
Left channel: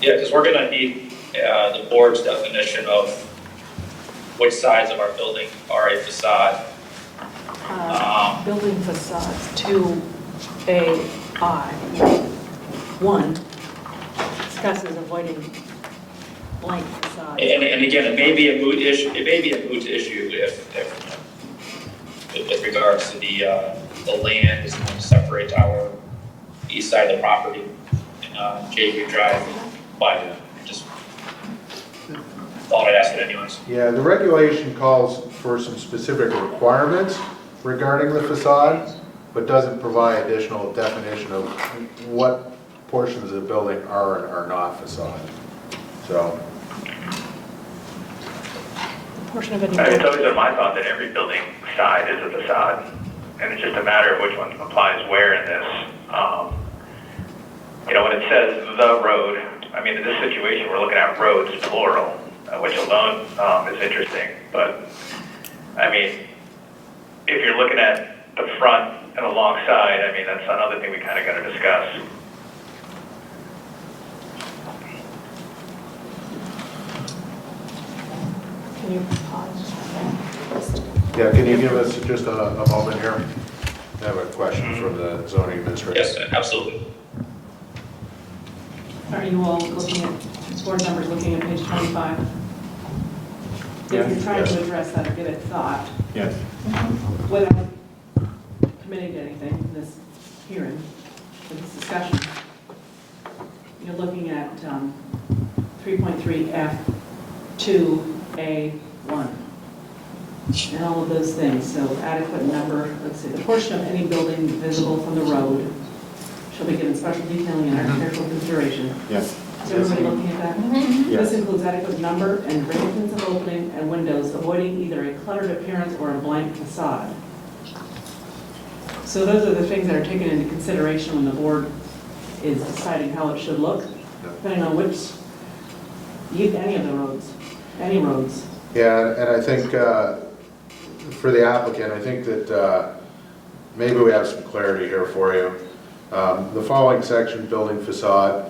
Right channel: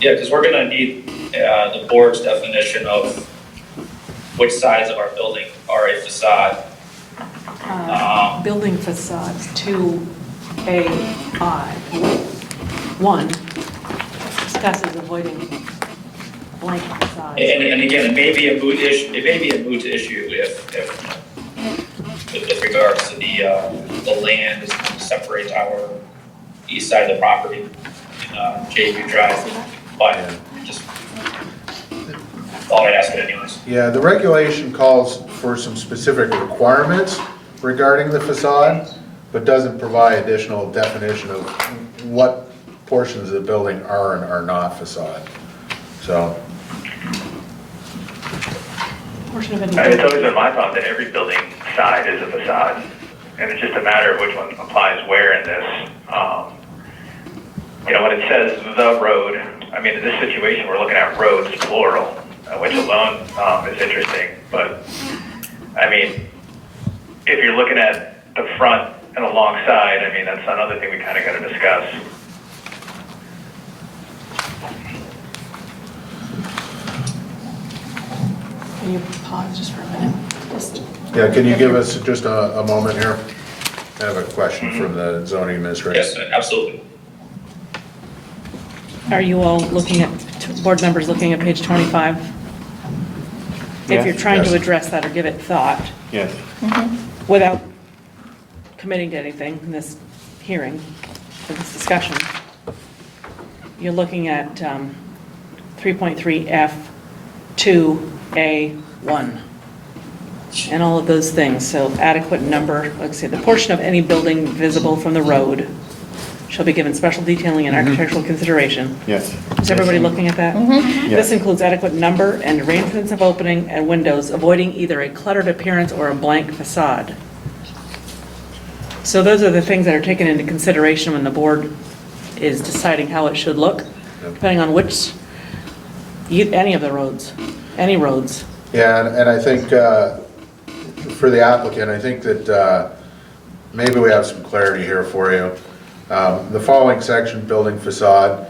Yeah, because we're gonna need the board's definition of which sides of our building are a facade. Building facades, 2AI. 1 discusses avoiding blank facades. And again, it may be a moot issue. It may be a moot issue if with regards to the land separates our east side of the property, JV Drive. But just thought I'd ask it anyways. Yeah, the regulation calls for some specific requirements regarding the facade, but doesn't provide additional definition of what portions of the building are and are not facade. So. Portion of it. It's always been my thought that every building side is a facade, and it's just a matter of which one applies where in this. When it says the road, I mean, in this situation, we're looking at roads, plural, which alone is interesting. But, I mean, if you're looking at the front and alongside, I mean, that's another thing we kind of got to discuss. Can you pause just for a minute? Yeah, can you give us just a moment here? I have a question from the zoning administrator. Yes, absolutely. Are you all looking at, board members looking at page 25? If Yes. you're trying to Yes. address that or give it thought, Yes. without committing to anything in this hearing, for this discussion, you're looking at 3.3F2A1 and all of those things. So adequate number, let's see, the portion of any building visible from the road shall be given special detailing and architectural consideration. Yes. Is everybody looking at that? Mhm. Yes. This includes adequate number and arrangements of opening and windows, avoiding either a cluttered appearance or a blank facade. So those are the things that are taken into consideration when the board is deciding how it should look, depending on which, any of the roads, any roads. Yeah, and I think, for the applicant, I think that maybe we have some clarity here for you. The following section, building facade,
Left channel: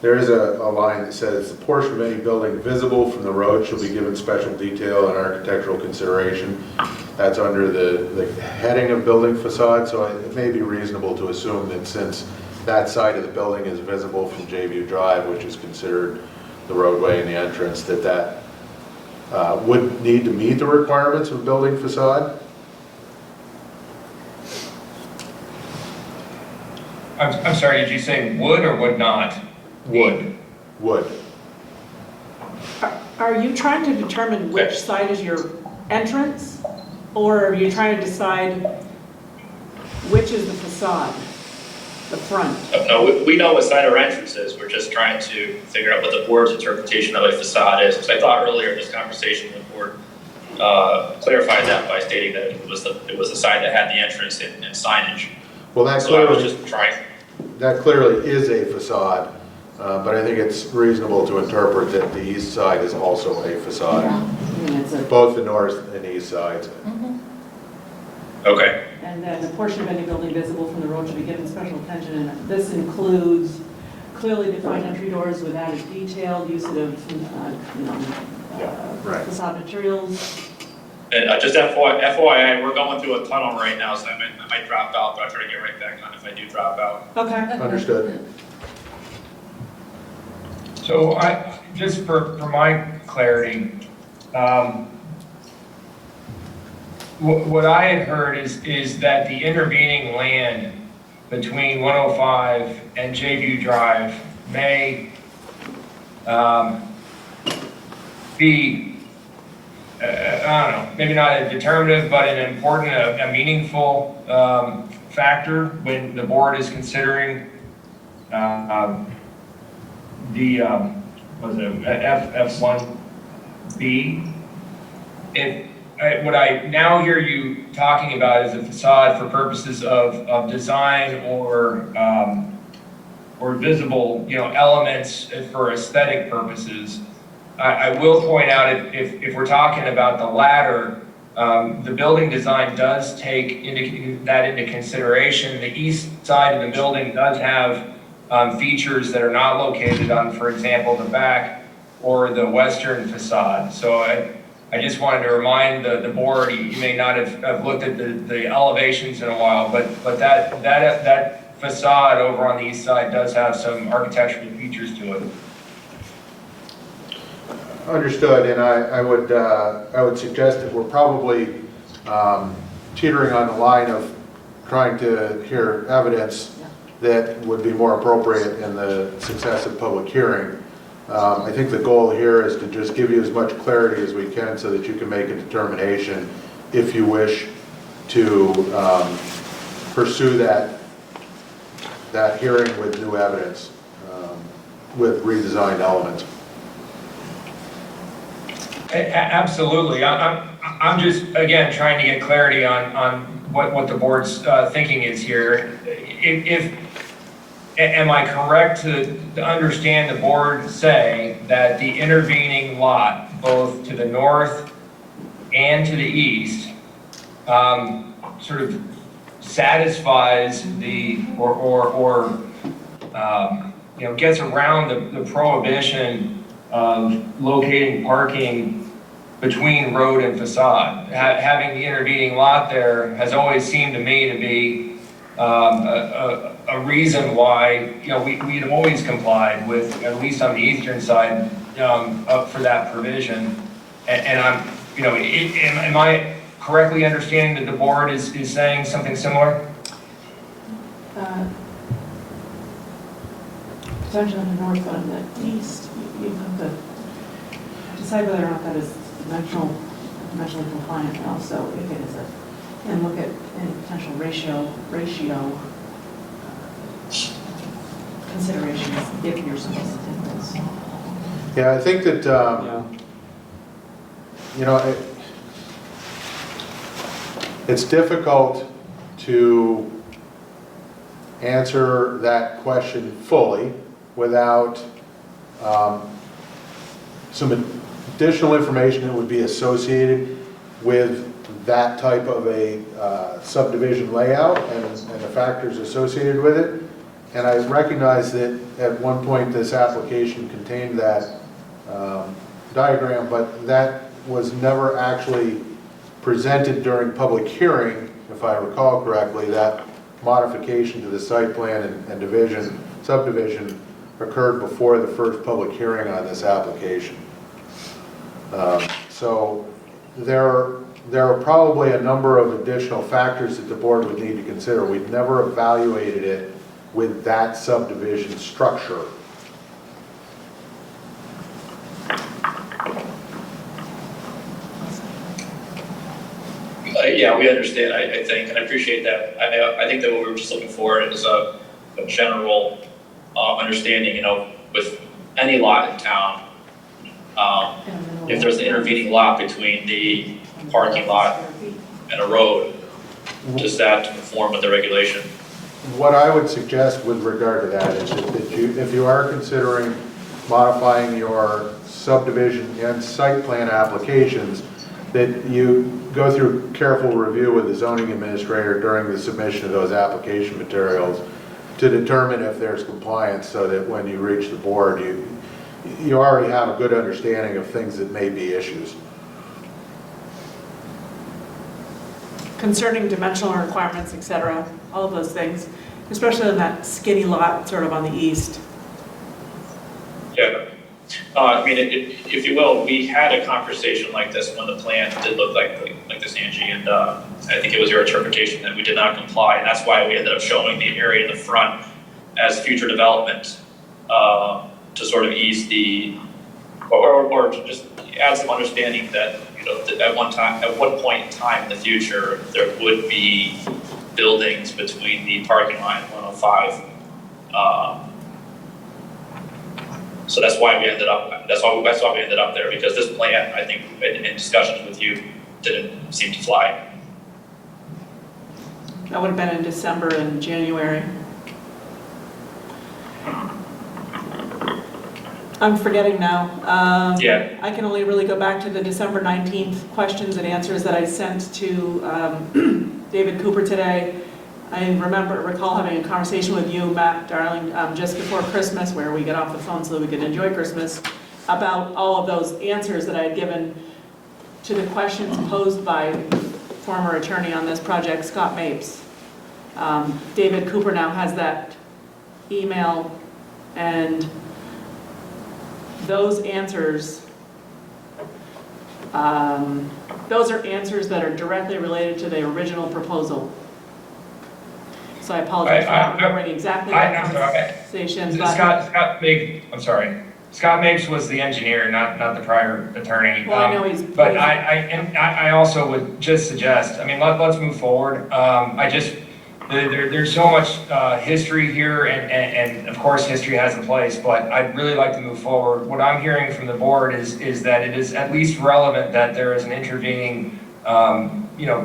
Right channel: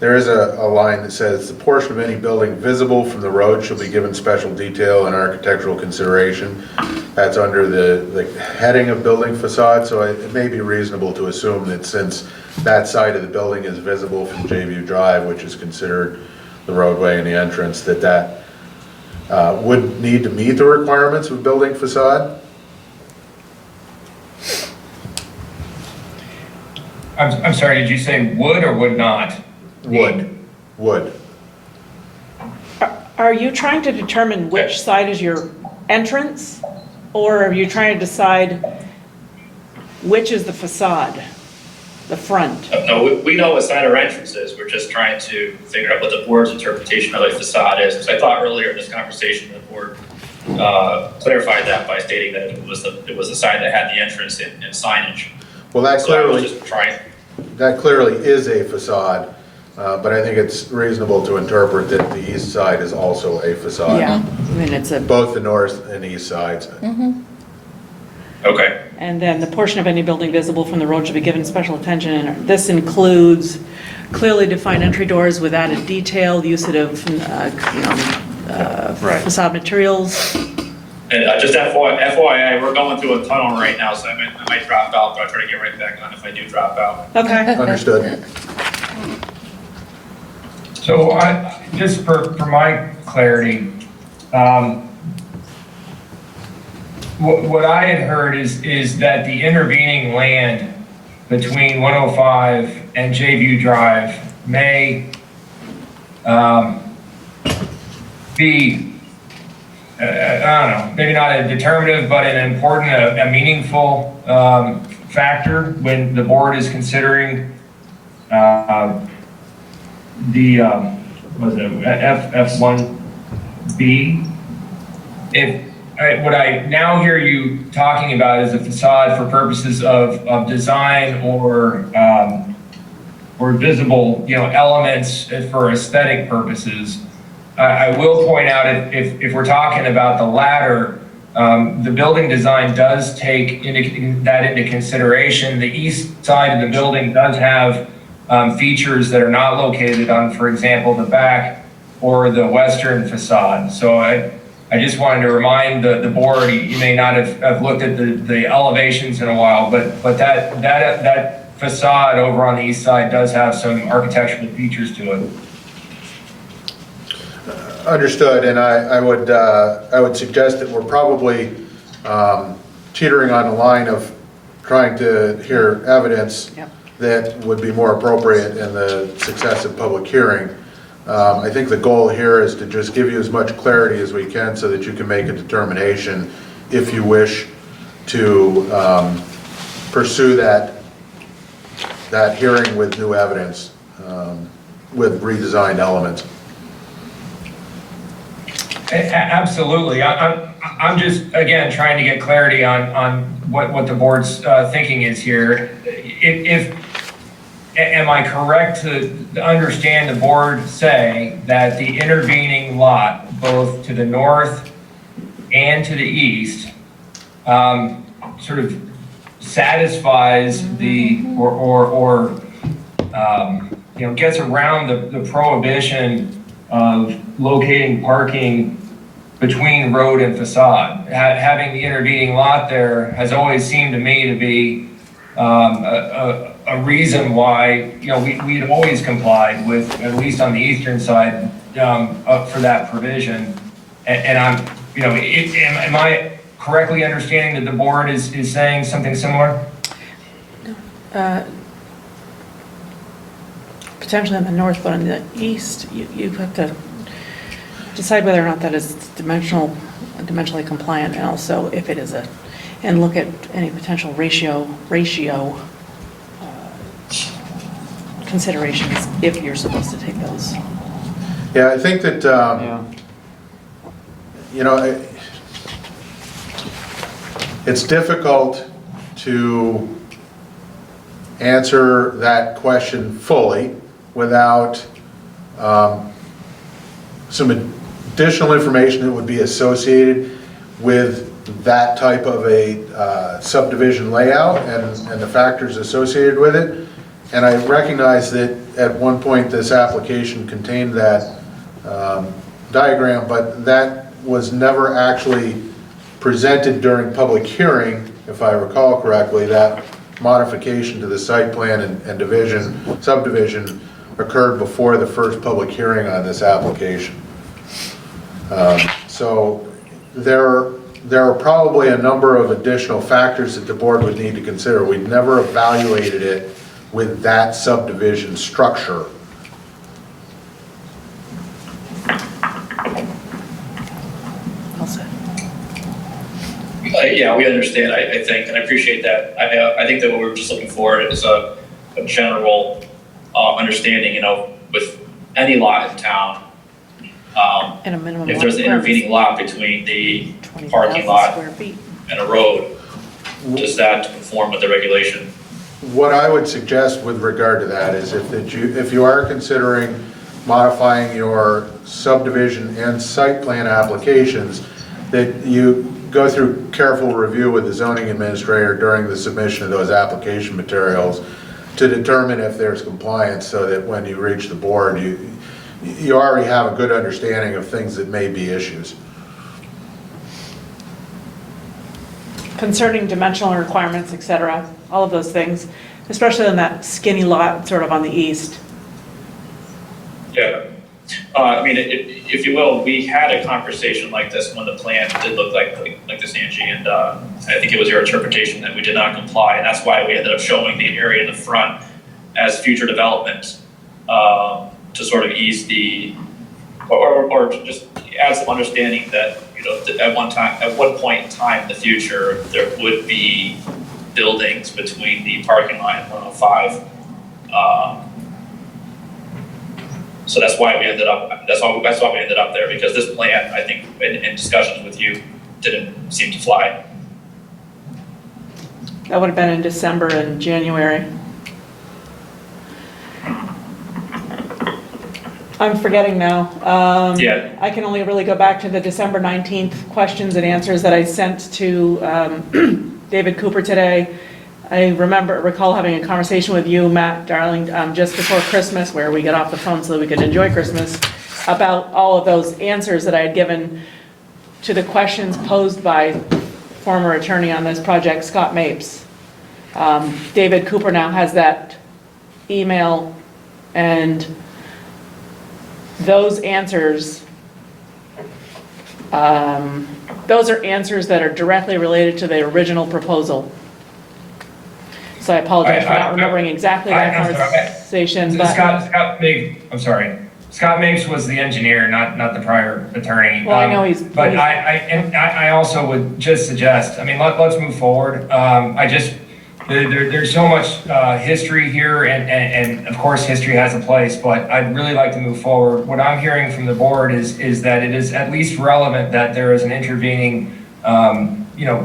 there is a line that says, "The portion of any building visible from the road shall be given special detail and architectural consideration." That's under the heading of building facade, so it may be reasonable to assume that since that side of the building is visible from J-View Drive, which is considered the roadway and the entrance, that would need to meet the requirements of building facade. I'm sorry, did you say would or would not? Would. Are you trying to determine which side is your entrance? Or are you trying to decide which is the facade, the front? No, we know what side our entrance is. We're just trying to figure out what the board's interpretation of a facade is. Because I thought earlier in this conversation, the board clarified that by stating that it was the side that had the entrance and signage. Well, that So I was clearly, just trying. that clearly is a facade, but I think it's reasonable to interpret that the east side is also a facade. Yeah, I mean, it's a, Both the north and east sides. Okay. and then the portion of any building visible from the road should be given special attention. And this includes clearly defined entry doors with added detail, usage of, Right. facade materials. And just FYI, we're going through a tunnel right now, so I might drop out, but I'll try to get right back on if I do drop out. Okay. Understood. So just for my clarity, what I had heard is that the intervening land between 105 and J-View Drive may be, I don't know, maybe not a determinative, but an important, a meaningful factor when the board is considering the, was it F1B? What I now hear you talking about is a facade for purposes of design or visible, elements for aesthetic purposes. I will point out, if we're talking about the latter, the building design does take that into consideration. The east side of the building does have features that are not located on, for example, the back or the western facade. So I just wanted to remind the board, you may not have looked at the elevations in a while, but that facade over on the east side does have some architectural features to it. Understood, and I would suggest that we're probably teetering on the line of trying to hear evidence that would be more appropriate in the successive public hearing. I think the goal here is to just give you as much clarity as we can so that you can make a determination if you wish to pursue that hearing with new evidence, with redesigned elements. Absolutely. I'm just, again, trying to get clarity on what the board's thinking is here. Am I correct to understand the board say that the intervening lot, both to the north and to the east, sort of satisfies gets around the prohibition of locating parking between road and facade? Having the intervening lot there has always seemed to me to be a reason why, we have always complied with, at least on the eastern side, up for that provision. And I'm, am I correctly understanding that the board is saying something similar? Potentially on the north, but on the east, you have to decide whether or not that is dimensionally compliant, and also if it is considerations if you're supposed to take those. Yeah, I think that, Yeah. you know, it's difficult to answer that question fully without some additional information that would be associated with that type of a subdivision layout and the factors associated with it. And I recognize that at one point this application contained that diagram, but that was never actually presented during public hearing, if I recall correctly. That modification to the site plan and subdivision occurred before the first public hearing on this application. So there are probably a number of additional factors that the board would need to consider. We've never evaluated it with that subdivision structure. Yeah, we understand, I think, and I appreciate that. I think that what we were just looking for is a general understanding, you know, with any lot in town. And a minimum. If there's an intervening lot between the parking lot square feet. and a road, does that conform with the regulation? What I would suggest with regard to that is if you are considering modifying your subdivision and site plan applications, that you go through careful review with the zoning administrator during the submission of those application materials to determine if there's compliance, so that when you reach the board, you already have a good understanding of things that may be issues. Concerning dimensional requirements, et cetera, all of those things, especially on that skinny lot sort of on the east. Yeah. I mean, if you will, we had a conversation like this when the plan did look like this, Angie, and I think it was your interpretation that we did not comply, and that's why we ended up showing the area in the front as future development to sort of ease the, or just add some understanding that, you know, that at one point in time in the future, there would be buildings between the parking lot and 105. So that's why we ended up, that's why we ended up there, because this plan, I think, in discussions with you, didn't seem to fly. That would have been in December and January. I'm forgetting now. Yeah. I can only really go back to the December 19th questions and answers that I sent to David Cooper today. I recall having a conversation with you, Matt Darling, just before Christmas, where we got off the phone so that we could enjoy Christmas, about all of those answers that I had given to the questions posed by former attorney on this project, Scott Mapes. David Cooper now has that email, and those answers, those are answers that are directly related to the original proposal. So I apologize for not remembering exactly that conversation, but. Scott Mapes was the engineer, not the prior attorney. Well, I know he's. But I also would just suggest, I mean, let's move forward. There's so much history here, and of course, history has a place, but I'd really like to move forward. What I'm hearing from the board is that it is at least relevant that there is an intervening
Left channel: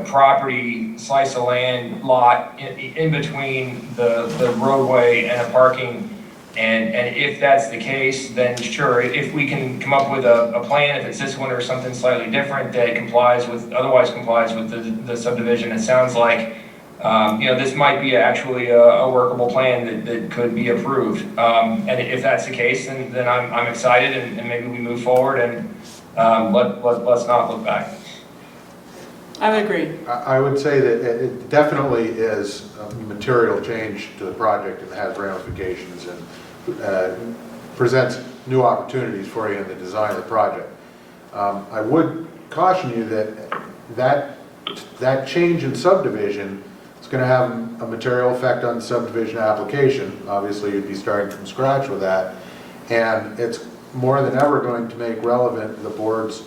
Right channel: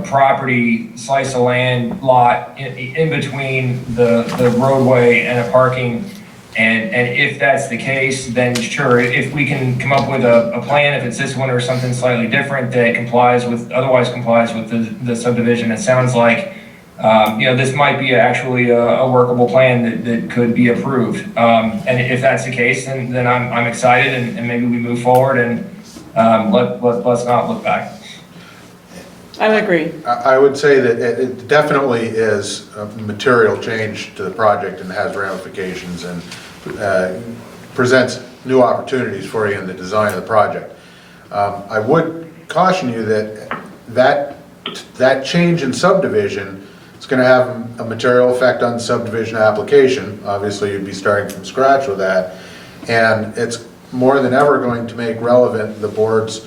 property, slice of land, lot in between the roadway and a parking. And if that's the case, then sure, if we can come up with a plan, if it's this one or something slightly different that otherwise complies with the subdivision, it sounds like, this might be actually a workable plan that could be approved. And if that's the case, then I'm excited, and maybe we move forward, and let's not look back. I would agree. I would say that it definitely is a material change to the project and has ramifications and presents new opportunities for you in the design of the project. I would caution you that change in subdivision is going to have a material effect on the subdivision application. Obviously, you'd be starting from scratch with that, and it's more than ever going to make relevant the board's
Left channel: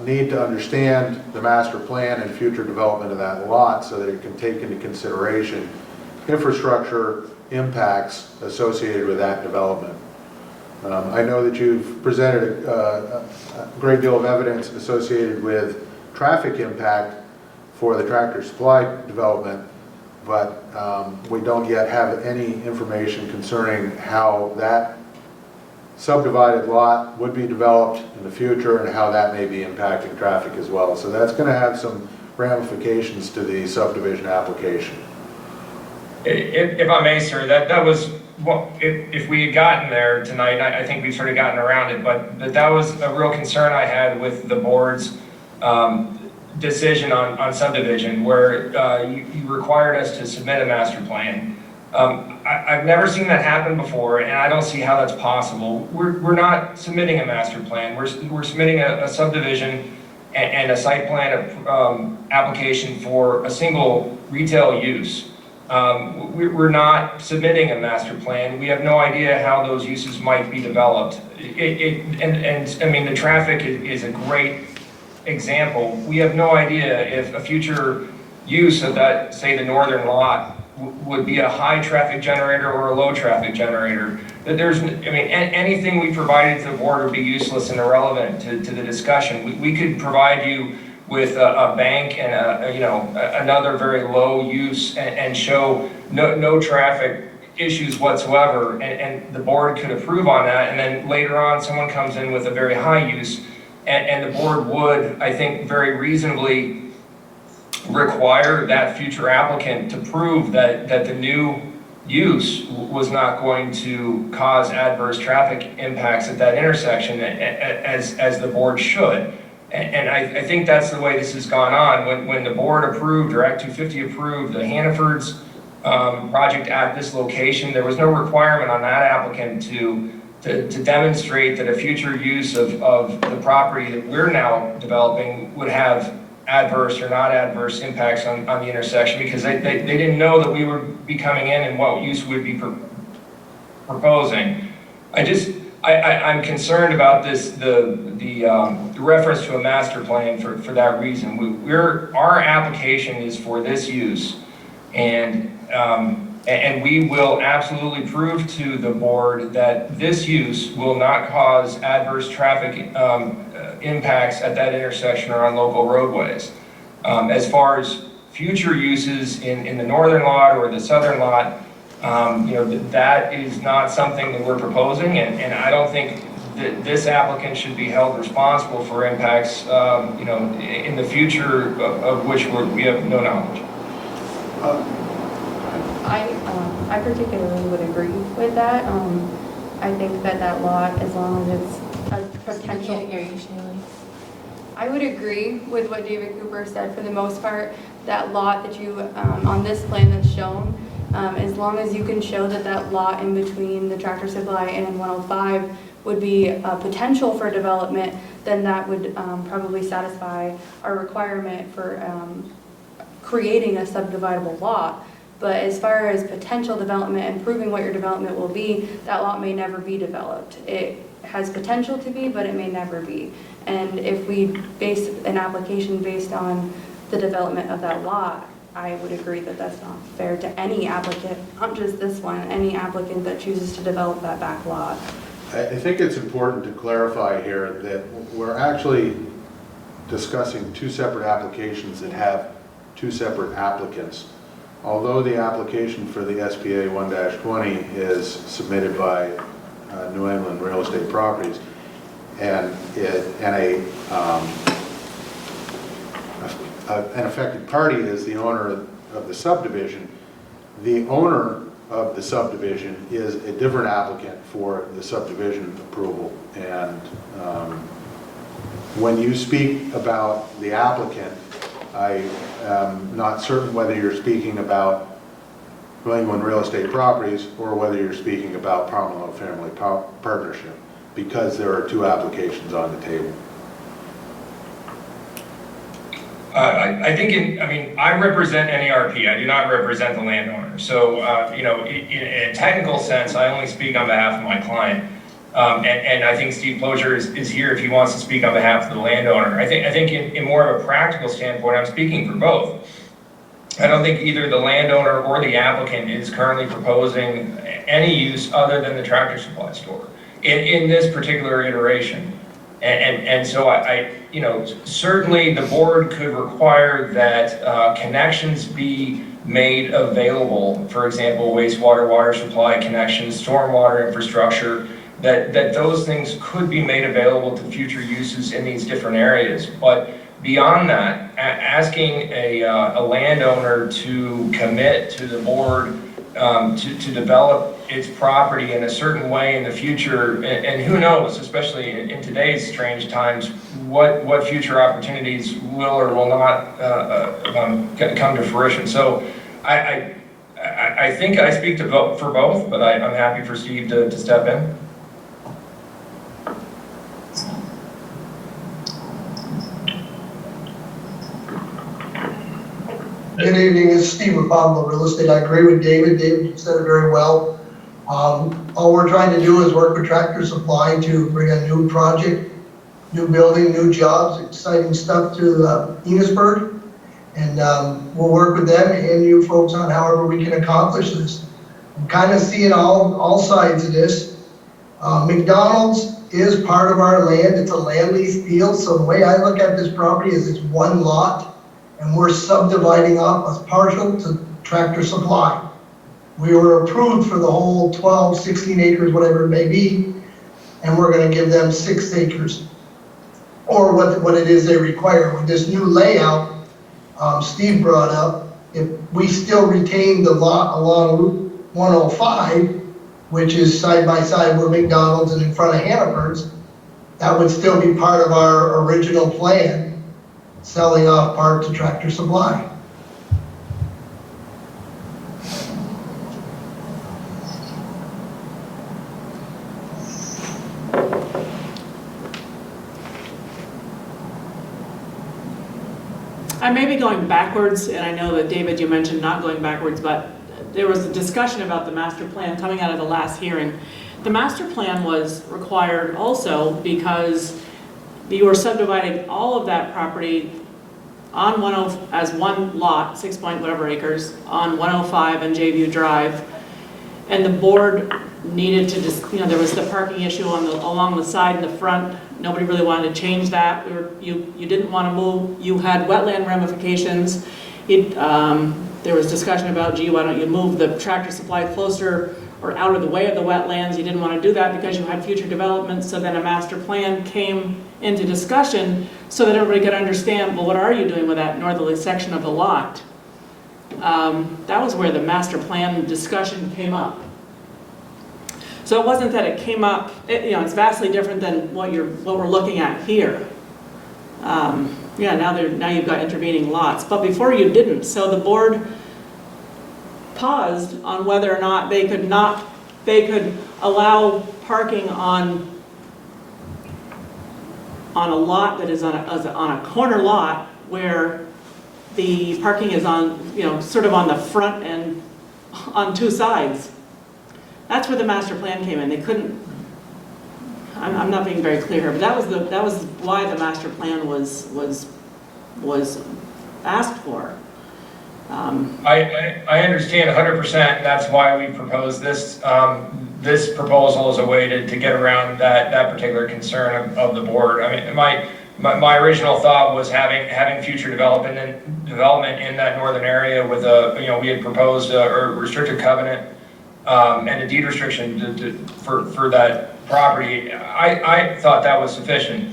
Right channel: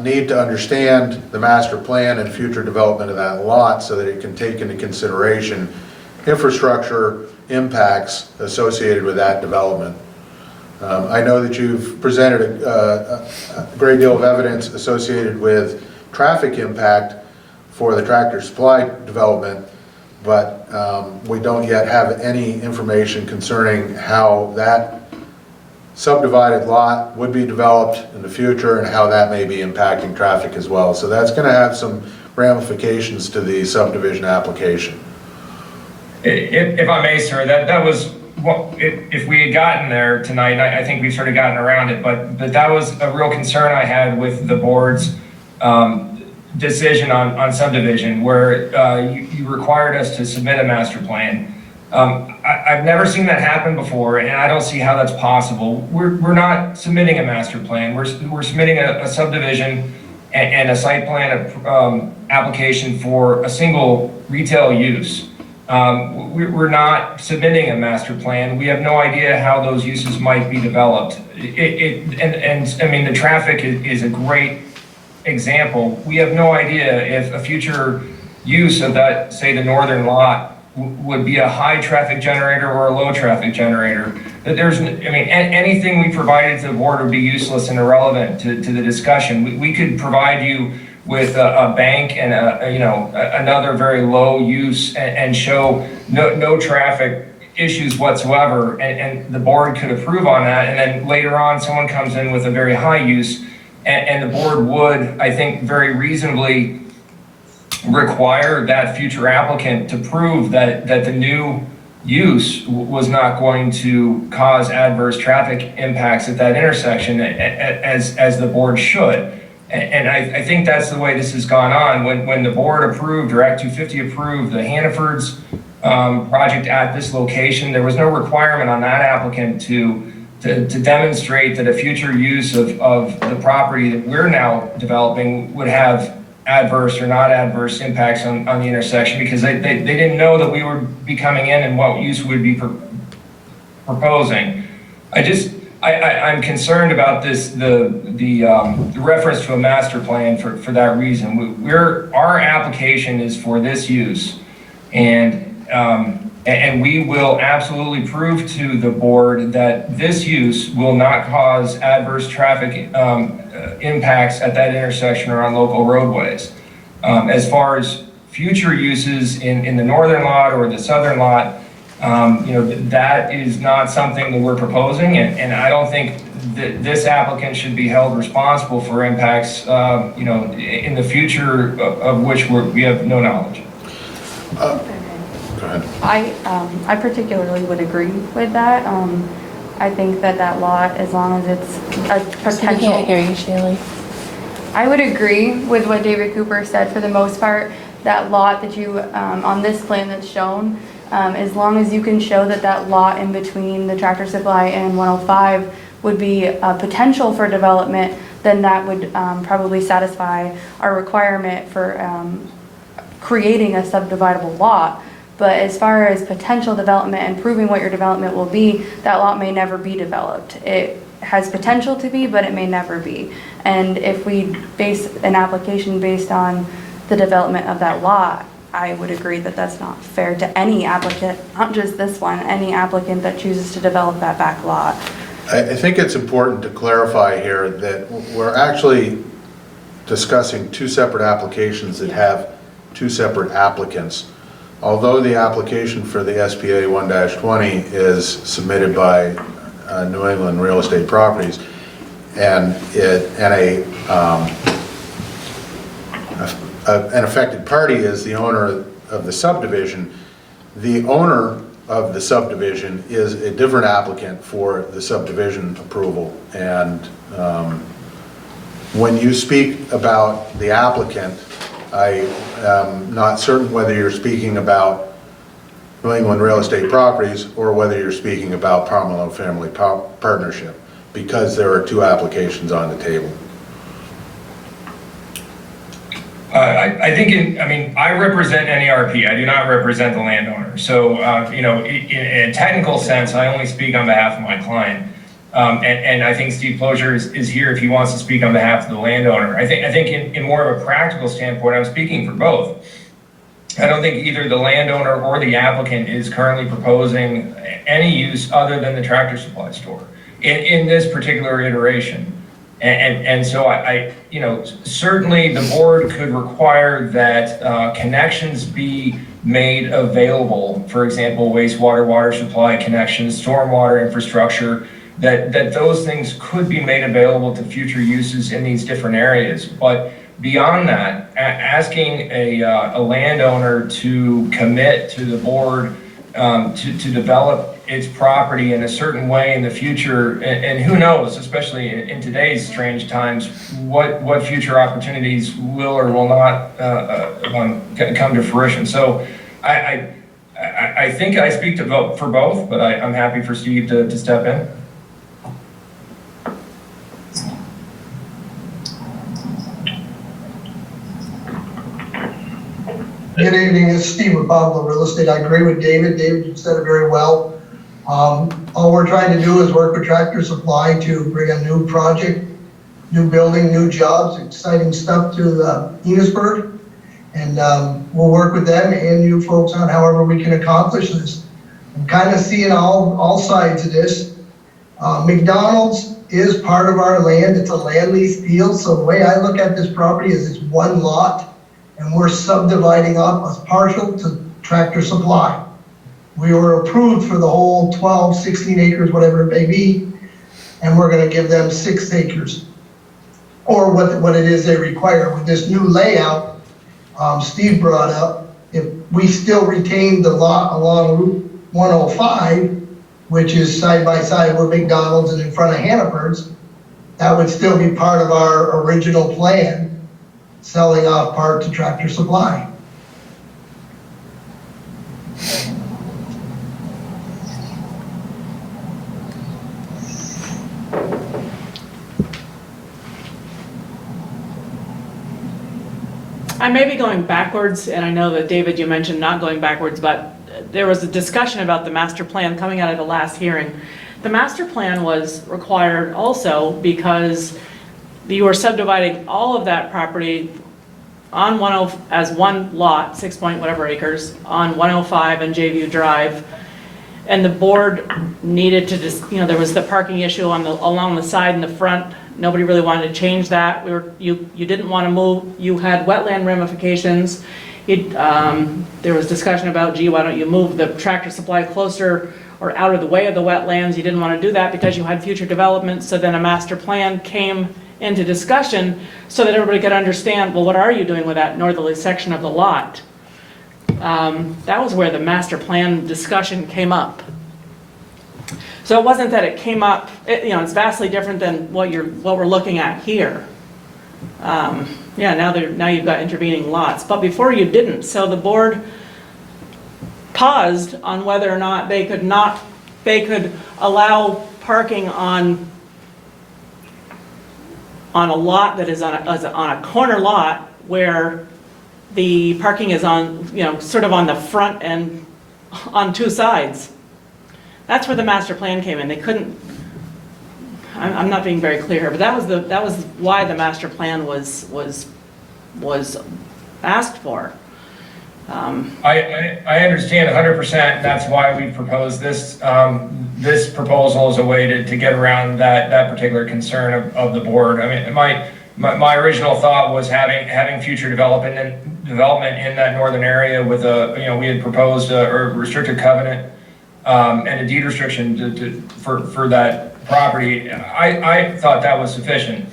need to understand the master plan and future development of that lot so that it can take into consideration infrastructure impacts associated with that development. I know that you've presented a great deal of evidence associated with traffic impact for the Tractor Supply development, but we don't yet have any information concerning how that subdivided lot would be developed in the future and how that may be impacting traffic as well. So that's going to have some ramifications to the subdivision application. If I may, sir, that was, if we had gotten there tonight, and I think we've sort of gotten around it, but that was a real concern I had with the board's decision on subdivision, where you required us to submit a master plan. I've never seen that happen before, and I don't see how that's possible. We're not submitting a master plan. We're submitting a subdivision and a site plan application for a single retail use. We're not submitting a master plan. We have no idea how those uses might be developed. And I mean, the traffic is a great example. We have no idea if a future use of that, say the northern lot, would be a high traffic generator or a low traffic generator. That there's, I mean, anything we provided to the board would be useless and irrelevant to the discussion. We could provide you with a bank and another very low use and show no traffic issues whatsoever, and the board could approve on that, and then later on someone comes in with a very high use, and the board would, I think, very reasonably require that future applicant to prove that the new use was not going to cause adverse traffic impacts at that intersection, as the board should. And I think that's the way this has gone on. When the board approved, or Act 250 approved, the Hannaford's project at this location, there was no requirement on that applicant to demonstrate that a future use of the property that we're now developing would have adverse or not adverse impacts on the intersection, because they didn't know that we would be coming in and what use we'd be proposing. I'm concerned about this, the reference to a master plan for that reason. Our application is for this use, and we will absolutely prove to the board that this use will not cause adverse traffic impacts at that intersection or on local roadways. As far as future uses in the northern lot or the southern lot, that is not something that we're proposing, and I don't think that this applicant should be held responsible for impacts, in the future of which we have no knowledge. Go ahead. I particularly would agree with that. I think that lot, as long as it's a potential. I can't hear you, Shaylee. I would agree with what David Cooper said for the most part. That lot that you, on this plan that's shown, as long as you can show that lot in between the Tractor Supply and 105 would be a potential for development, then that would probably satisfy our requirement for creating a subdividable lot. But as far as potential development and proving what your development will be, that lot may never be developed. It has potential to be, but it may never be. And if we base an application based on the development of that lot, I would agree that that's not fair to any applicant, not just this one, any applicant that chooses to develop that back lot. I think it's important to clarify here that we're actually discussing two separate applications that have two separate applicants. Although the application for the SPA 1-20 is submitted by New England Real Estate Properties, and an affected party is the owner of the subdivision, the owner of the subdivision is a different applicant for the subdivision approval. And when you speak about the applicant, I am not certain whether you're speaking about New England Real Estate Properties or whether you're speaking about Pomerleau Family Partnership, because there are two applications on the table. I think, I represent NERP. I do not represent the landowner. So, in a technical sense, I only speak on behalf of my client. And I think Steve Closure is here if he wants to speak on behalf of the landowner. I think in more of a practical standpoint, I'm speaking for both. I don't think either the landowner or the applicant is currently proposing any use other than the Tractor Supply store in this particular iteration. And so I, you know, certainly the board could require that connections be made available. For example, wastewater, water supply connections, stormwater infrastructure, that those things could be made available to future uses in these different areas. But beyond that, asking a landowner to commit to the board to develop its property in a certain way in the future, and who knows, especially in today's strange times, what future opportunities will or will not come to fruition. So I think I speak for both, but I'm happy for Steve to step in. Good evening, this is Steve with Pablo Real Estate. I agree with David. David, you said it very well. All we're trying to do is work with Tractor Supply to bring a new project, new building, new jobs, exciting stuff to Enosburg. And we'll work with them and you folks on however we can accomplish this. I'm kind of seeing all sides of this. McDonald's is part of our land. It's a land lease deal. So the way I look at this property is it's one lot. And we're subdividing up a partial to Tractor Supply. We were approved for the whole 12, 16 acres, whatever it may be, and we're gonna give them 6 acres, or what it is they require. With this new layout, Steve brought up, if we still retain the lot along Route 105, which is side by side with McDonald's and in front of Hannaford's, that would still be part of our original plan, selling off part to Tractor Supply. I may be going backwards, and I know that David, you mentioned not going backwards, but there was a discussion about the master plan coming out of the last hearing. The master plan was required also because you were subdividing all of that property on as one lot, 6 point whatever acres, on 105 and Jayview Drive. And the board needed to just, you know, there was the parking issue along the side and the front. Nobody really wanted to change that. You didn't want to move. You had wetland ramifications. There was discussion about, gee, why don't you move the Tractor Supply closer or out of the way of the wetlands? You didn't want to do that because you had future development. So then a master plan came into discussion so that everybody could understand, well, what are you doing with that northerly section of the lot? That was where the master plan discussion came up. So it wasn't that it came up, it's vastly different than what we're looking at here. Yeah, now you've got intervening lots, but before you didn't. So the board paused on whether or not they could allow parking on a lot that is on a corner lot where the parking is on, sort of on the front and on two sides. That's where the master plan came in. They couldn't, I'm not being very clear here, but that was why the master plan was asked for. I understand 100%. That's why we proposed this. This proposal is a way to get around that particular concern of the board. I mean, my original thought was having future development in that northern area with we had proposed a restricted covenant and a deed restriction for that property. I thought that was sufficient.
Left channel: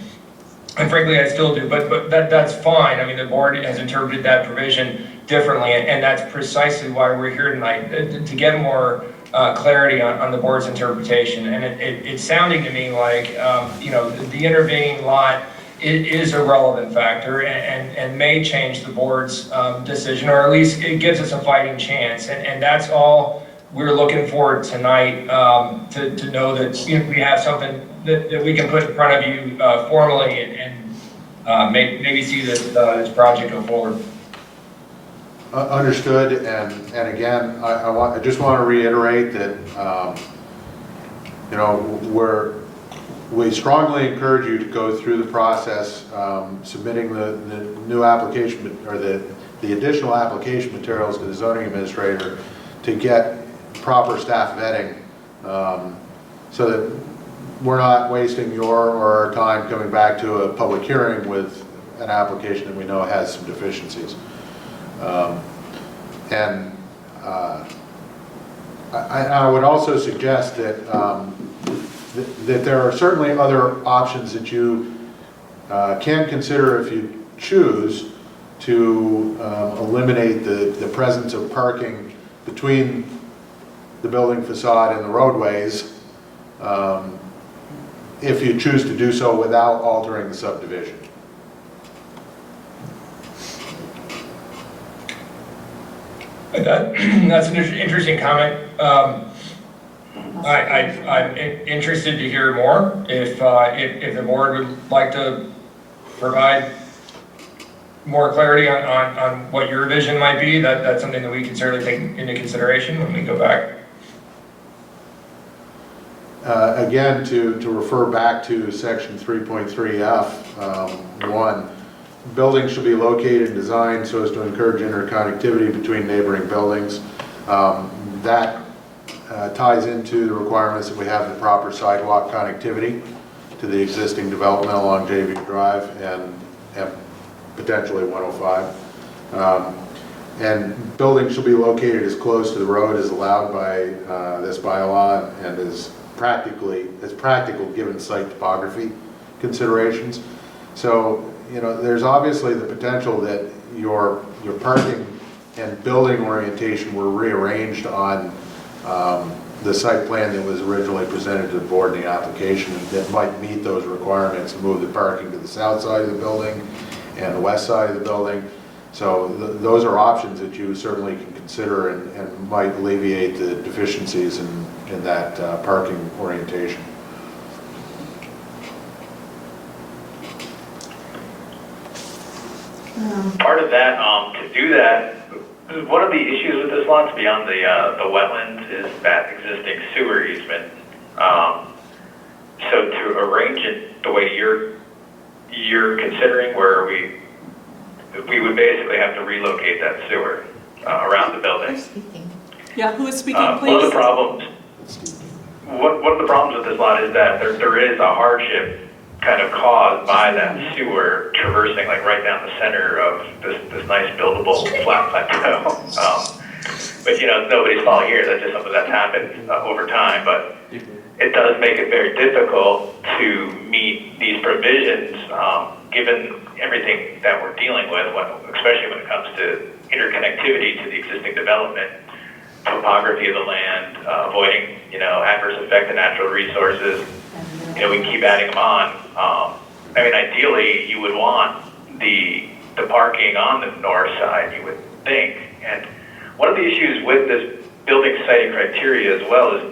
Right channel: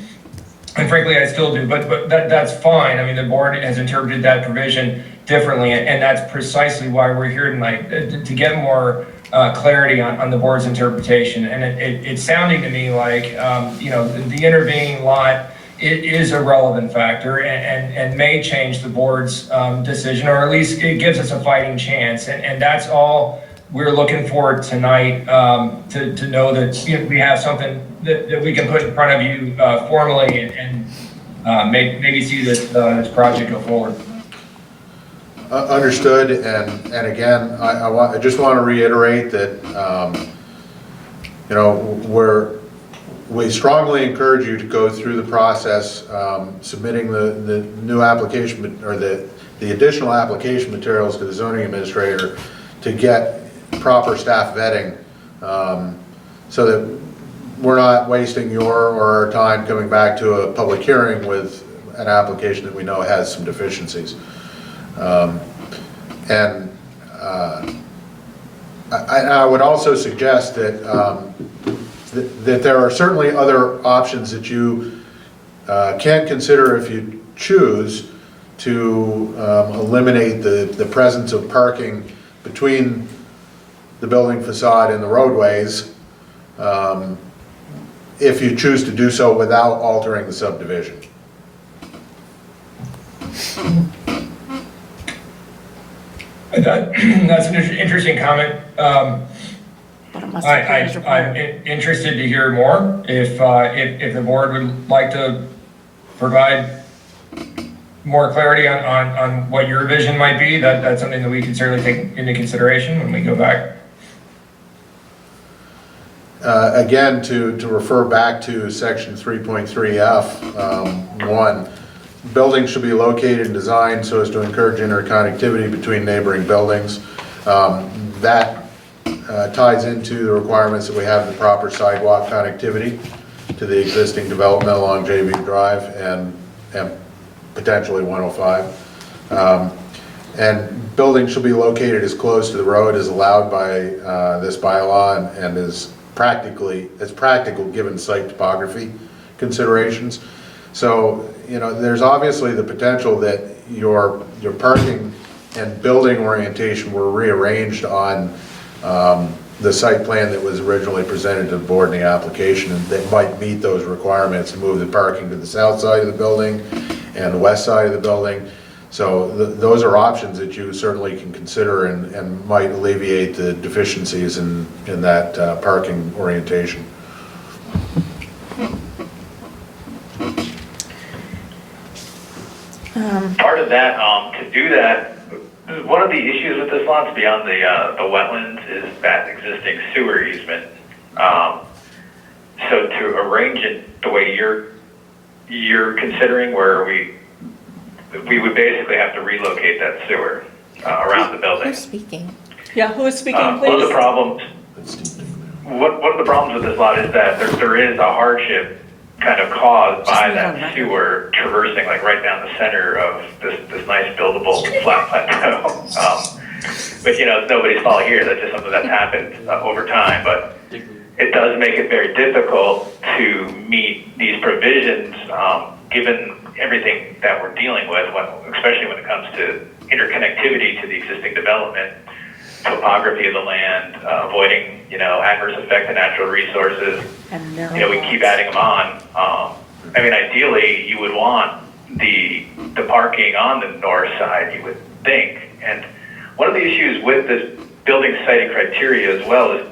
And frankly, I still do, but that's fine. I mean, the board has interpreted that provision differently, and that's precisely why we're here tonight, to get more clarity on the board's interpretation. And it's sounding to me like, the intervening lot is a relevant factor and may change the board's decision, or at least it gives us a fighting chance. And that's all we're looking for tonight, to know that we have something that we can put in front of you formally and maybe see this project go forward. Understood, and again, I just want to reiterate that we strongly encourage you to go through the process, submitting the new application or the the additional application materials to the zoning administrator to get proper staff vetting, so that we're not wasting your or our time coming back to a public hearing with an application that we know has some deficiencies. I would also suggest that, that there are certainly other options that you can consider if you choose to eliminate the presence of parking between the building facade and the roadways, if you choose to do so without altering the subdivision. That's an interesting comment. I'm interested to hear more. If the board would like to provide more clarity on what your vision might be, that's something that we can certainly take into consideration when we go back. Again, to refer back to section 3.3F, 1, buildings should be located and designed so as to encourage interconnectivity between neighboring buildings. That ties into the requirements that we have the proper sidewalk connectivity to the existing development along JV Drive and potentially 105. And buildings shall be located as close to the road as allowed by this bylaw and as practical given site topography considerations. So, you know, there's obviously the potential that your parking and building orientation were rearranged on the site plan that was originally presented to the board in the application, and that might meet those requirements to move the parking to the south side of the building and the west side of the building. So those are options that you certainly can consider and might alleviate the deficiencies in that parking orientation. Part of that, to do that, one of the issues with this lot beyond the wetlands is that existing sewer easement. So to arrange it the way you're considering, where we would basically have to relocate that sewer around the building. Who's speaking? Yeah, who is speaking, please? One of the problems with this lot is that there is a hardship kind of caused by that sewer traversing like right down the center of this nice buildable flat plateau. But you know, it's nobody's fault here. That's just something that's happened over time. But it does make it very difficult to meet these provisions, given everything that we're dealing with, especially when it comes to interconnectivity to the existing development, topography of the land, avoiding, you know, adverse effect to natural resources. You know, we keep adding them on. I mean, ideally, you would want the parking on the north side, you would think. And one of the issues with this building siting criteria as well is,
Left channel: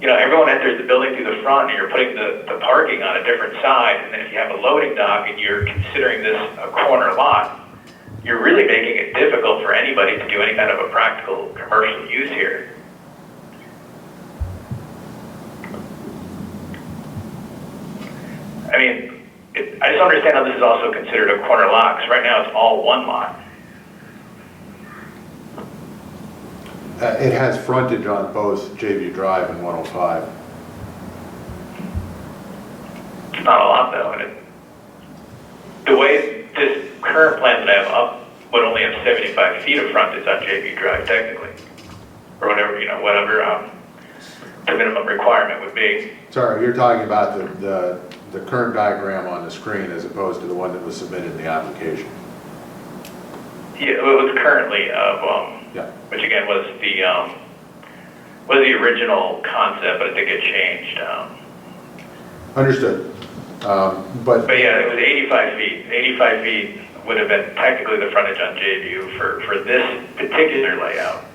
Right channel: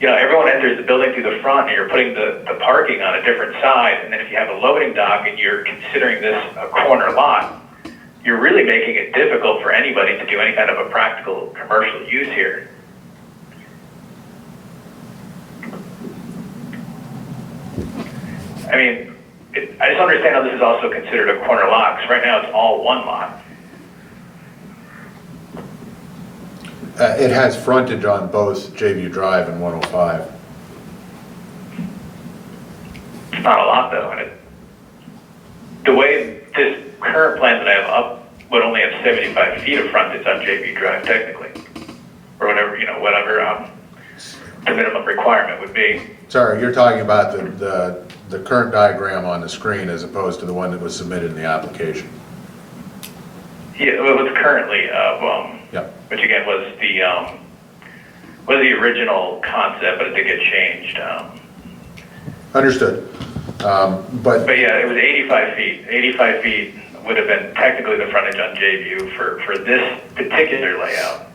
you know, everyone enters the building through the front and you're putting the parking on a different side. And then if you have a loading dock and you're considering this a corner lot, you're really making it difficult for anybody to do any kind of a practical commercial use here. I mean, I just understand how this is also considered a corner lot, because right now it's all one lot. It has frontage on both JV Drive and 105. It's not a lot though, and the way this current plan that I have up would only have 75 feet of frontage on JV Drive technically, or whatever, you know, whatever the minimum requirement would be. Sorry, you're talking about the current diagram on the screen as opposed to the one that was submitted in the application. Yeah, well, it was currently, Yeah. which again was the original concept, but I think it changed. Understood. But yeah, it was 85 feet. 85 feet would have been technically the frontage on JView for this particular layout.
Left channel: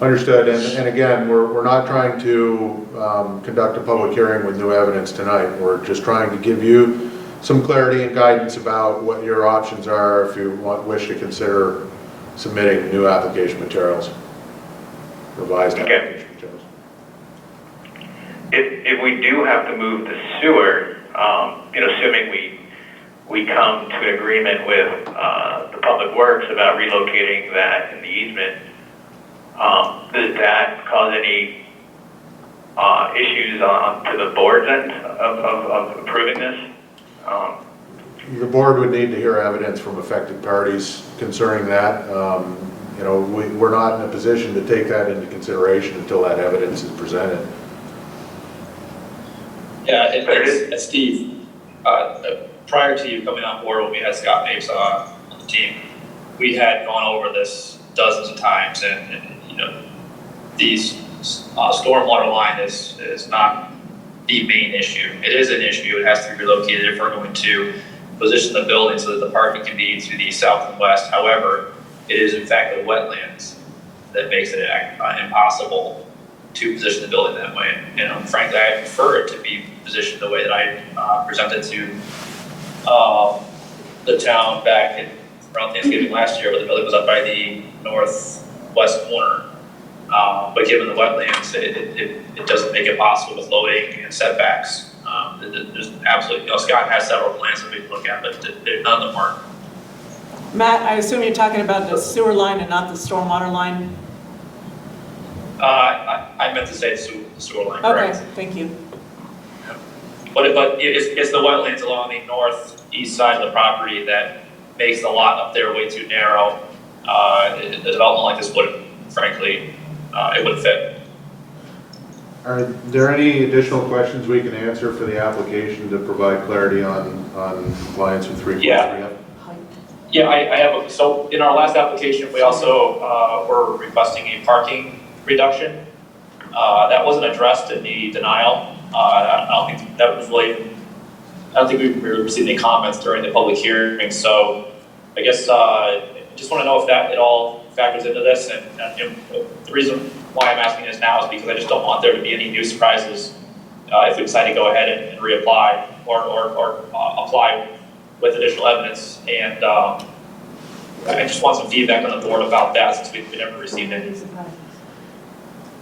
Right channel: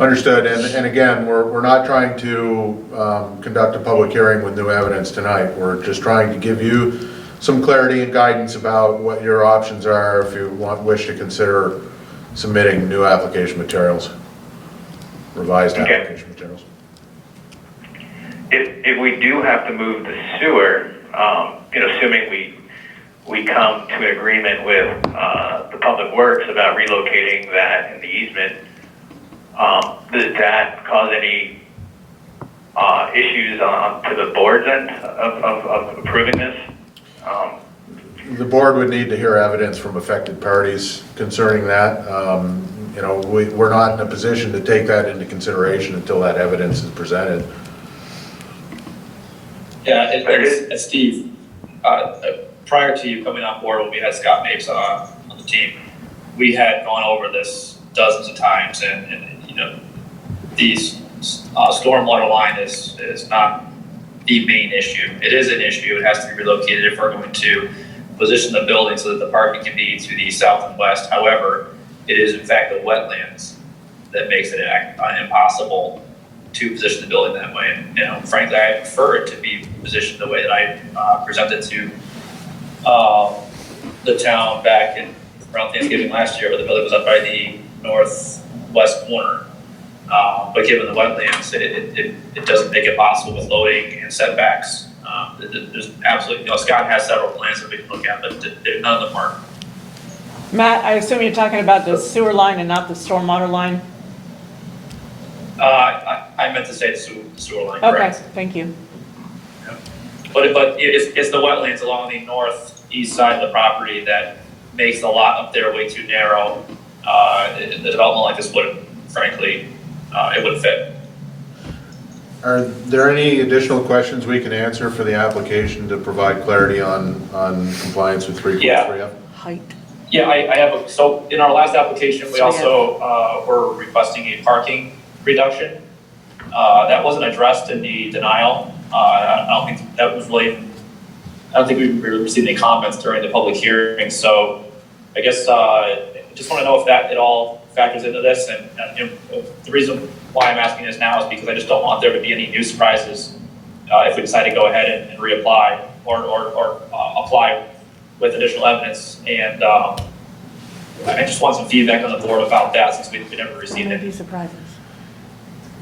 Understood, and again, we're not trying to conduct a public hearing with new evidence tonight. We're just trying to give you some clarity and guidance about what your options are if you wish to consider submitting new application materials, revised application materials. If we do have to move the sewer, you know, assuming we come to an agreement with the Public Works about relocating that in the easement, does that cause any issues to the board's end of approving this? The board would need to hear evidence from affected parties concerning that. You know, we're not in a position to take that into consideration until that evidence is presented. Yeah, it's Steve. Prior to you coming on board, when we had Scott Mapes on the team, we had gone over this dozens of times, and you know, these stormwater line is not the main issue. It is an issue. It has to be relocated if we're going to position the building so that the parking can be to the south and west. However, it is in fact the wetlands that makes it impossible to position the building that way. And, you know, frankly, I prefer it to be positioned the way that I presented to the town back in around Thanksgiving last year, where the building was up by the northwest corner. But given the wetlands, it doesn't make it possible with loading and setbacks. There's absolutely, you know, Scott has several plans that we can look at, but none of them are. Matt, I assume you're talking about the sewer line and not the stormwater line? I meant to say the sewer line, Okay, correct? thank you. But it's the wetlands along the northeast side of the property that makes the lot up there way too narrow. The development like this wouldn't, frankly, it wouldn't fit. Are there any additional questions we can answer for the application to provide clarity on compliance with 343F? Yeah. Height. Yeah, I have, so in our last application, we also were requesting a parking reduction. That wasn't addressed in the denial. I don't think that was really, I don't think we really received any comments during the public hearing. So I guess just want to know if that at all factors into this. And the reason why I'm asking this now is because I just don't want there to be any new surprises if we decide to go ahead and reapply or apply with additional evidence. And I just want some feedback on the board about that, since we never received any surprises.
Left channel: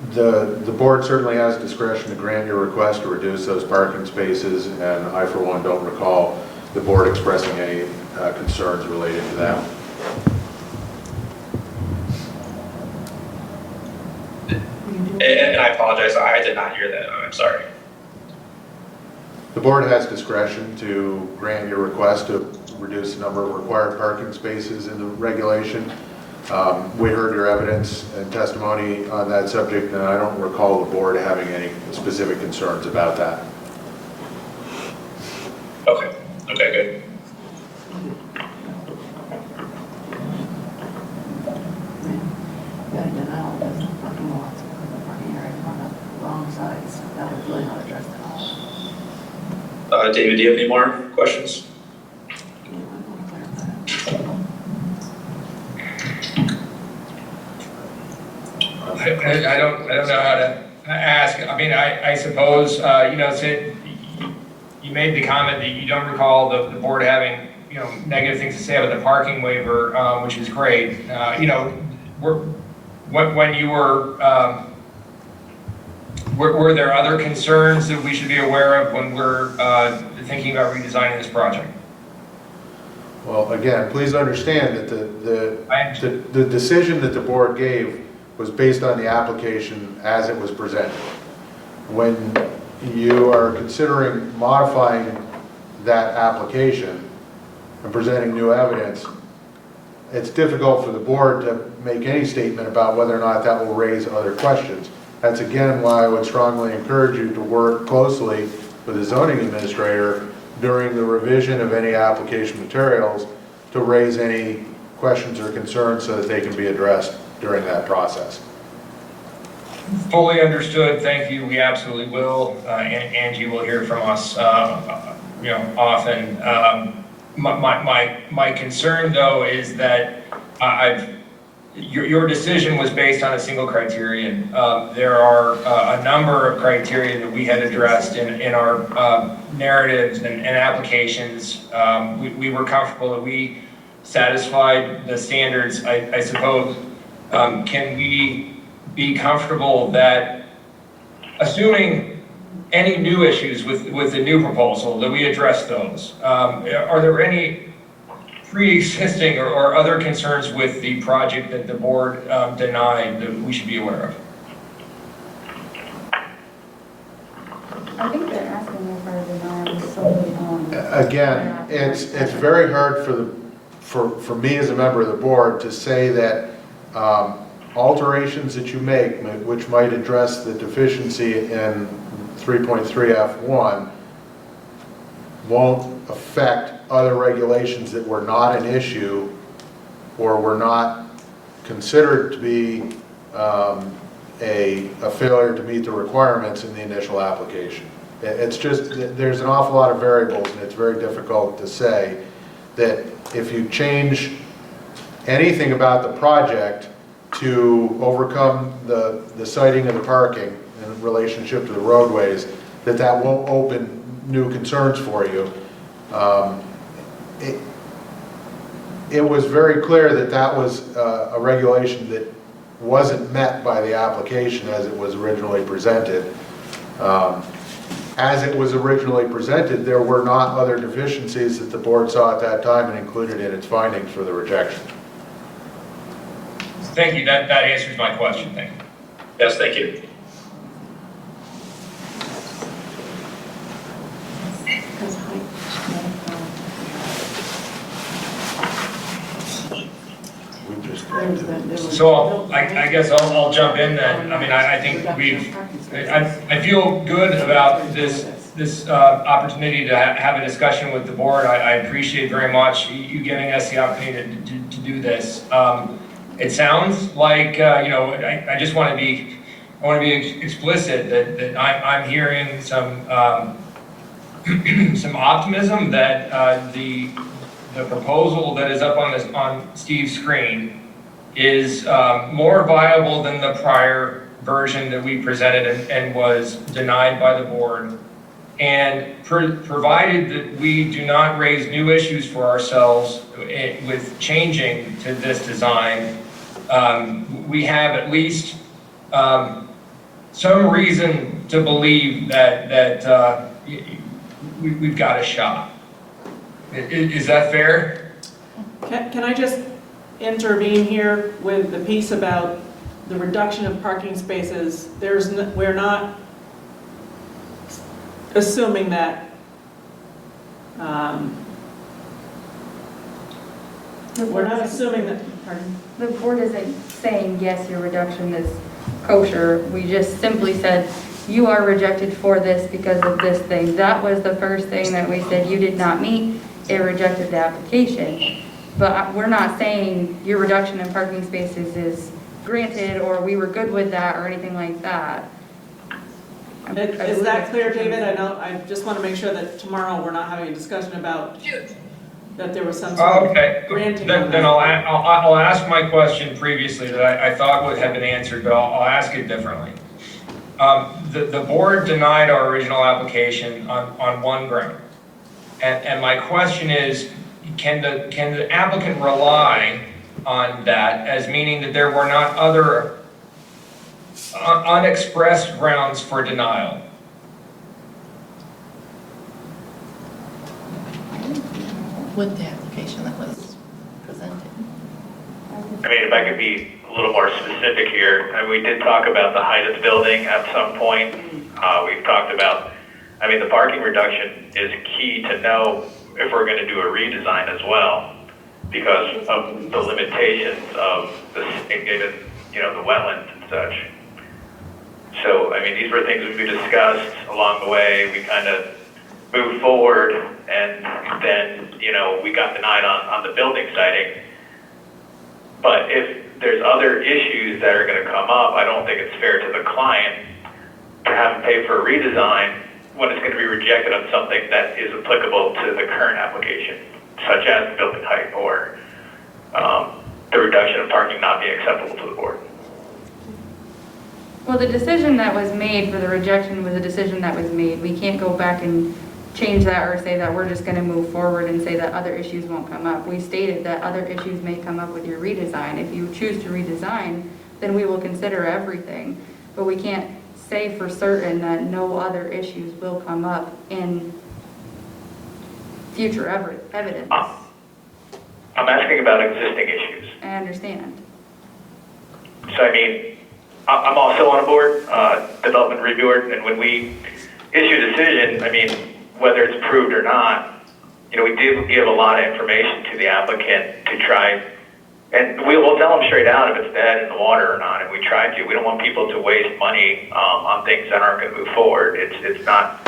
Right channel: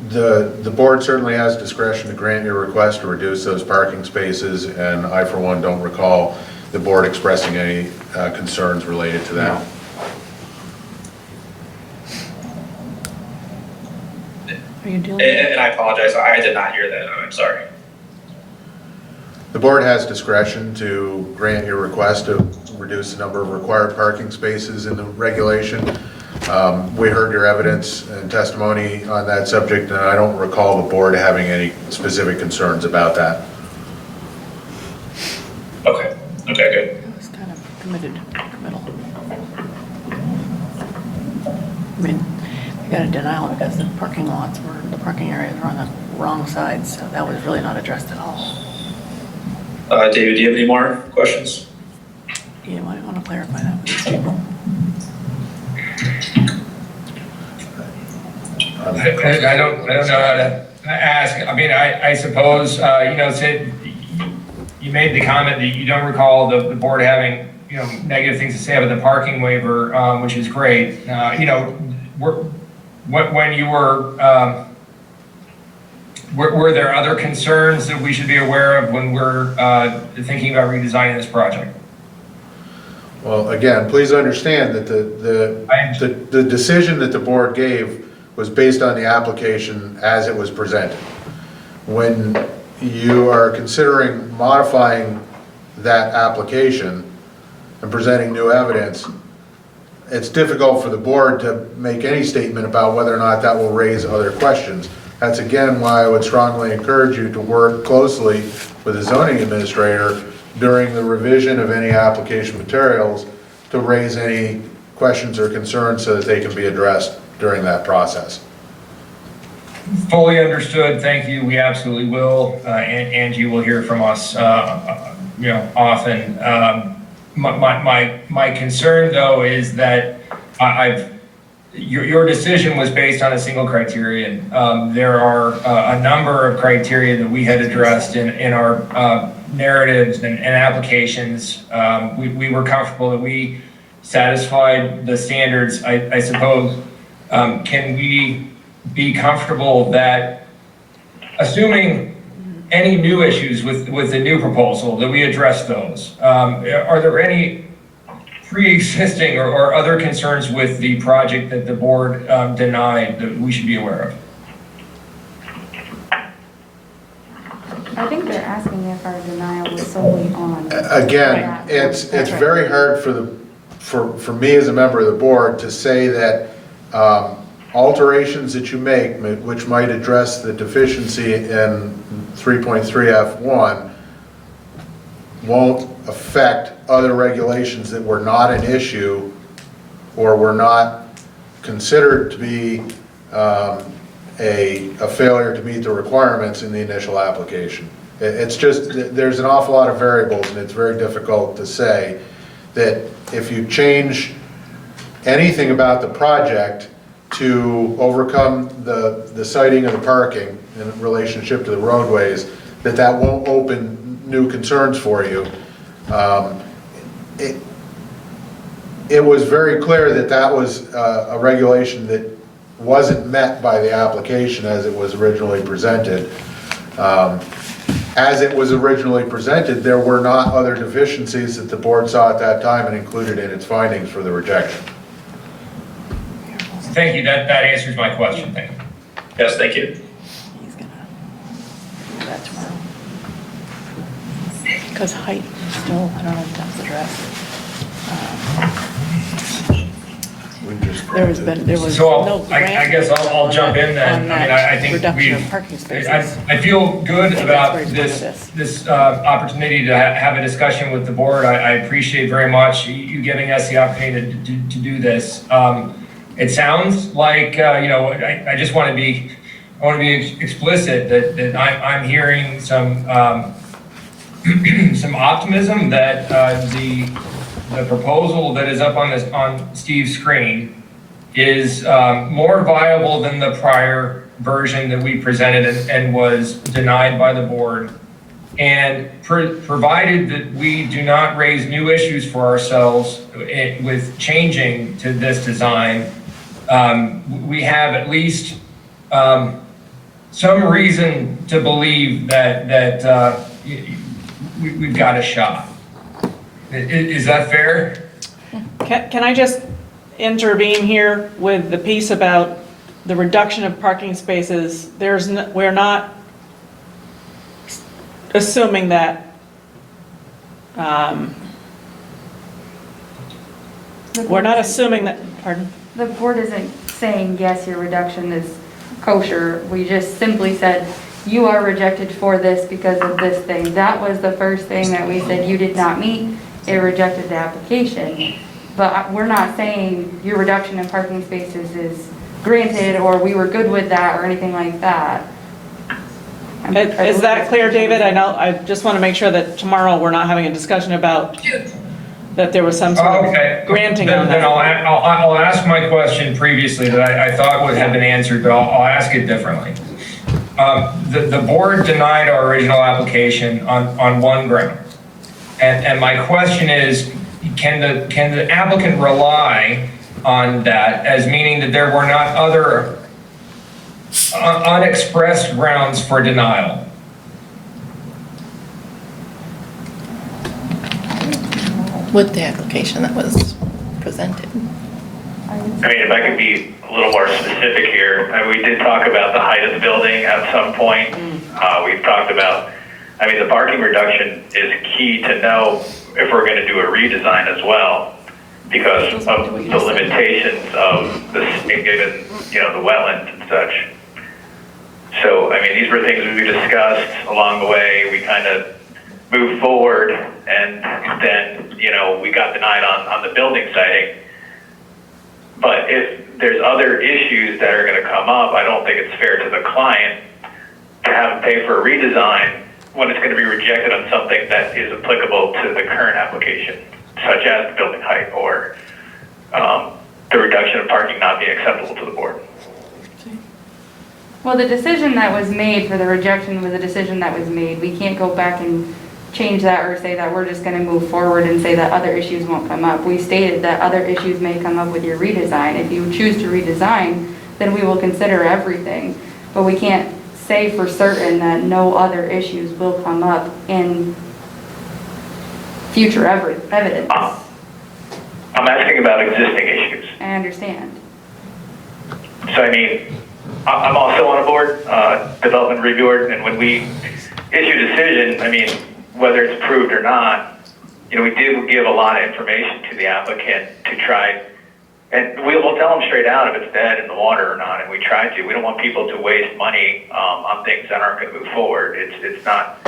The board certainly has discretion to grant your request to reduce those parking spaces, and I, for one, don't recall the board expressing any concerns related to that. And I apologize, I did not hear that. I'm sorry. The board has discretion to grant your request to reduce the number of required parking spaces in the regulation. We heard your evidence and testimony on that subject, and I don't recall the board having any specific concerns about that. Okay, good. It's kind of committed, committal. I mean, we got a denial because the parking lots were, the parking areas were on the wrong side, so that was really not addressed at all. David, do you have any more questions? You might want to clarify that. I don't know how to ask. I mean, I suppose, you know, Sid, you made the comment that you don't recall the board having, you know, negative things to say about the parking waiver, which is great. You know, when you were there other concerns that we should be aware of when we're thinking about redesigning this project? Well, again, please understand that the decision that the board gave was based on the application as it was presented. When you are considering modifying that application and presenting new evidence, it's difficult for the board to make any statement about whether or not that will raise other questions. That's again why I would strongly encourage you to work closely with the zoning administrator during the revision of any application materials to raise any questions or concerns so that they can be addressed during that process. Fully understood. Thank you. We absolutely will. Angie will hear from us, you know, often. My concern though is that your decision was based on a single criterion. There are a number of criteria that we had addressed in our narratives and applications. We were comfortable that we satisfied the standards, I suppose. Can we be comfortable that, assuming any new issues with the new proposal, that we address those. Are there any pre-existing or other concerns with the project that the board denied that we should be aware of? I think they're asking if our denial was solely on. Again, it's very hard for me as a member of the board to say that alterations that you make, which might address the deficiency in 3.3F1, won't affect other regulations that were not an issue or were not considered to be a failure to meet the requirements in the initial application. It's just, there's an awful lot of variables, and it's very difficult to say that if you change anything about the project to overcome the siting of the parking in relationship to the roadways, that won't open new concerns for you. It was very clear that was a regulation that wasn't met by the application as it was originally presented. As it was originally presented, there were not other deficiencies that the board saw at that time and included in its findings for the rejection. Thank you, that answers my question, thank you. Yes, thank you. Because height is still, I don't know if that's addressed. There was So no I guess I'll jump in then. I mean, I think reduction of parking spaces. I feel good about this opportunity to have a discussion with the board. I appreciate very much you giving us the opportunity to do this. It sounds like, I just want to be explicit that I'm hearing some some optimism that the proposal that is up on Steve's screen is more viable than the prior version that we presented and was denied by the board. And provided that we do not raise new issues for ourselves with changing to this design, we have at least some reason to believe that we've got a shot. Is that fair? Can I just intervene here with the piece about the reduction of parking spaces? We're not assuming that pardon? The board isn't saying, yes, your reduction is kosher. We just simply said, you are rejected for this because of this thing. That was the first thing that we said you did not meet. It rejected the application. But we're not saying your reduction in parking spaces is granted, or we were good with that, or anything like that. Is that clear, David? I just want to make sure that tomorrow we're not having a discussion about that there was some sort of granting on that. Then I'll ask my question previously that I thought would have been answered, but I'll ask it differently. The board denied our original application on one ground. And my question is, can the applicant rely on that as meaning that there were not other unexpressed grounds for denial? With the application that was presented. I mean, if I could be a little more specific here, we did talk about the height of the building at some point. We've talked about, the parking reduction is key to know if we're going to do a redesign as well, because of the limitations of the given, the wetlands and such. So, these were things we discussed along the way. We kind of moved forward, and then, we got denied on the building siting. But if there's other issues that are going to come up, I don't think it's fair to the client to have them pay for a redesign when it's going to be rejected on something that is applicable to the current application, such as the building height or the reduction of parking not being acceptable to the board. Well, the decision that was made for the rejection was a decision that was made. We can't go back and change that or say that we're just going to move forward and say that other issues won't come up. We stated that other issues may come up with your redesign. If you choose to redesign, then we will consider everything. But we can't say for certain that no other issues will come up in future evidence. I'm asking about existing issues. I understand. So I mean, I'm also on a board, development review board, and when we issue a decision, I mean, whether it's approved or not, you know, we do give a lot of information to the applicant to try, and we'll tell them straight out if it's dead in the water or not, and we try to. We don't want people to waste money on things that aren't going to move forward. It's not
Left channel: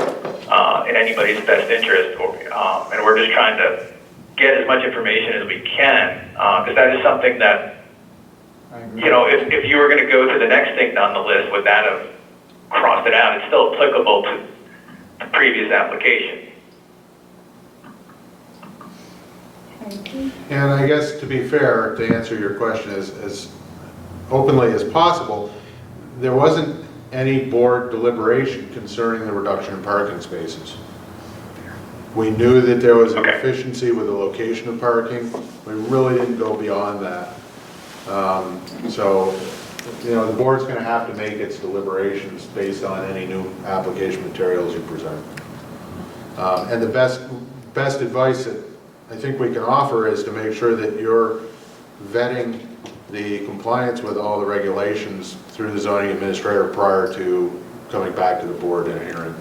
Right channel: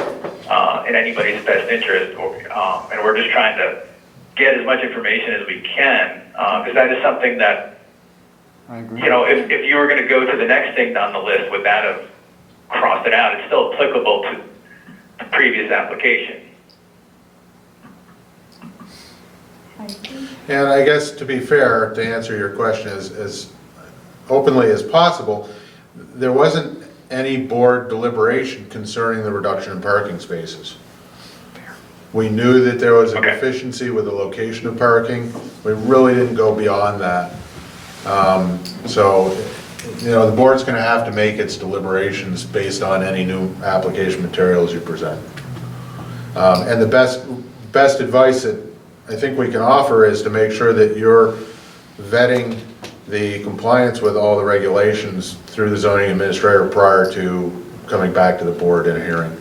in anybody's best interest, and we're just trying to get as much information as we can, because that is something that, you know, if you were going to go to the next thing down the list, would that have crossed it out? It's still applicable to the previous application. And I guess to be fair, to answer your question as openly as possible, there wasn't any board deliberation concerning the reduction in parking spaces. We knew that there was a deficiency with the location of parking. We really didn't go beyond that. So, you know, the board's going to have to make its deliberations based on any new application materials you present. And the best advice that I think we can offer is to make sure that you're vetting the compliance with all the regulations through the zoning administrator prior to coming back to the board in a hearing.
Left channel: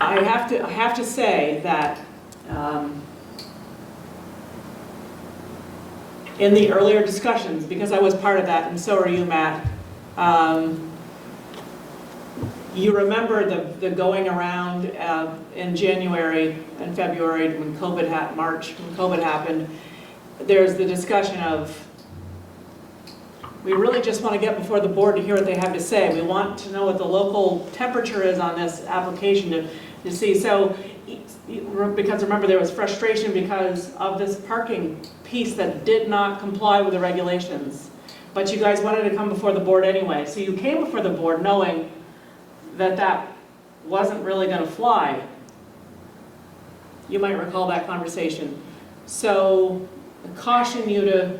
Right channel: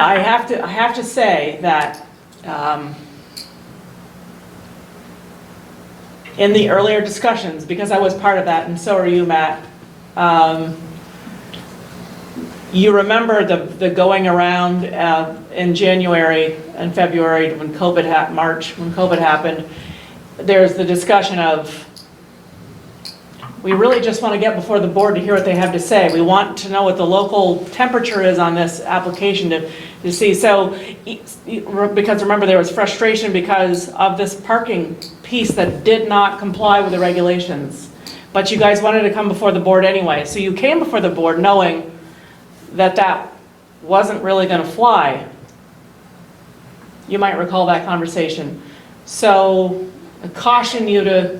I have to say that in the earlier discussions, because I was part of that, and so are you, Matt, you remember the going around in January and February when March, when COVID happened, there's the discussion of, we really just want to get before the board to hear what they have to say. We want to know what the local temperature is on this application to see. So, because remember, there was frustration because of this parking piece that did not comply with the regulations. But you guys wanted to come before the board anyway. So you came before the board knowing that that wasn't really going to fly. You might recall that conversation. So I caution you to,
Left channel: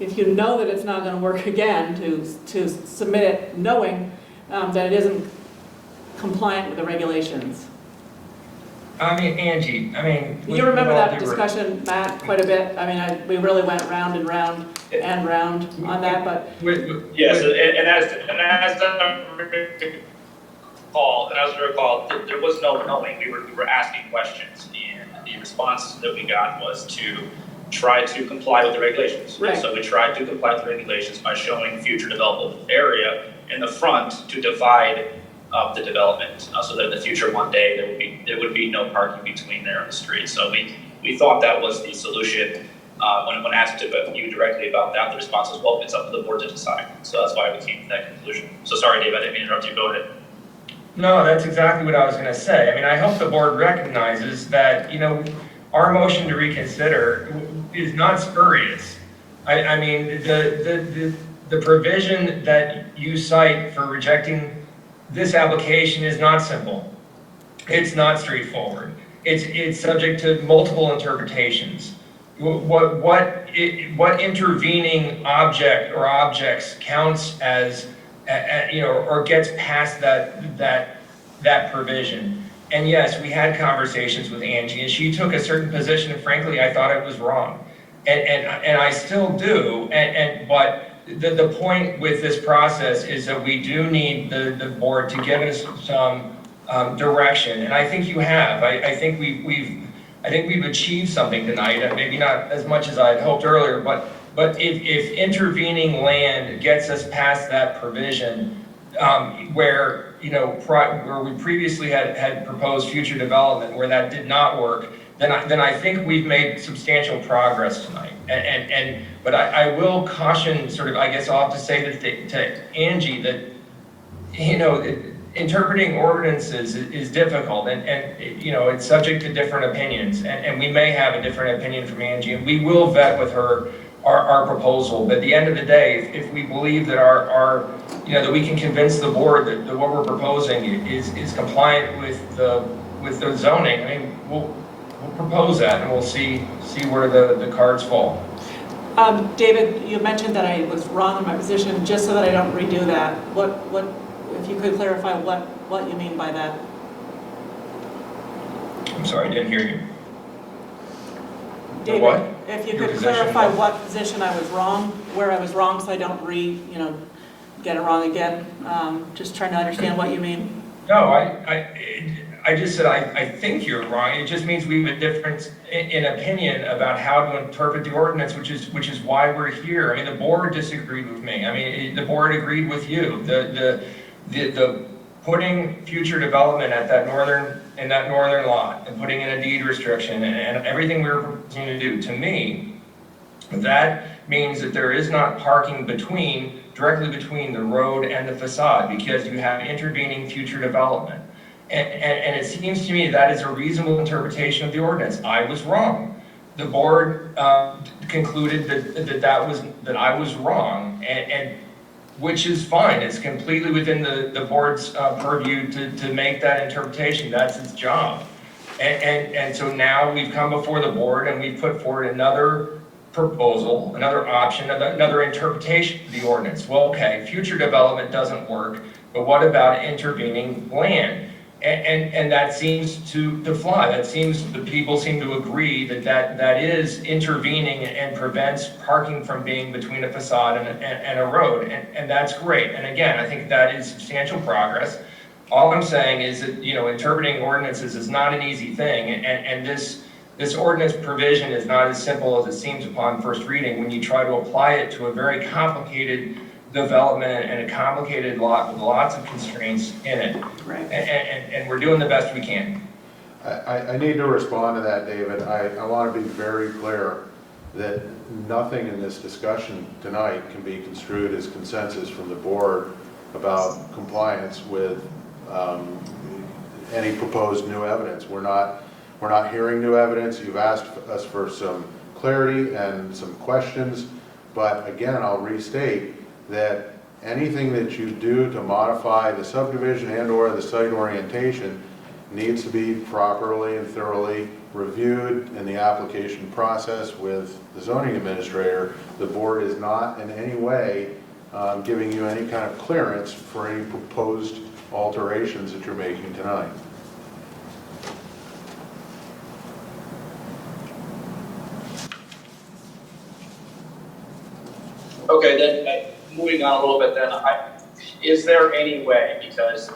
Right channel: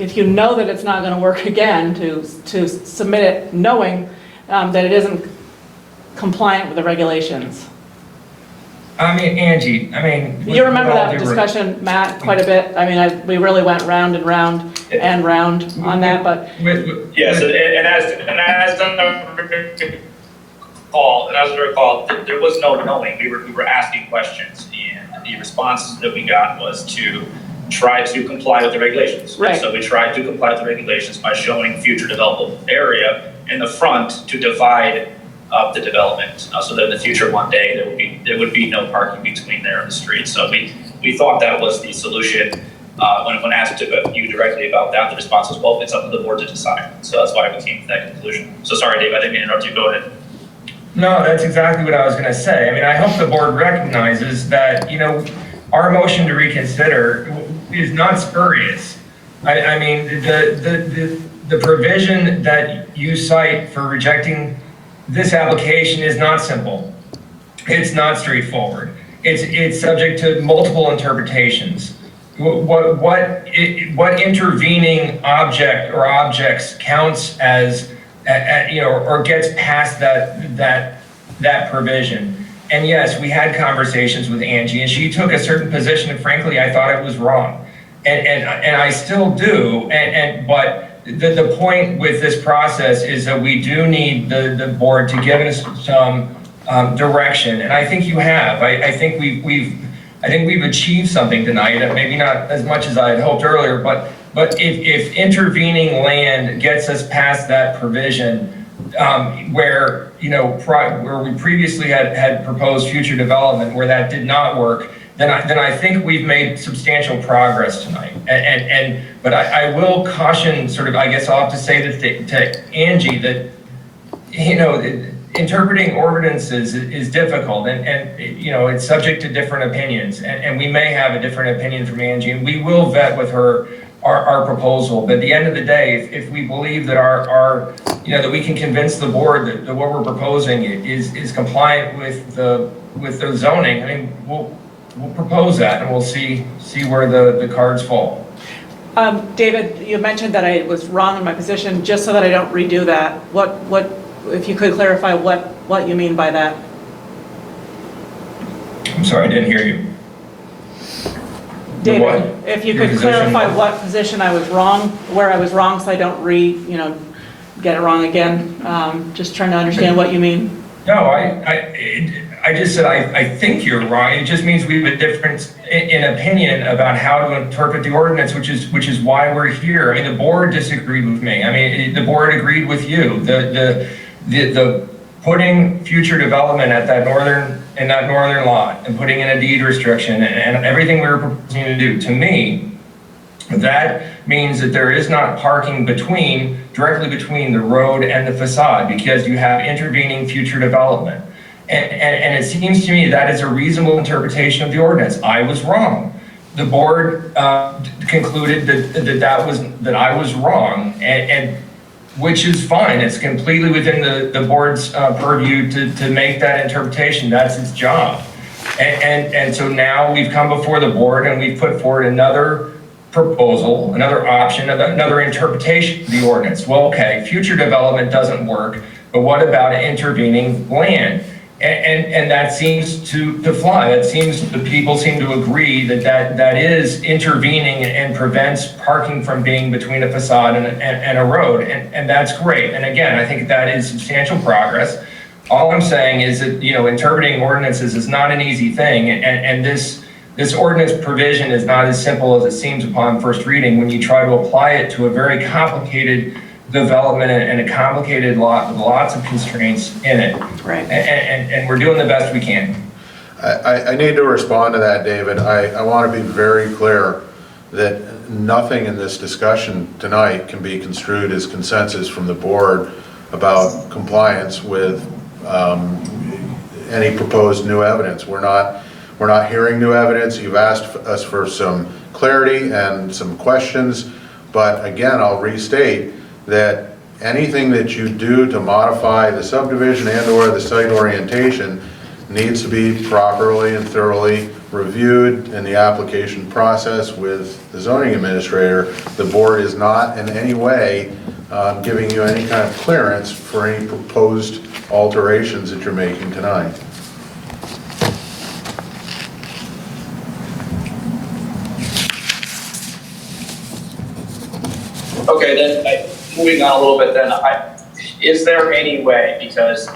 if you know that it's not going to work again, to submit it knowing that it isn't compliant with the regulations. I mean, Angie, You remember that discussion, Matt, quite a bit? I mean, we really went round and round and round on that, but. Yes, and as I recall, there was no knowing. We were asking questions, and the responses that we got was to try to comply with the regulations. Right. So we tried to comply with the regulations by showing future developable area in the front to divide up the development, so that in the future one day there would be no parking between there and the street. So we thought that was the solution. When asked you directly about that, the response was, well, it's up to the board to decide. So that's why we came to that conclusion. So sorry, Dave, I didn't mean to interrupt you. Go ahead. No, that's exactly what I was going to say. I mean, I hope the board recognizes that, you know, our motion to reconsider is not spurious. I mean, the provision that you cite for rejecting this application is not simple. It's not straightforward. It's subject to multiple interpretations. What intervening object or objects counts as, you know, or gets past that provision. And yes, we had conversations with Angie, and she took a certain position, and frankly, I thought it was wrong. And I still do, but the point with this process is that we do need the board to give us some direction, and I think you have. I think we've achieved something tonight, maybe not as much as I had hoped earlier, but if intervening land gets us past that provision, where, you know, where we previously had proposed future development where that did not work, then I think we've made substantial progress tonight. But I will caution, sort of, I guess I'll have to say that to Angie that, you know, interpreting ordinances is difficult, and you know, it's subject to different opinions, and we may have a different opinion from Angie, and we will vet with her our proposal. But at the end of the day, if we believe that our you know, that we can convince the board that what we're proposing is compliant with the zoning, I mean, we'll propose that, and we'll see where the cards fall. David, you mentioned that I was wrong in my position, just so that I don't redo that. If you could clarify what you mean by that? I'm sorry, I didn't hear you. David, What? if you Your could position? clarify what position I was wrong, where I was wrong, so I don't get it wrong again. Just trying to understand what you mean. No, I just said I think you're wrong. It just means we have a difference in opinion about how to interpret the ordinance, which is why we're here. I mean, the board disagreed with me. I mean, the board agreed with you. The putting future development at that northern lot and putting in a deed restriction and everything we were proposing to do, to me, that means that there is not parking directly between the road and the facade, because you have intervening future development. And it seems to me that is a reasonable interpretation of the ordinance. I was wrong. The board concluded that I was wrong, and which is fine. It's completely within the board's purview to make that interpretation. That's its job. And so now we've come before the board and we've put forward another proposal, another option, another interpretation of the ordinance. Well, okay, future development doesn't work, but what about intervening land? And that seems to fly. The people seem to agree that is intervening and prevents parking from being between a facade and a road, and that's great. And again, I think that is substantial progress. All I'm saying is that, interpreting ordinances is not an easy thing, and this ordinance provision is not as simple as it seems upon first reading when you try to apply it to a very complicated development and a complicated lot with lots of constraints in it. Right. And we're doing the best we can. I need to respond to that, David. I want to be very clear that nothing in this discussion tonight can be construed as consensus from the board about compliance with any proposed new evidence. We're not hearing new evidence. You've asked us for some clarity and some questions, but again, I'll restate that anything that you do to modify the subdivision and/or the site orientation needs to be properly and thoroughly reviewed in the application process with the zoning administrator. The board is not in any way giving you any kind of clearance for any proposed alterations that you're making tonight. Okay, then, moving on a little bit then, is there any way, because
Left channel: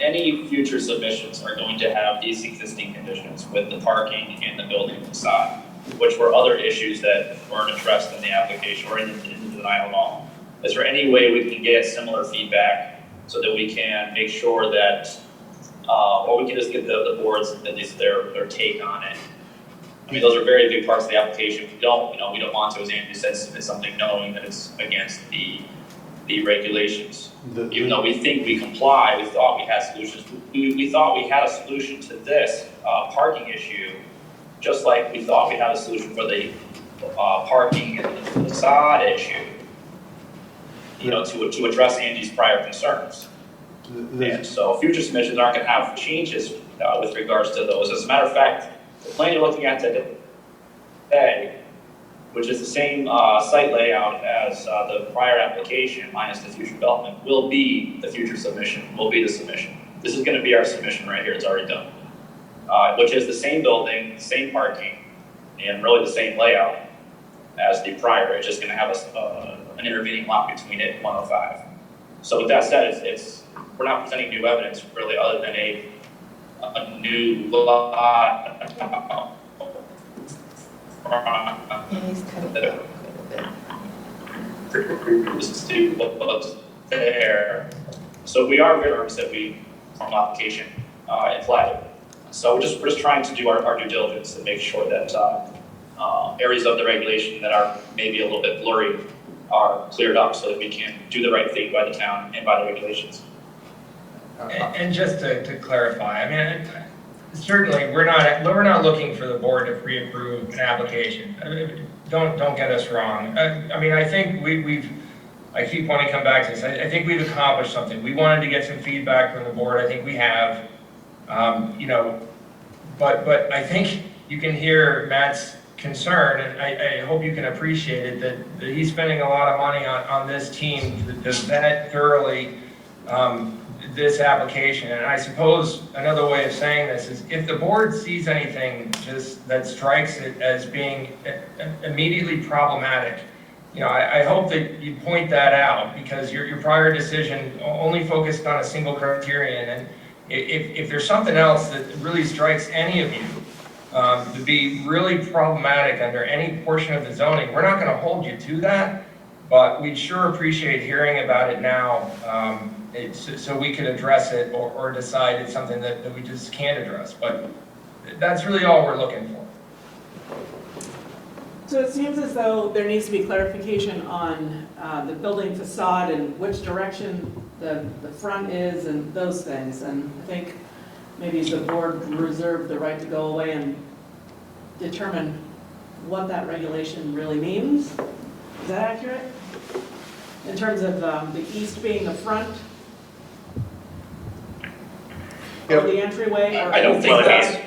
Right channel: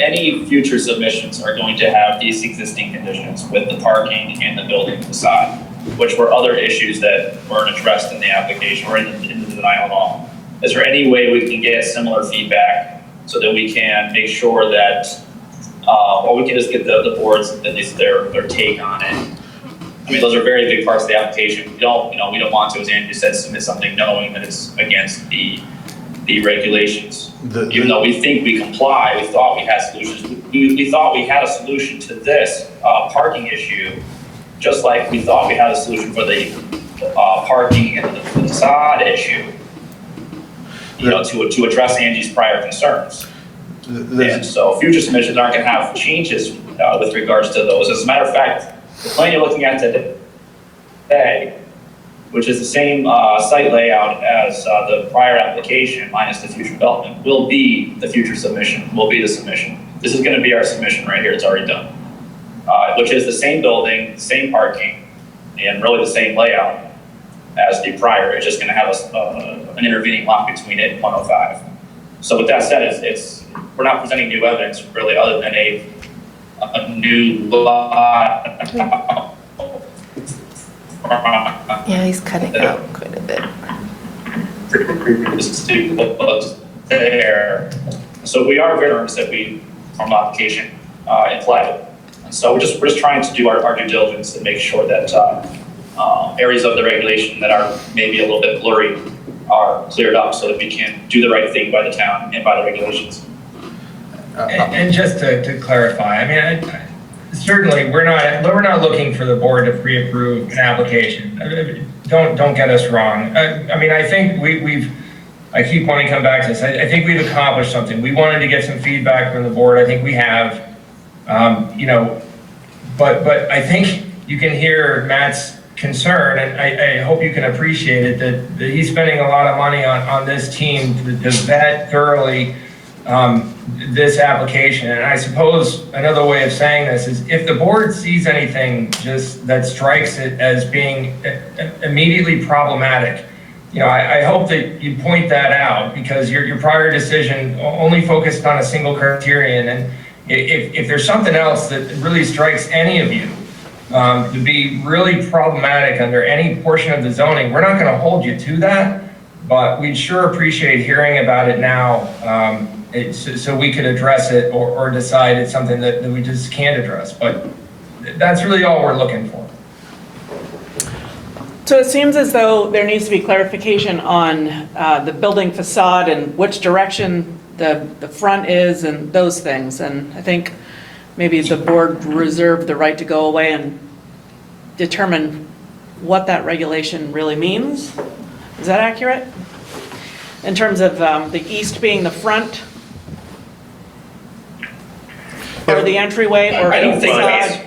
any future submissions are going to have these existing conditions with the parking and the building facade, which were other issues that weren't addressed in the application or in the denial at all. Is there any way we can get similar feedback so that we can make sure that, or we can just get the boards, at least their take on it? I mean, those are very big parts of the application. We don't want to, as Andy said, submit something knowing that it's against the regulations. Even though we think we comply, we thought we had solutions. We thought we had a solution to this parking issue, just like we thought we had a solution for the parking and the facade issue, to address Angie's prior concerns. And so future submissions aren't going to have changes with regards to those. As a matter of fact, the plan you're looking at today, which is the same site layout as the prior application minus the future development, will be the future submission, will be the submission. This is going to be our submission right here. It's already done, which is the same building, same parking, and really the same layout as the prior. It's just going to have an intervening lot between it and 105. So with that said, we're not presenting new evidence really other than a new lot. Yeah, he's cutting out quite a bit. There. So we are very earnest that we form an application in play. So we're just trying to do our due diligence to make sure that areas of the regulation that are maybe a little bit blurry are cleared up so that we can do the right thing by the town and by the regulations. And just to clarify, I mean, certainly we're not looking for the board to pre-approve an application. Don't get us wrong. I mean, I think I keep wanting to come back to this. I think we've accomplished something. We wanted to get some feedback from the board. I think we have, but I think you can hear Matt's concern, and I hope you can appreciate it, that he's spending a lot of money on this team to vet thoroughly this application. And I suppose another way of saying this is if the board sees anything just that strikes it as being immediately problematic, you know, I hope that you point that out, because your prior decision only focused on a single criterion. And if there's something else that really strikes any of you to be really problematic under any portion of the zoning, we're not going to hold you to that, but we'd sure appreciate hearing about it now, so we could address it or decide it's something that we just can't address. But that's really all we're looking for. So it seems as though there needs to be clarification on the building facade and which direction the front is and those things. And I think maybe the board reserved the right to go away and determine what that regulation really means. Is that accurate? In terms of the east being the front? Or the entryway, or I don't think facade?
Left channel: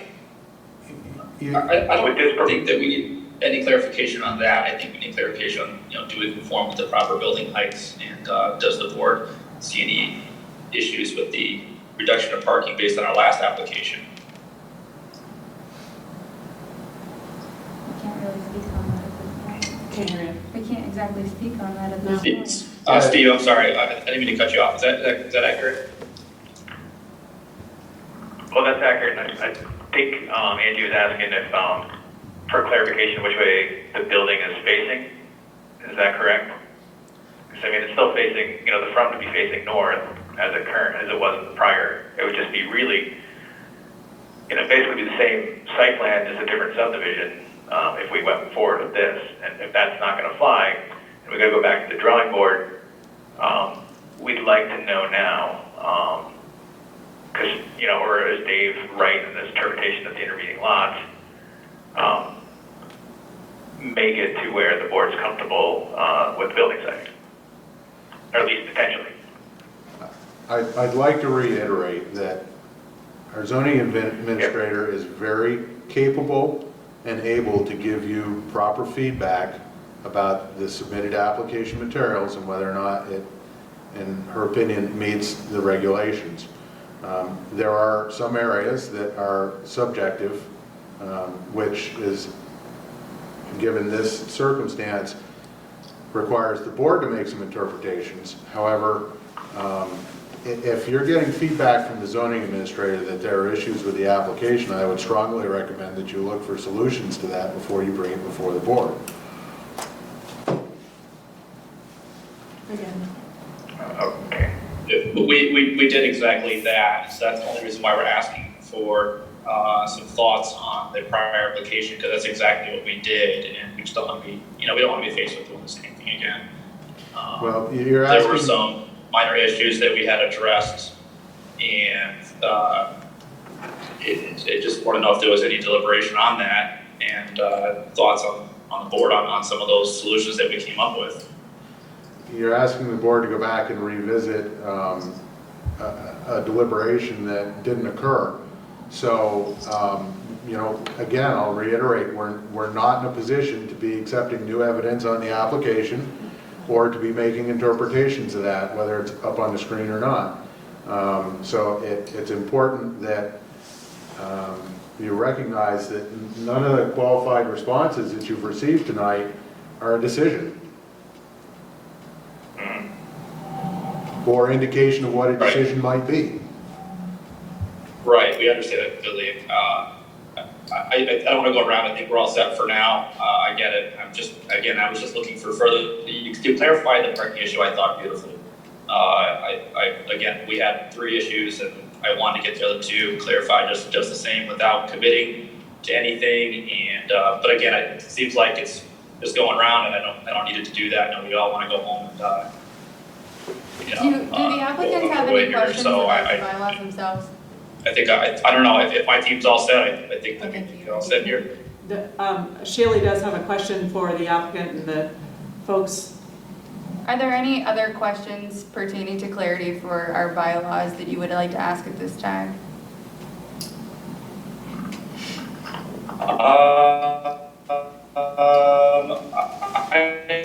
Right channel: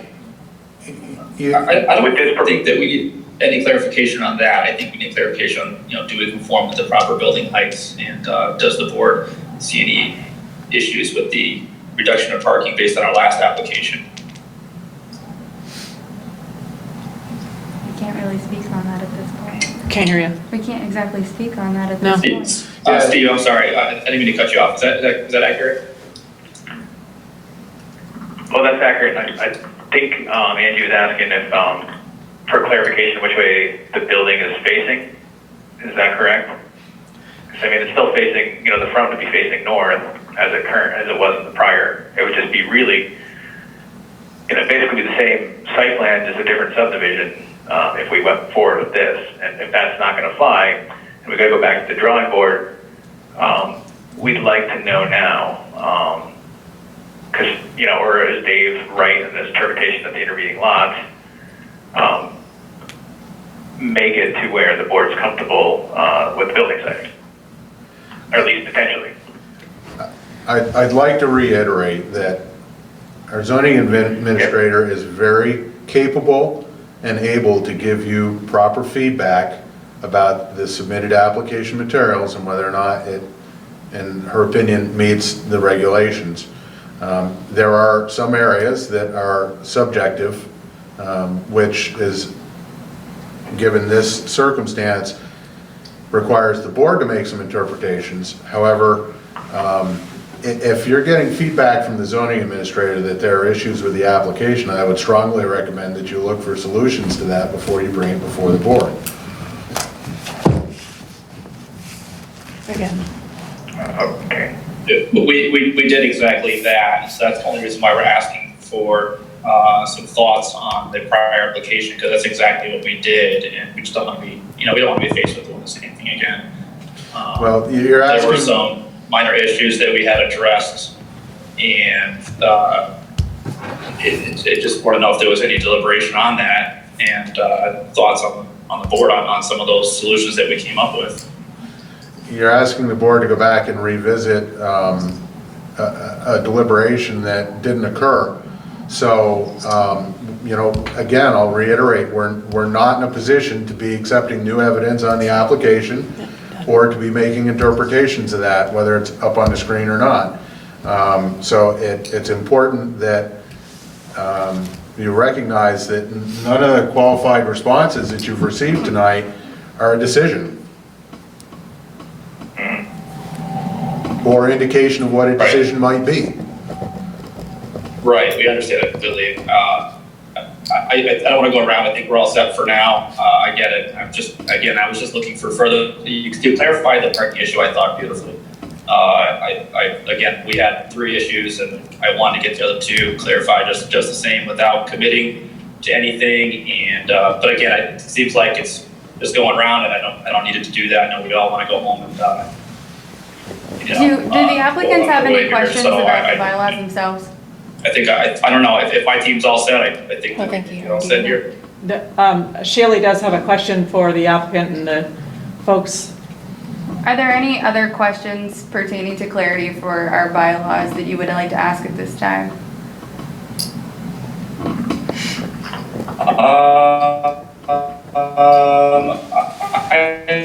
I don't think that we need any clarification on that. I think we need clarification on, you know, do we conform with the proper building heights, and does the board see any issues with the reduction of parking based on our last application? We can't really speak on that at this point. Can't hear you. We can't exactly speak on that at No. this point. Steve, I'm sorry, I didn't mean to cut you off. Is that accurate? Well, that's accurate. I think Angie was asking if, for clarification, which way the building is facing. Is that correct? 'Cause, I mean, it's still facing, you know, the front would be facing north as it was in the prior. It would just be really, you know, basically the same site plan, just a different subdivision, if we went forward with this. And if that's not going to fly, and we got to go back to the drawing board, we'd like to know now. Because, you know, or is Dave right in this interpretation of the intervening lots, make it to where the board's comfortable with the building site, or at least potentially. I'd like to reiterate that our zoning administrator is very capable and able to give you proper feedback about the submitted application materials and whether or not it, in her opinion, meets the regulations. There are some areas that are subjective, which is, given this circumstance, requires the board to make some interpretations. However, if you're getting feedback from the zoning administrator that there are issues with the application, I would strongly recommend that you look for solutions to that before you bring it before the board. Again. Okay. We did exactly that, so that's the only reason why we're asking for some thoughts on the prior application, because that's exactly what we did, and we just don't want to be, you know, we don't want to be faced with doing the same thing again. Well, you're asking... There were some minor issues that we had addressed, and it just wanted to know if there was any deliberation on that, and thoughts on the board on some of those solutions that we came up with. You're asking the board to go back and revisit a deliberation that didn't occur. So, you know, again, I'll reiterate, we're not in a position to be accepting new evidence on the application or to be making interpretations of that, whether it's up on the screen or not. So it's important that you recognize that none of the qualified responses that you've received tonight are a decision or indication of what a decision might be. Right, we understand it completely. I don't want to go around. I think we're all set for now. I get it. I was just looking for further, to clarify the parking issue. I thought beautifully. Again, we had 3 issues, and I wanted to get the other 2 clarified just the same without committing to anything. And but again, it seems like it's just going around, and I don't need it to do that. I know we all want to go home and. Do the applicants have any questions about the bylaws themselves? I think, I don't know, if my team's all set, I think we're all set here. Shaylee does have a question for the applicant and the folks. Are there any other questions pertaining to clarity for our bylaws that you would like to ask at this time? I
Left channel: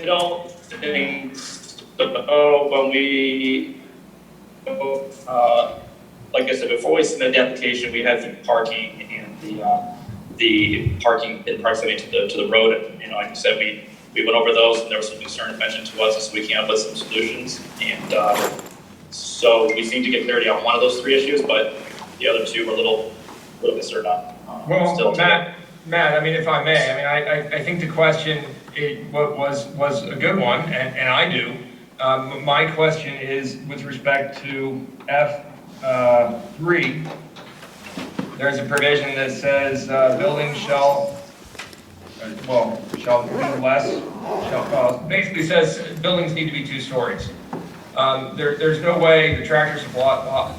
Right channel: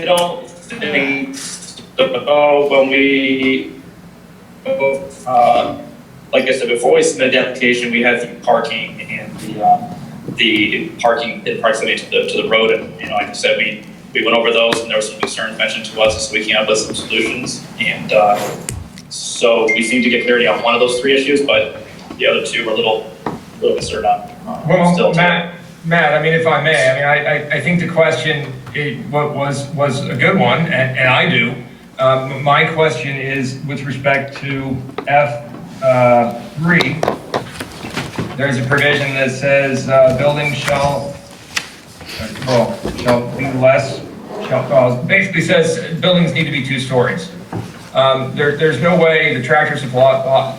don't think so. When we, like I said, before we submitted the application, we had the parking and the parking in proximity to the road. And, like I said, we went over those and there were some concerns mentioned to us, so we came up with some solutions. And so we seem to get clarity on one of those three issues, but the other two were a little concerned on. Well, Matt, I mean, if I may, I mean, I think the question was a good one, and I do. My question is with respect to F3, there's a provision that says buildings shall be less, basically says buildings need to be 2 stories. There's no way a tractor supply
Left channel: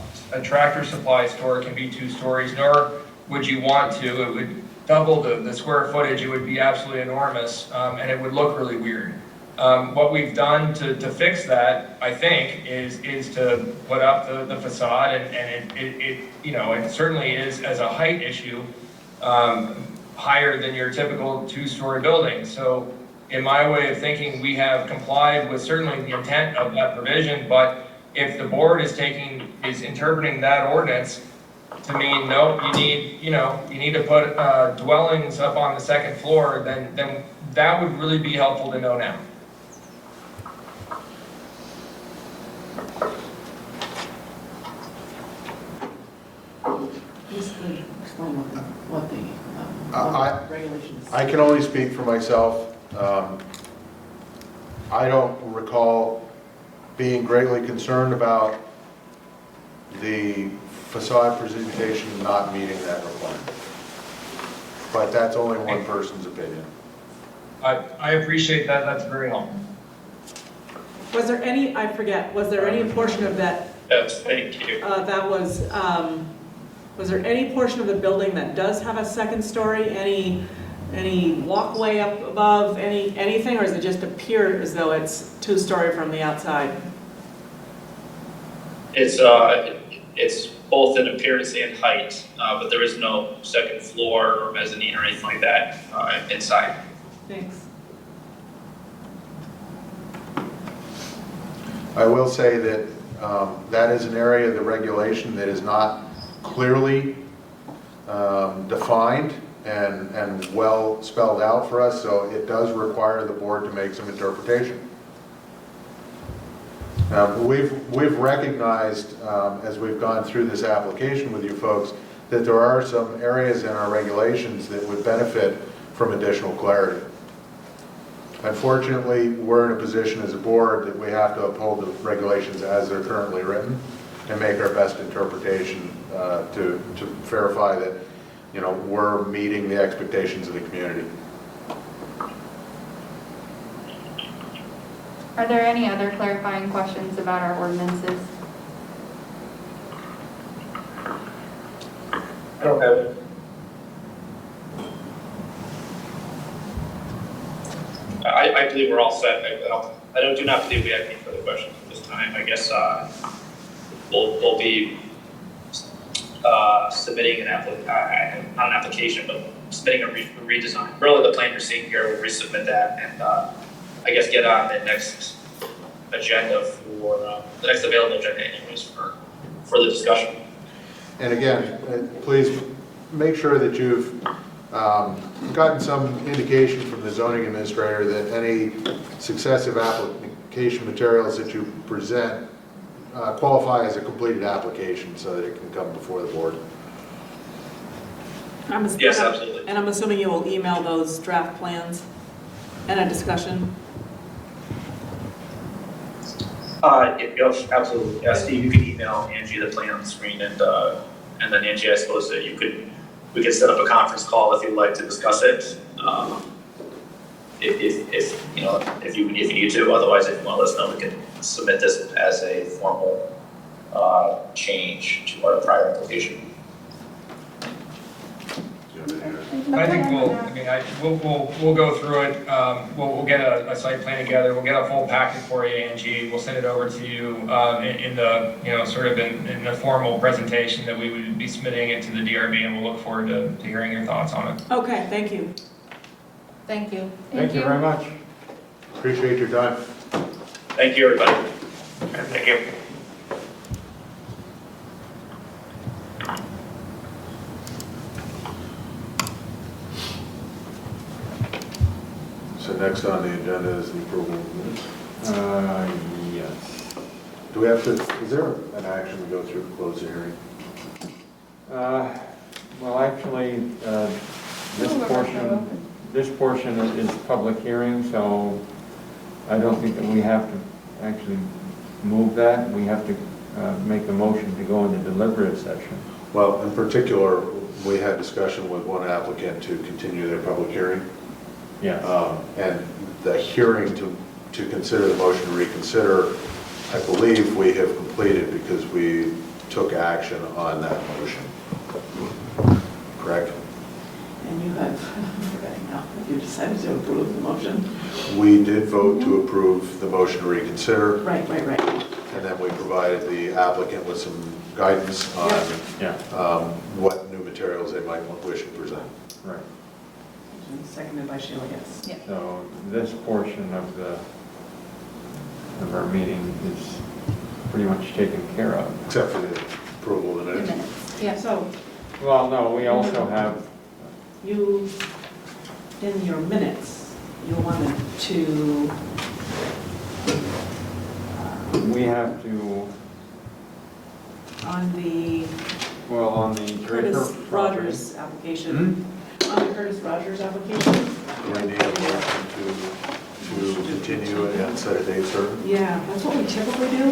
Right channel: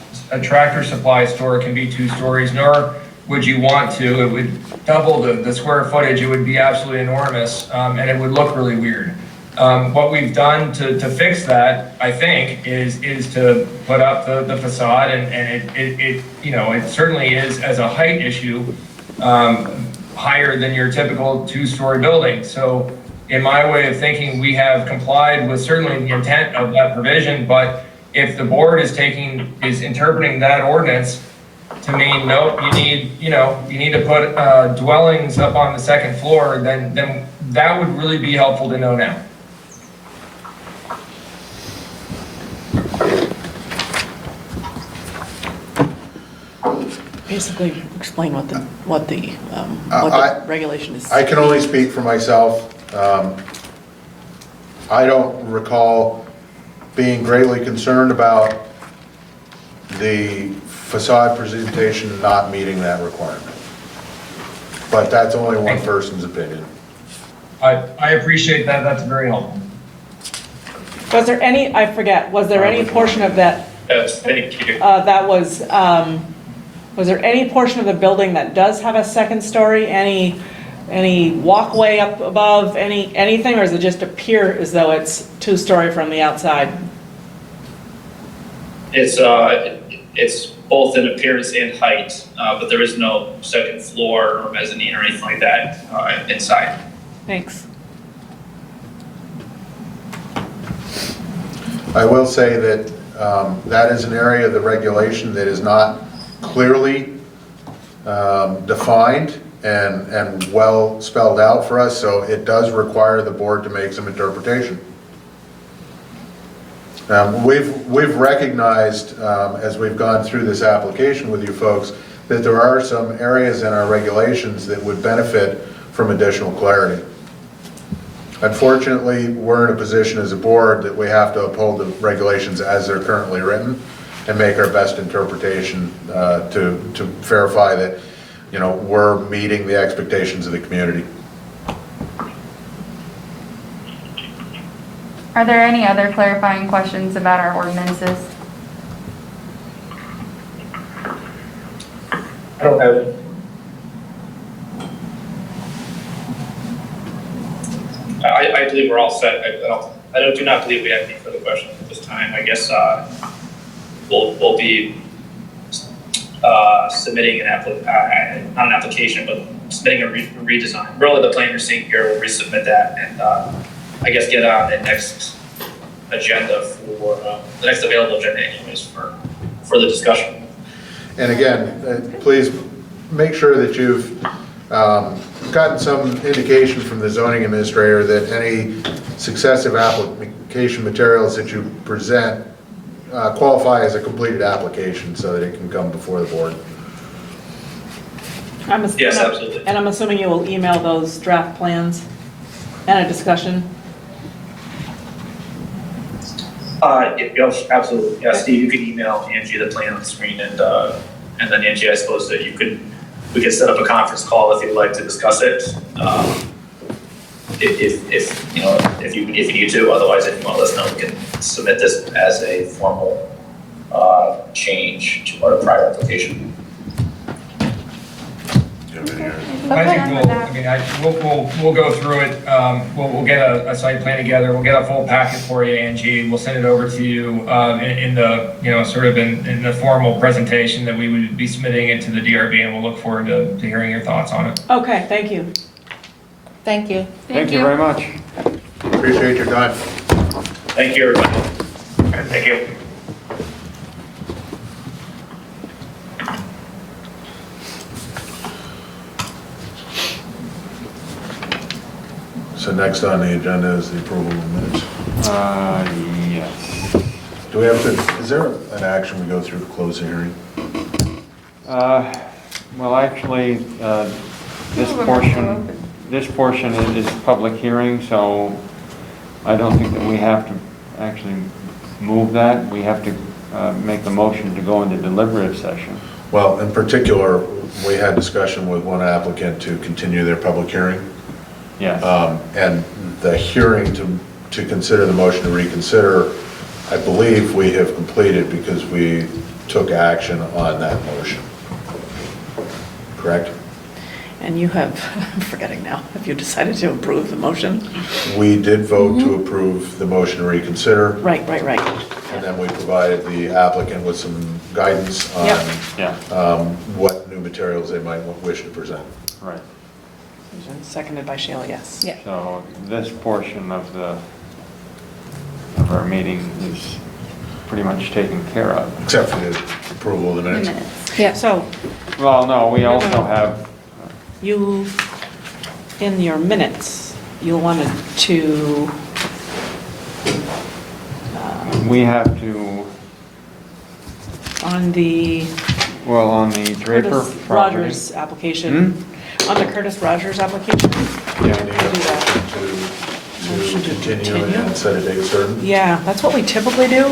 store can be 2 stories, nor would you want to. It would double the square footage. It would be absolutely enormous, and it would look really weird. What we've done to fix that, I think, is to put up the facade, and it certainly is, as a height issue, higher than your typical 2-story building. So in my way of thinking, we have complied with certainly the intent of that provision, but if the board is interpreting that ordinance to mean, nope, you need to put dwellings up on the 2nd floor, then that would really be helpful to know now. Basically, explain what the regulation is. I can only speak for myself. I don't recall being greatly concerned about the facade presentation not meeting that requirement. But that's only one person's opinion. I appreciate that. That's very helpful. Was there any, I forget, was there any portion of that? Yes, thank you. Was there any portion of the building that does have a 2nd story? Any walkway up above, anything, or does it just appear as though it's 2-story from the outside? It's both in appearance and height, but there is no 2nd floor or mezzanine or anything like that inside. Thanks. I will say that that is an area of the regulation that is not clearly defined and well spelled out for us, so it does require the board to make some interpretation. We've recognized, as we've gone through this application with you folks, that there are some areas in our regulations that would benefit from additional clarity. Unfortunately, we're in a position as a board that we have to uphold the regulations as they're currently written and make our best interpretation to verify that, we're meeting the expectations of the community. Are there any other clarifying questions about our ordinances? I don't have it. I believe we're all set. I do not believe we have any further questions at this time. I guess we'll be submitting not an application, but submitting a redesign. Really, the plan you're seeing here, we'll resubmit that, and I guess get on the next agenda for the next available agenda, anyways, for the discussion. And again, please make sure that you've gotten some indication from the zoning administrator that any successive application materials that you present qualify as a completed application so that it can come before the board. Yes, absolutely. And I'm assuming you will email those draft plans and a discussion? Yes, absolutely. Yeah, Steve, you can email Angie the plan on the screen, and then Angie, I suppose that we could set up a conference call if you'd like to discuss it. If you need to. Otherwise, if you want to let us know, we can submit this as a formal change to our prior application. I think we'll go through it. We'll get a site plan together. We'll get a full packet for you, Angie. We'll send it over to you in the in the formal presentation that we would be submitting it to the DRB, and we'll look forward to hearing your thoughts on it. Okay, thank you. Thank you. Thank you very much. Appreciate your time. Thank you, everybody. All right, thank you. So next on the agenda is the approval of minutes. Yes. Do we have to, is there an action we go through to close the hearing? Well, actually, this No, we're portion, open. is public hearing, so I don't think that we have to actually move that. We have to make the motion to go into deliberative session. Well, in particular, we had discussion with one applicant to continue their public hearing. Yes. And the hearing to consider the motion to reconsider, I believe we have completed because we took action on that motion. Correct? And you have, I'm forgetting now, have you decided to approve the motion? We did vote to approve the motion to reconsider, Right. and then we provided the applicant with some guidance on Yeah, what new materials they might wish to present. right. Seconded by Sheila, yes. Yeah. So this portion of our meeting is pretty much taken care of. Except for the approval of the minutes. Yeah. So Well, no, we No, also no. have, you, in your minutes, you wanted to, we have to, on the on the Draper Curtis property. Rogers application, on the Curtis Rogers application? Yeah, the Motion to to continue continue. and set a date certain. Yeah, that's what we typically do.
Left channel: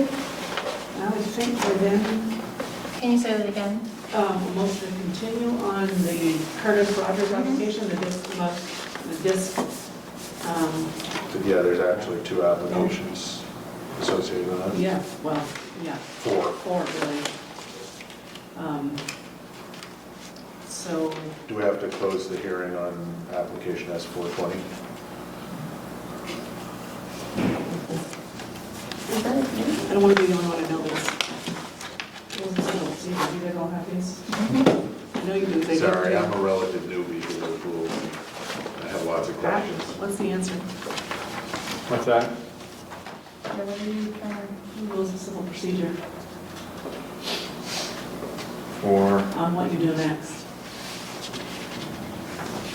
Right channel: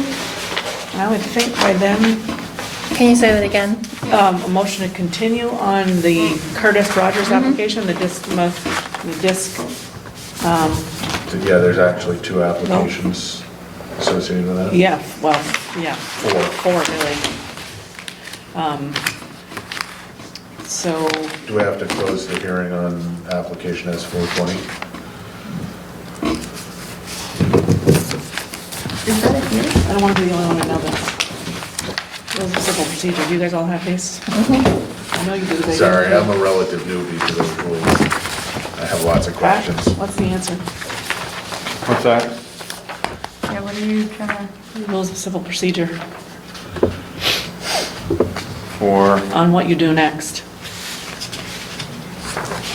I would think by then, Can you say that again? a motion to continue on the Curtis Rogers application, the disc, Yeah, there's actually two applications associated with that. yeah, well, yeah. Four. Really. So, Do we have to close the hearing on application S420? Is that a hearing? I don't want to be the only one to know this. Rules of civil procedure, do you guys all have these? I know you do. Sorry, I'm a relative newbie to those rules. I have lots of Pat, questions. what's the answer? What's that? Yeah, what are you trying to? Rules of civil procedure For, on what you do next.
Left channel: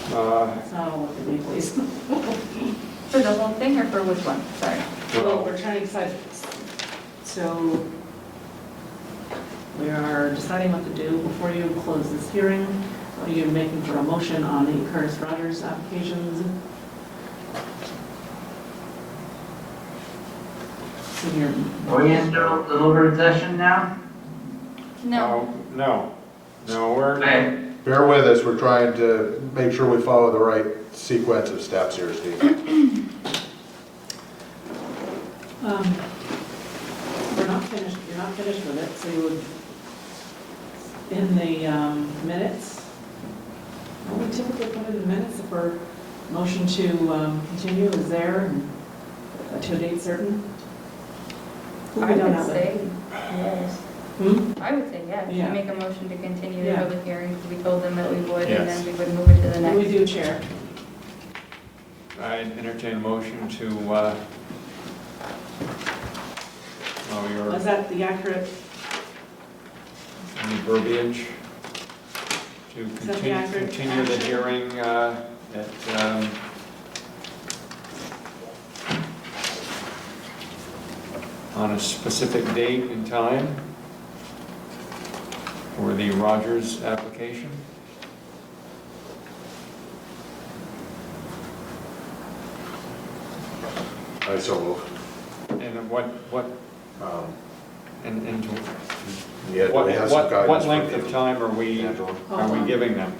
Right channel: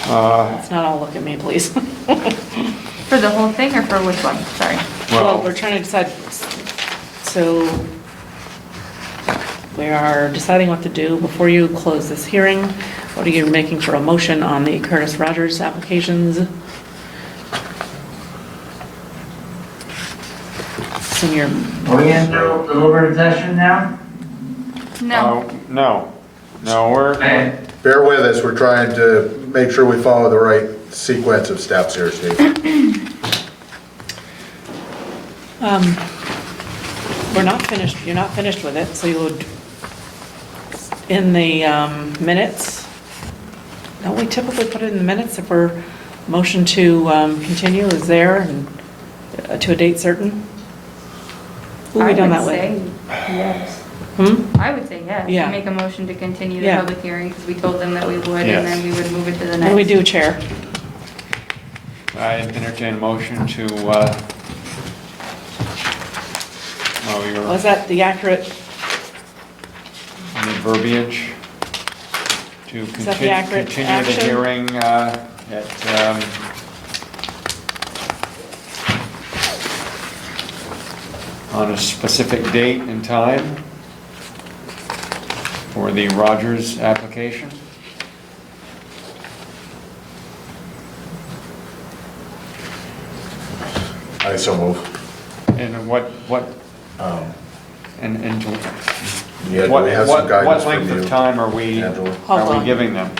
uh, Let's not all look at me, please. For the whole thing or for which one? Sorry. Well, we're trying to decide, so we are deciding what to do before you close this hearing. What are you making for a motion on the Curtis Rogers applications? So you're, Are we in deliberative session now? No. No, we're, Okay. Bear with us, we're trying to make sure we follow the right sequence of steps here, Steve. we're not finished, you're not finished with it, so you would, in the minutes, don't we typically put it in the minutes if we're motion to continue is there and to a date certain? Who have we done that with? I would say yes. I would say yes. Yeah. Make a motion to continue the Yeah. public hearing because we told them that we would Yes. and then we would move it to the What next. do we do, Chair? I entertain a motion to, Was that the accurate, the verbiage to Is that the accurate continue the action? hearing at, on a specific date and time for the Rogers application? I so move. And what, and Yeah, do what, we have some what guidance from length you, of time are we Angela? Hold are we on. giving them?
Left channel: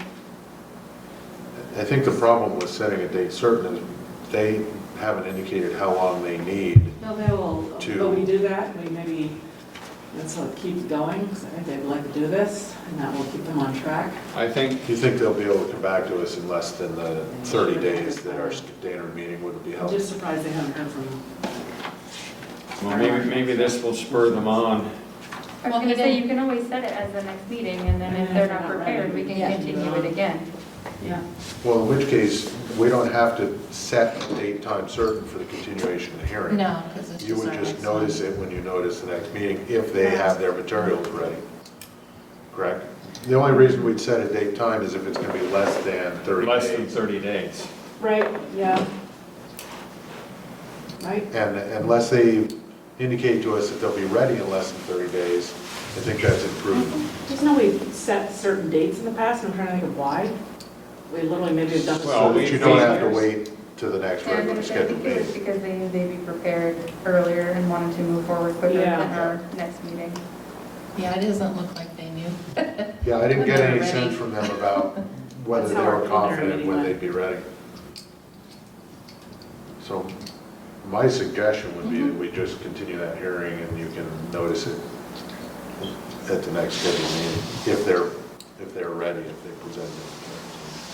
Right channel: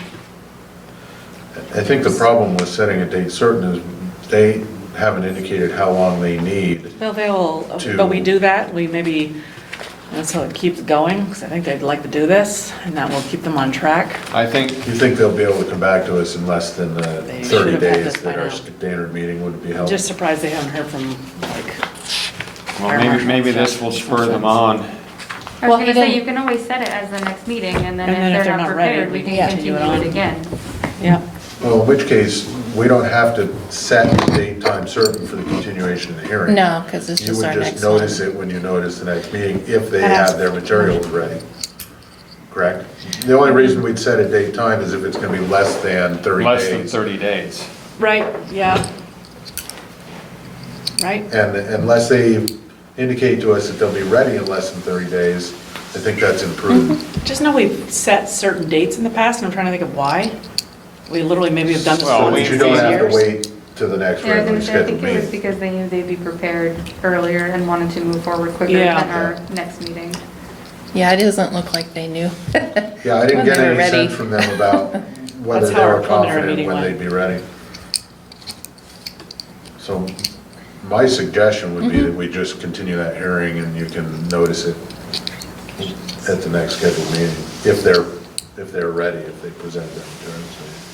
I think the problem with setting a date certain is they haven't indicated how long they need. well, but we do that, we maybe, and so it keeps going, because I think they'd like to do this, and that will keep them on track. I think, You think they'll be able to come back to us in less than the They 30 should have had days this by that our now. standard meeting would be I'm held? just surprised they haven't heard from, like, well, maybe this will spur them on. I Well, was he gonna say, didn't- you can always set it as the next meeting and then And then if they're not ready, prepared, we can yeah. continue it again. yeah. Well, in which case, we don't have to set a date, time certain for the continuation of the hearing. No, because it's just our You would next just one. notice it when you notice the next meeting, if they have their materials ready. Correct? The only reason we'd set a date, time is if it's gonna be less than 30 Less than days. 30 days. Right, yeah. Right? And unless they indicate to us that they'll be ready in less than 30 days, I think that's improved. Just know we've set certain dates in the past, and I'm trying to think of why. We literally maybe have done this Well, for So we- that you years. don't have to wait to the next Yeah, I was regular gonna say, I scheduled think it was meeting. because they knew they'd be prepared earlier and wanted to move forward quicker Yeah. than our next meeting. Yeah, it doesn't look like they knew. Yeah, I didn't when get they were any ready. sense from them about whether That's they how our were preliminary confident meeting when went. they'd be ready. So my suggestion would be that we just continue that hearing and you can notice it at the next scheduled meeting, if they're ready, if they present that material.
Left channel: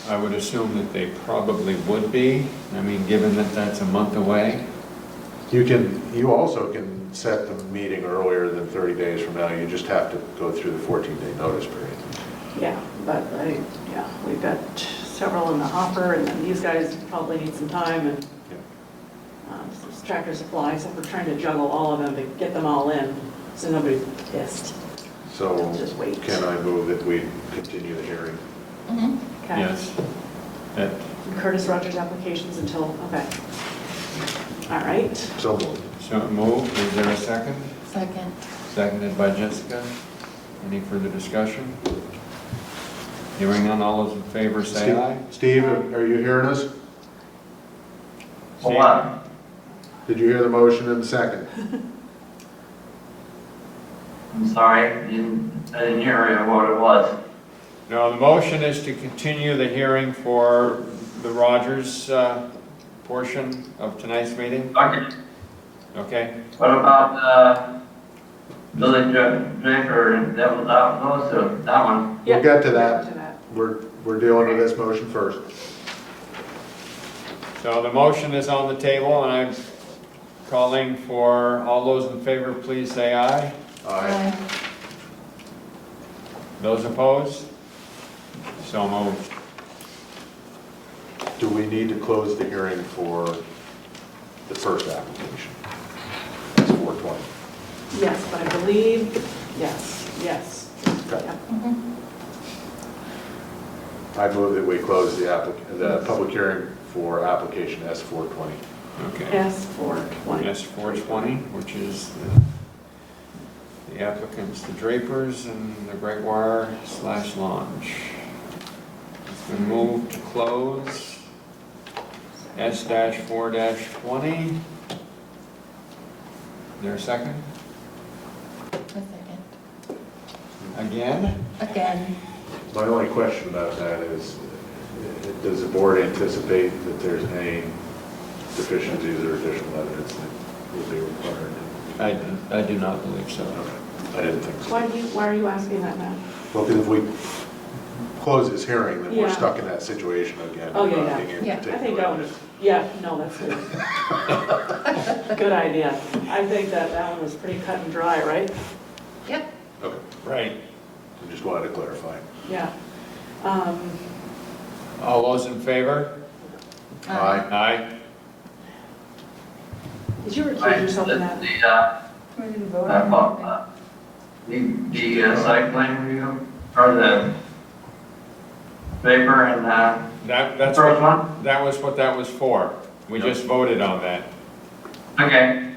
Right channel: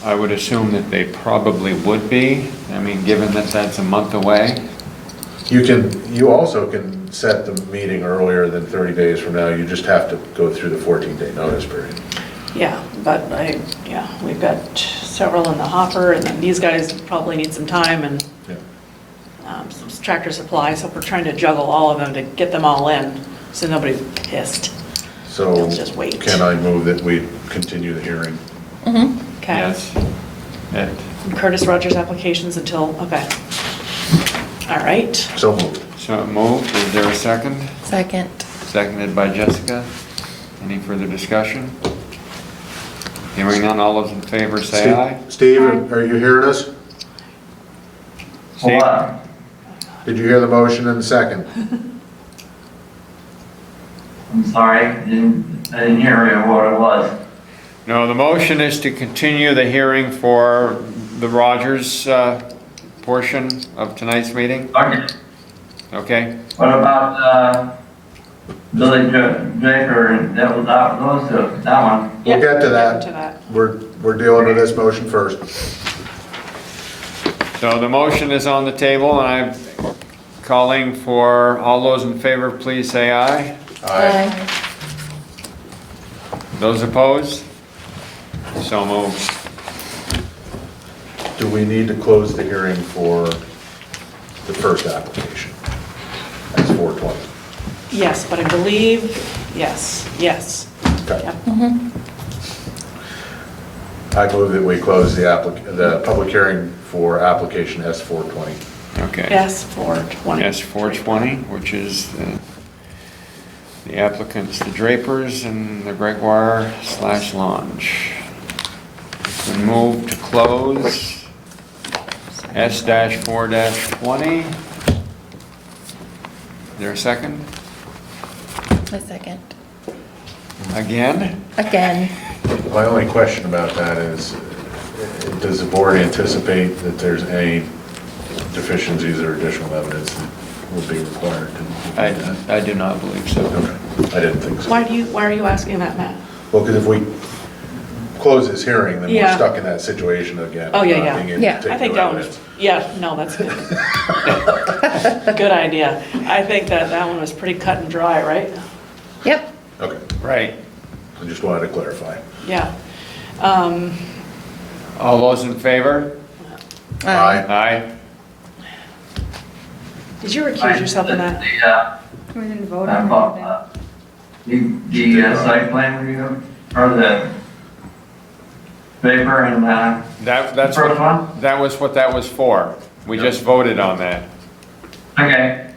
I would assume that they probably would be. I mean, given that that's a month away. You also can set the meeting earlier than 30 days from now, you just have to go through the 14-day notice period. Yeah, but we've got several in the hopper, and then these guys probably need some time, and some Tractor Supply, so we're trying to juggle all of them to get them all in, so nobody's pissed. So Let's just wait. can I move that we continue the hearing? Mhm. Okay? Yes. That- Curtis Rogers applications until, okay. All right. So moved. So moved. Is there a second? Second. Seconded by Jessica. Any further discussion? Hearing none, all those in favor say aye. Steve, are you hearing us? Steve? What? Did you hear the motion and the second? I'm sorry, I didn't hear what it was. No, the motion is to continue the hearing for the Rogers portion of tonight's meeting. Okay, Okay? what about, Billy Draper, those two, that one? We'll get to To that. that. We're dealing with this motion first. So the motion is on the table, and I'm calling for all those in favor, please say aye. Aye. Those opposed? So moved. Do we need to close the hearing for the first application? That's 420. Yes, but I believe, yes. Okay. Yep. I move that we close the public hearing for application S420. Okay. Yes, 420. Yes, 420, which is the applicants, the Drapers and the Gregoire/Lange. It's been moved to close S-4-20. Is there a second? A second. Again? Again. My only question about that is, does the board anticipate that there's any deficiencies or additional evidence that will be required? I do not believe so. Okay, I didn't think so. Why are you asking that, Matt? Well, because if we close this hearing, then we're Yeah. stuck in that situation again. Oh, yeah, not yeah. being able to Yeah. take I think no that one evidence. that's good. Good idea. I think that one was pretty cut and dry, right? Yep. Okay, Right. I just wanted to clarify. Yeah. All those in favor? Aye. Aye. Did you recuse yourself in that? We didn't vote on it. The site plan review, or the paper and, That's first what, one? that was what that was for. We just voted on that. Okay,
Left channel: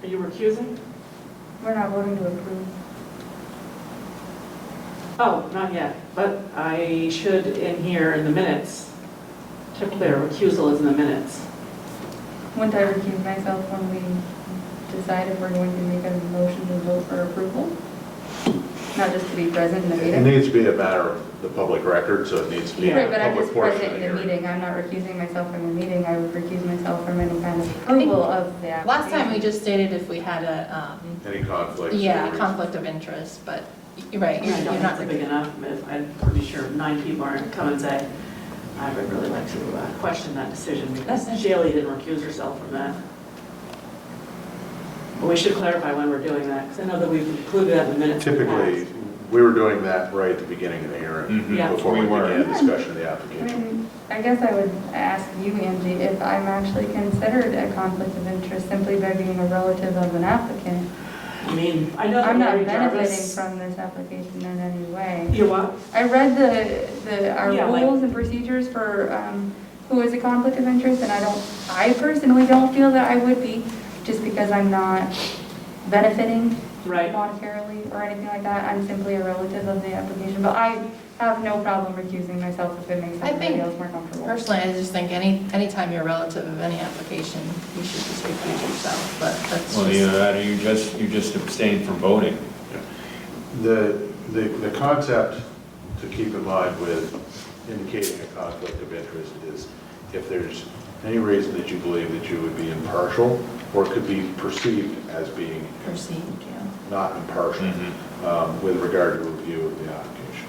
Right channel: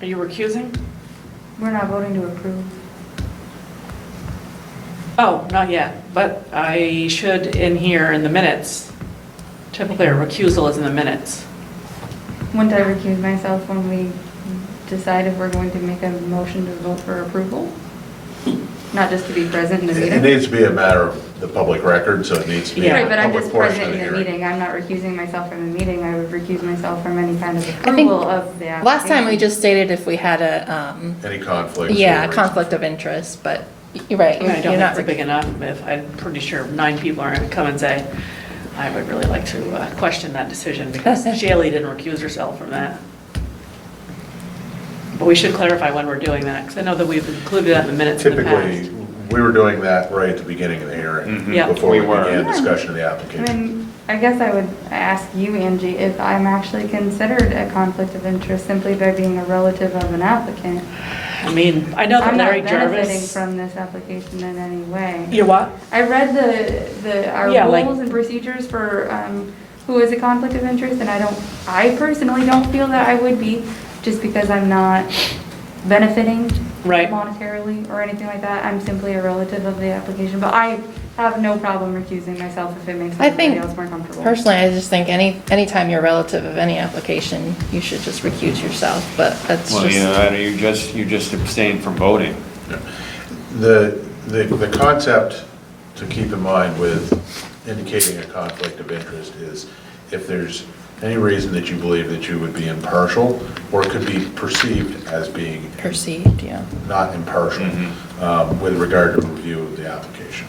Are you recusing? We're not voting to approve. Oh, not yet, but I should in here in the minutes. Typically a recusal is in the minutes. Wouldn't I recuse myself when we decide if we're going to make a motion to vote for approval? Not just to be present in the It meeting? needs to be a matter of the public record, so it needs to be Yeah. a Right, but I'm public just portion present of the in the hearing. meeting. I'm not recusing myself from the meeting. I would recuse myself from any kind of think approval of the application. Last time we just stated if we had a, Any conflicts? yeah, or- conflict of interest, but you're right. I don't You're think not it's big enough. I'm pretty sure 9 people are going to come and say, I would really like to question that decision because Shaylee didn't recuse herself from that. But we should clarify when we're doing that, because I know that we've included that in the minutes in the past. Typically, We were doing that right at the beginning of the hearing, Yeah. before we We were. began discussion of the I application. mean, I guess I would ask you, Angie, if I'm actually considered a conflict of interest simply by being a relative of an applicant. I mean, I know that I'm not Larry benefiting Jarvis. from this application in any way. You what? I read our Yeah, like- rules and procedures for who is a conflict of interest, and I personally don't feel that I would be, just because I'm not benefiting Right. monetarily or anything like that. I'm simply a relative of the application, but I have no problem recusing myself if it makes I think, everybody else more comfortable. personally, I just think anytime you're relative of any application, you should just recuse yourself, but that's Well, just. you just abstain from voting. The concept to keep in mind with indicating a conflict of interest is if there's any reason that you believe that you would be impartial, or could be perceived as being Perceived, yeah. not impartial with regard to review of the application.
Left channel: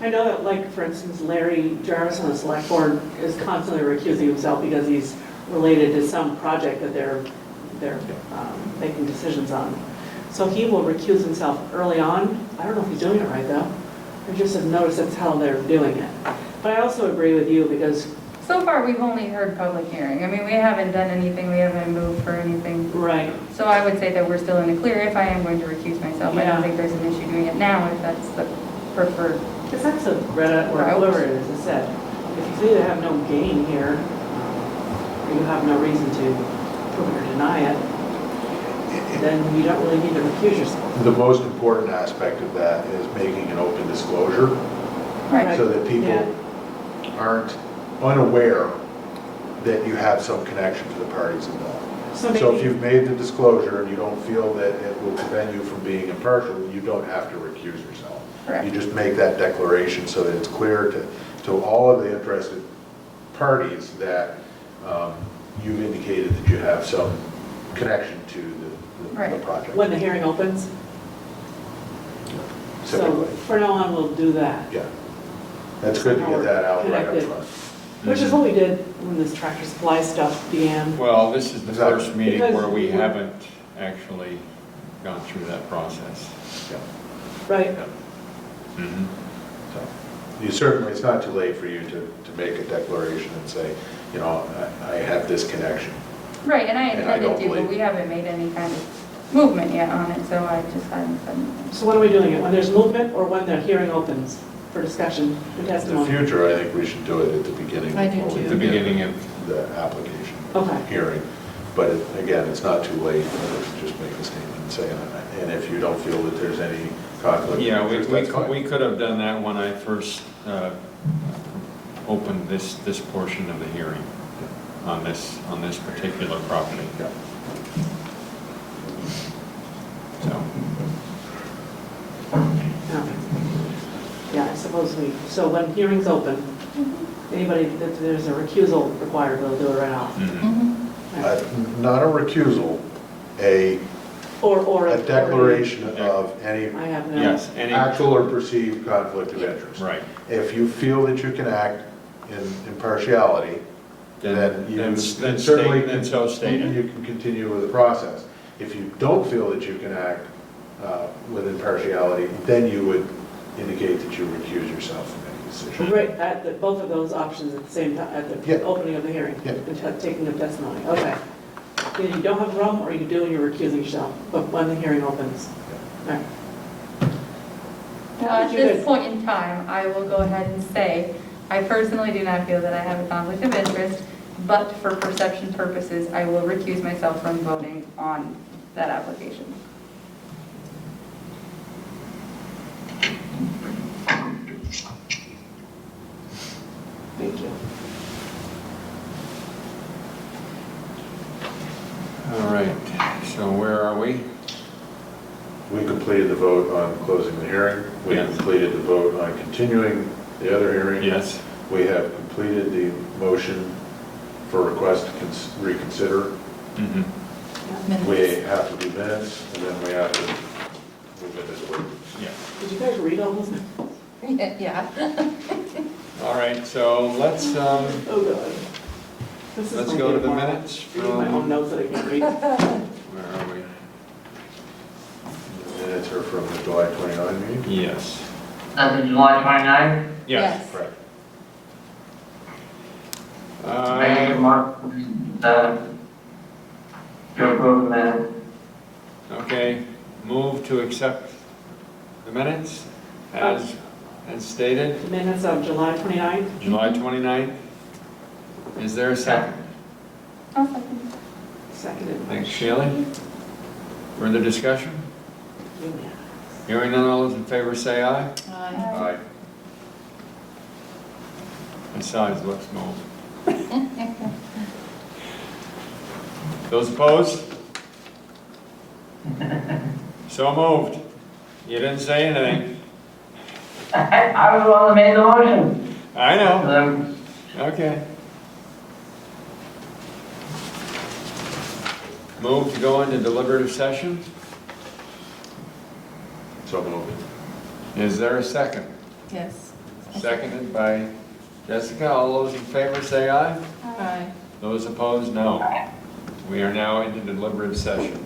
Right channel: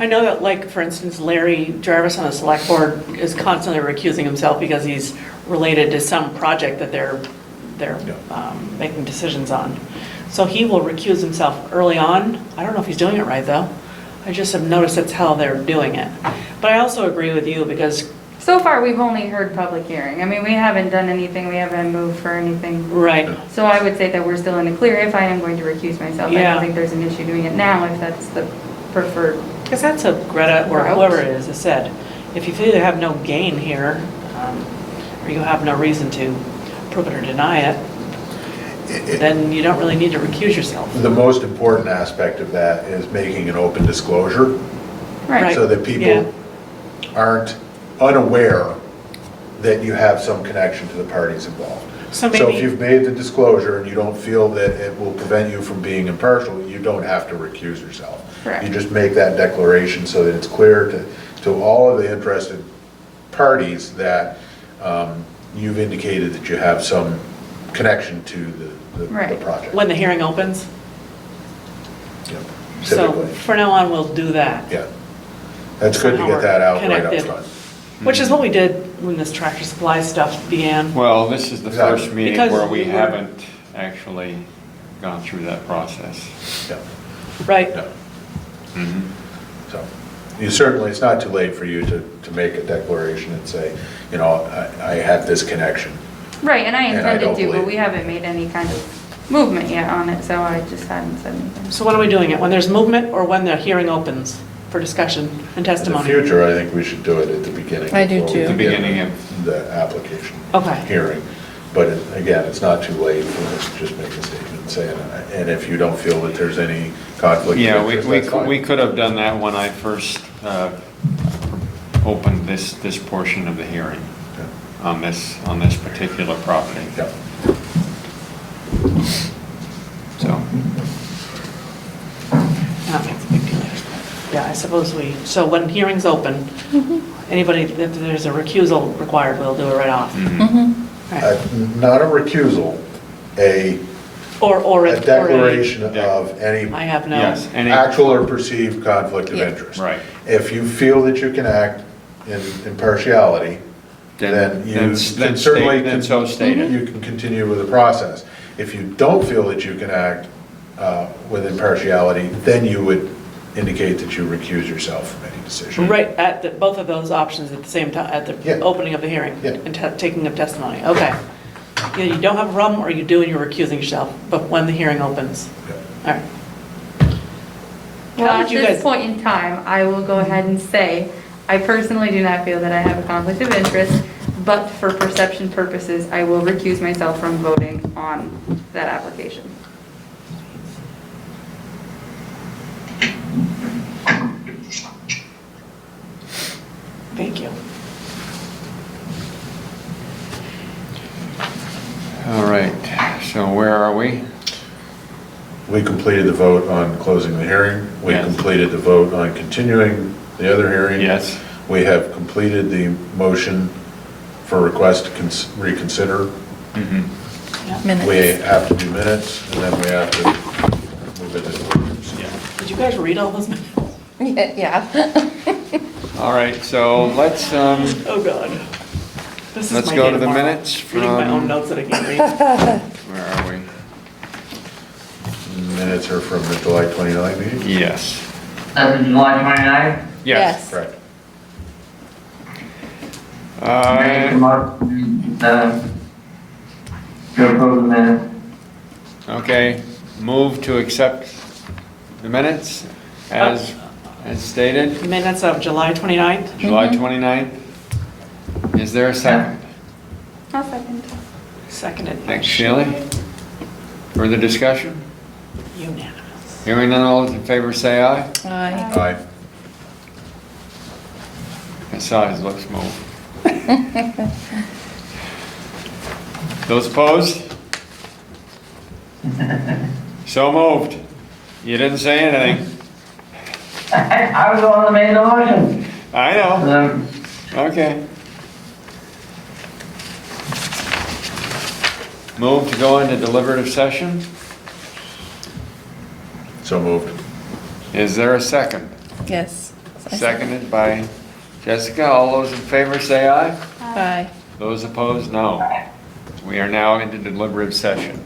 I know that, like, for instance, Larry Jarvis on the select board is constantly recusing himself because he's related to some project that they're making decisions on. So he will recuse himself early on. I don't know if he's doing it right, though. I just have noticed that's how they're doing it. But I also agree with you because, So far, we've only heard public hearing. I mean, we haven't done anything, we haven't moved for anything. right, So I would say that we're still in the clear if I am going to recuse myself. I Yeah. don't think there's an issue doing it now if that's the preferred. because that's what Greta or whoever it is has said. If you feel you have no gain here, or you have no reason to prove it or deny it, then you don't really need to recuse yourself. The most important aspect of that is making an open disclosure, Right. so that Yeah. people aren't unaware that you have some connection to the parties involved. So So if maybe, you've made the disclosure and you don't feel that it will prevent you from being impartial, you don't have to recuse yourself. Correct. You just make that declaration so that it's clear to all of the interested parties that you've indicated that you have some connection to the Right. project. when the hearing opens, Yeah, so typically. for now on, we'll do that. Yeah. That's good to get that out right up Connected. front. Which is what we did when this Tractor Supply stuff began. Well, this is the Exactly. first meeting Because where we we were- haven't actually gone through that process. Yeah. Right, So, you certainly, it's not too late for you to make a declaration and say, you know, I have this connection. Right, and I And I intended don't to, but believe- we haven't made any kind of movement yet on it, so I just hadn't said anything. so when are we doing it? When there's movement or when the hearing opens for discussion and In the testimony? future, I think we should do it at the beginning. I do before we too. The begin beginning of, The application. Okay. Hearing. But again, it's not too late for us to just make a statement and say, and if you don't feel that there's any conflict of yeah, interest, that's fine. we could have done that when I first opened this portion of the hearing on this particular property. Yeah. So, That makes a big deal. Yeah, I suppose so when hearings open, anybody, if there's a recusal required, we'll do it right off. Mhm. Right. Not a recusal, a Or declaration of any I have no. yes, any, actual or perceived conflict of Yeah. interest. right. If you feel that you can act in impartiality, then you can certainly, Then so stated. you can continue with the process. If you don't feel that you can act with impartiality, then you would indicate that you recuse yourself from any decision. Right, both of those options at the same time, at the Yeah. opening of the hearing Yeah. and taking of testimony. Okay. Either you don't have a problem or you do and you're recusing yourself, but when the hearing opens. All right. Well, How at did you this guys- point in time, I will go ahead and say, I personally do not feel that I have a conflict of interest, but for perception purposes, I will recuse myself from voting on that application. Thank you. All right, so where are we? We completed the vote on closing the hearing. We Yes. completed the vote on continuing the other hearing. Yes. We have completed the motion for request to reconsider. Mhm. Minutes. We have to do minutes, and then we have to move into the orders. Yeah. Did you guys read all those minutes? Yeah. All right, so let's, Oh, God. This is let's my go day to the tomorrow. minutes Reading my from- own notes that I can't read. where are we? Minutes minutes are from the July 29 meeting? Yes. That's the July 29th? Yes. Correct. Make a motion to approve the minutes. Okay, move to accept the minutes as stated, Minutes of July 29th. July 29th. Is there a second? I'll second. Seconded. Thanks, Shelley. Further discussion? Unanimous. Hearing none, all those in favor say aye. Aye. Aye. That size looks moved. Those opposed? So moved. You didn't say anything. I was the one that made the motion. I know. So, Okay. Move to go into deliberative session. So moved. Is there a second? Yes. Seconded by Jessica. All those in favor say aye. Aye. Those opposed, no. We are now into deliberative session.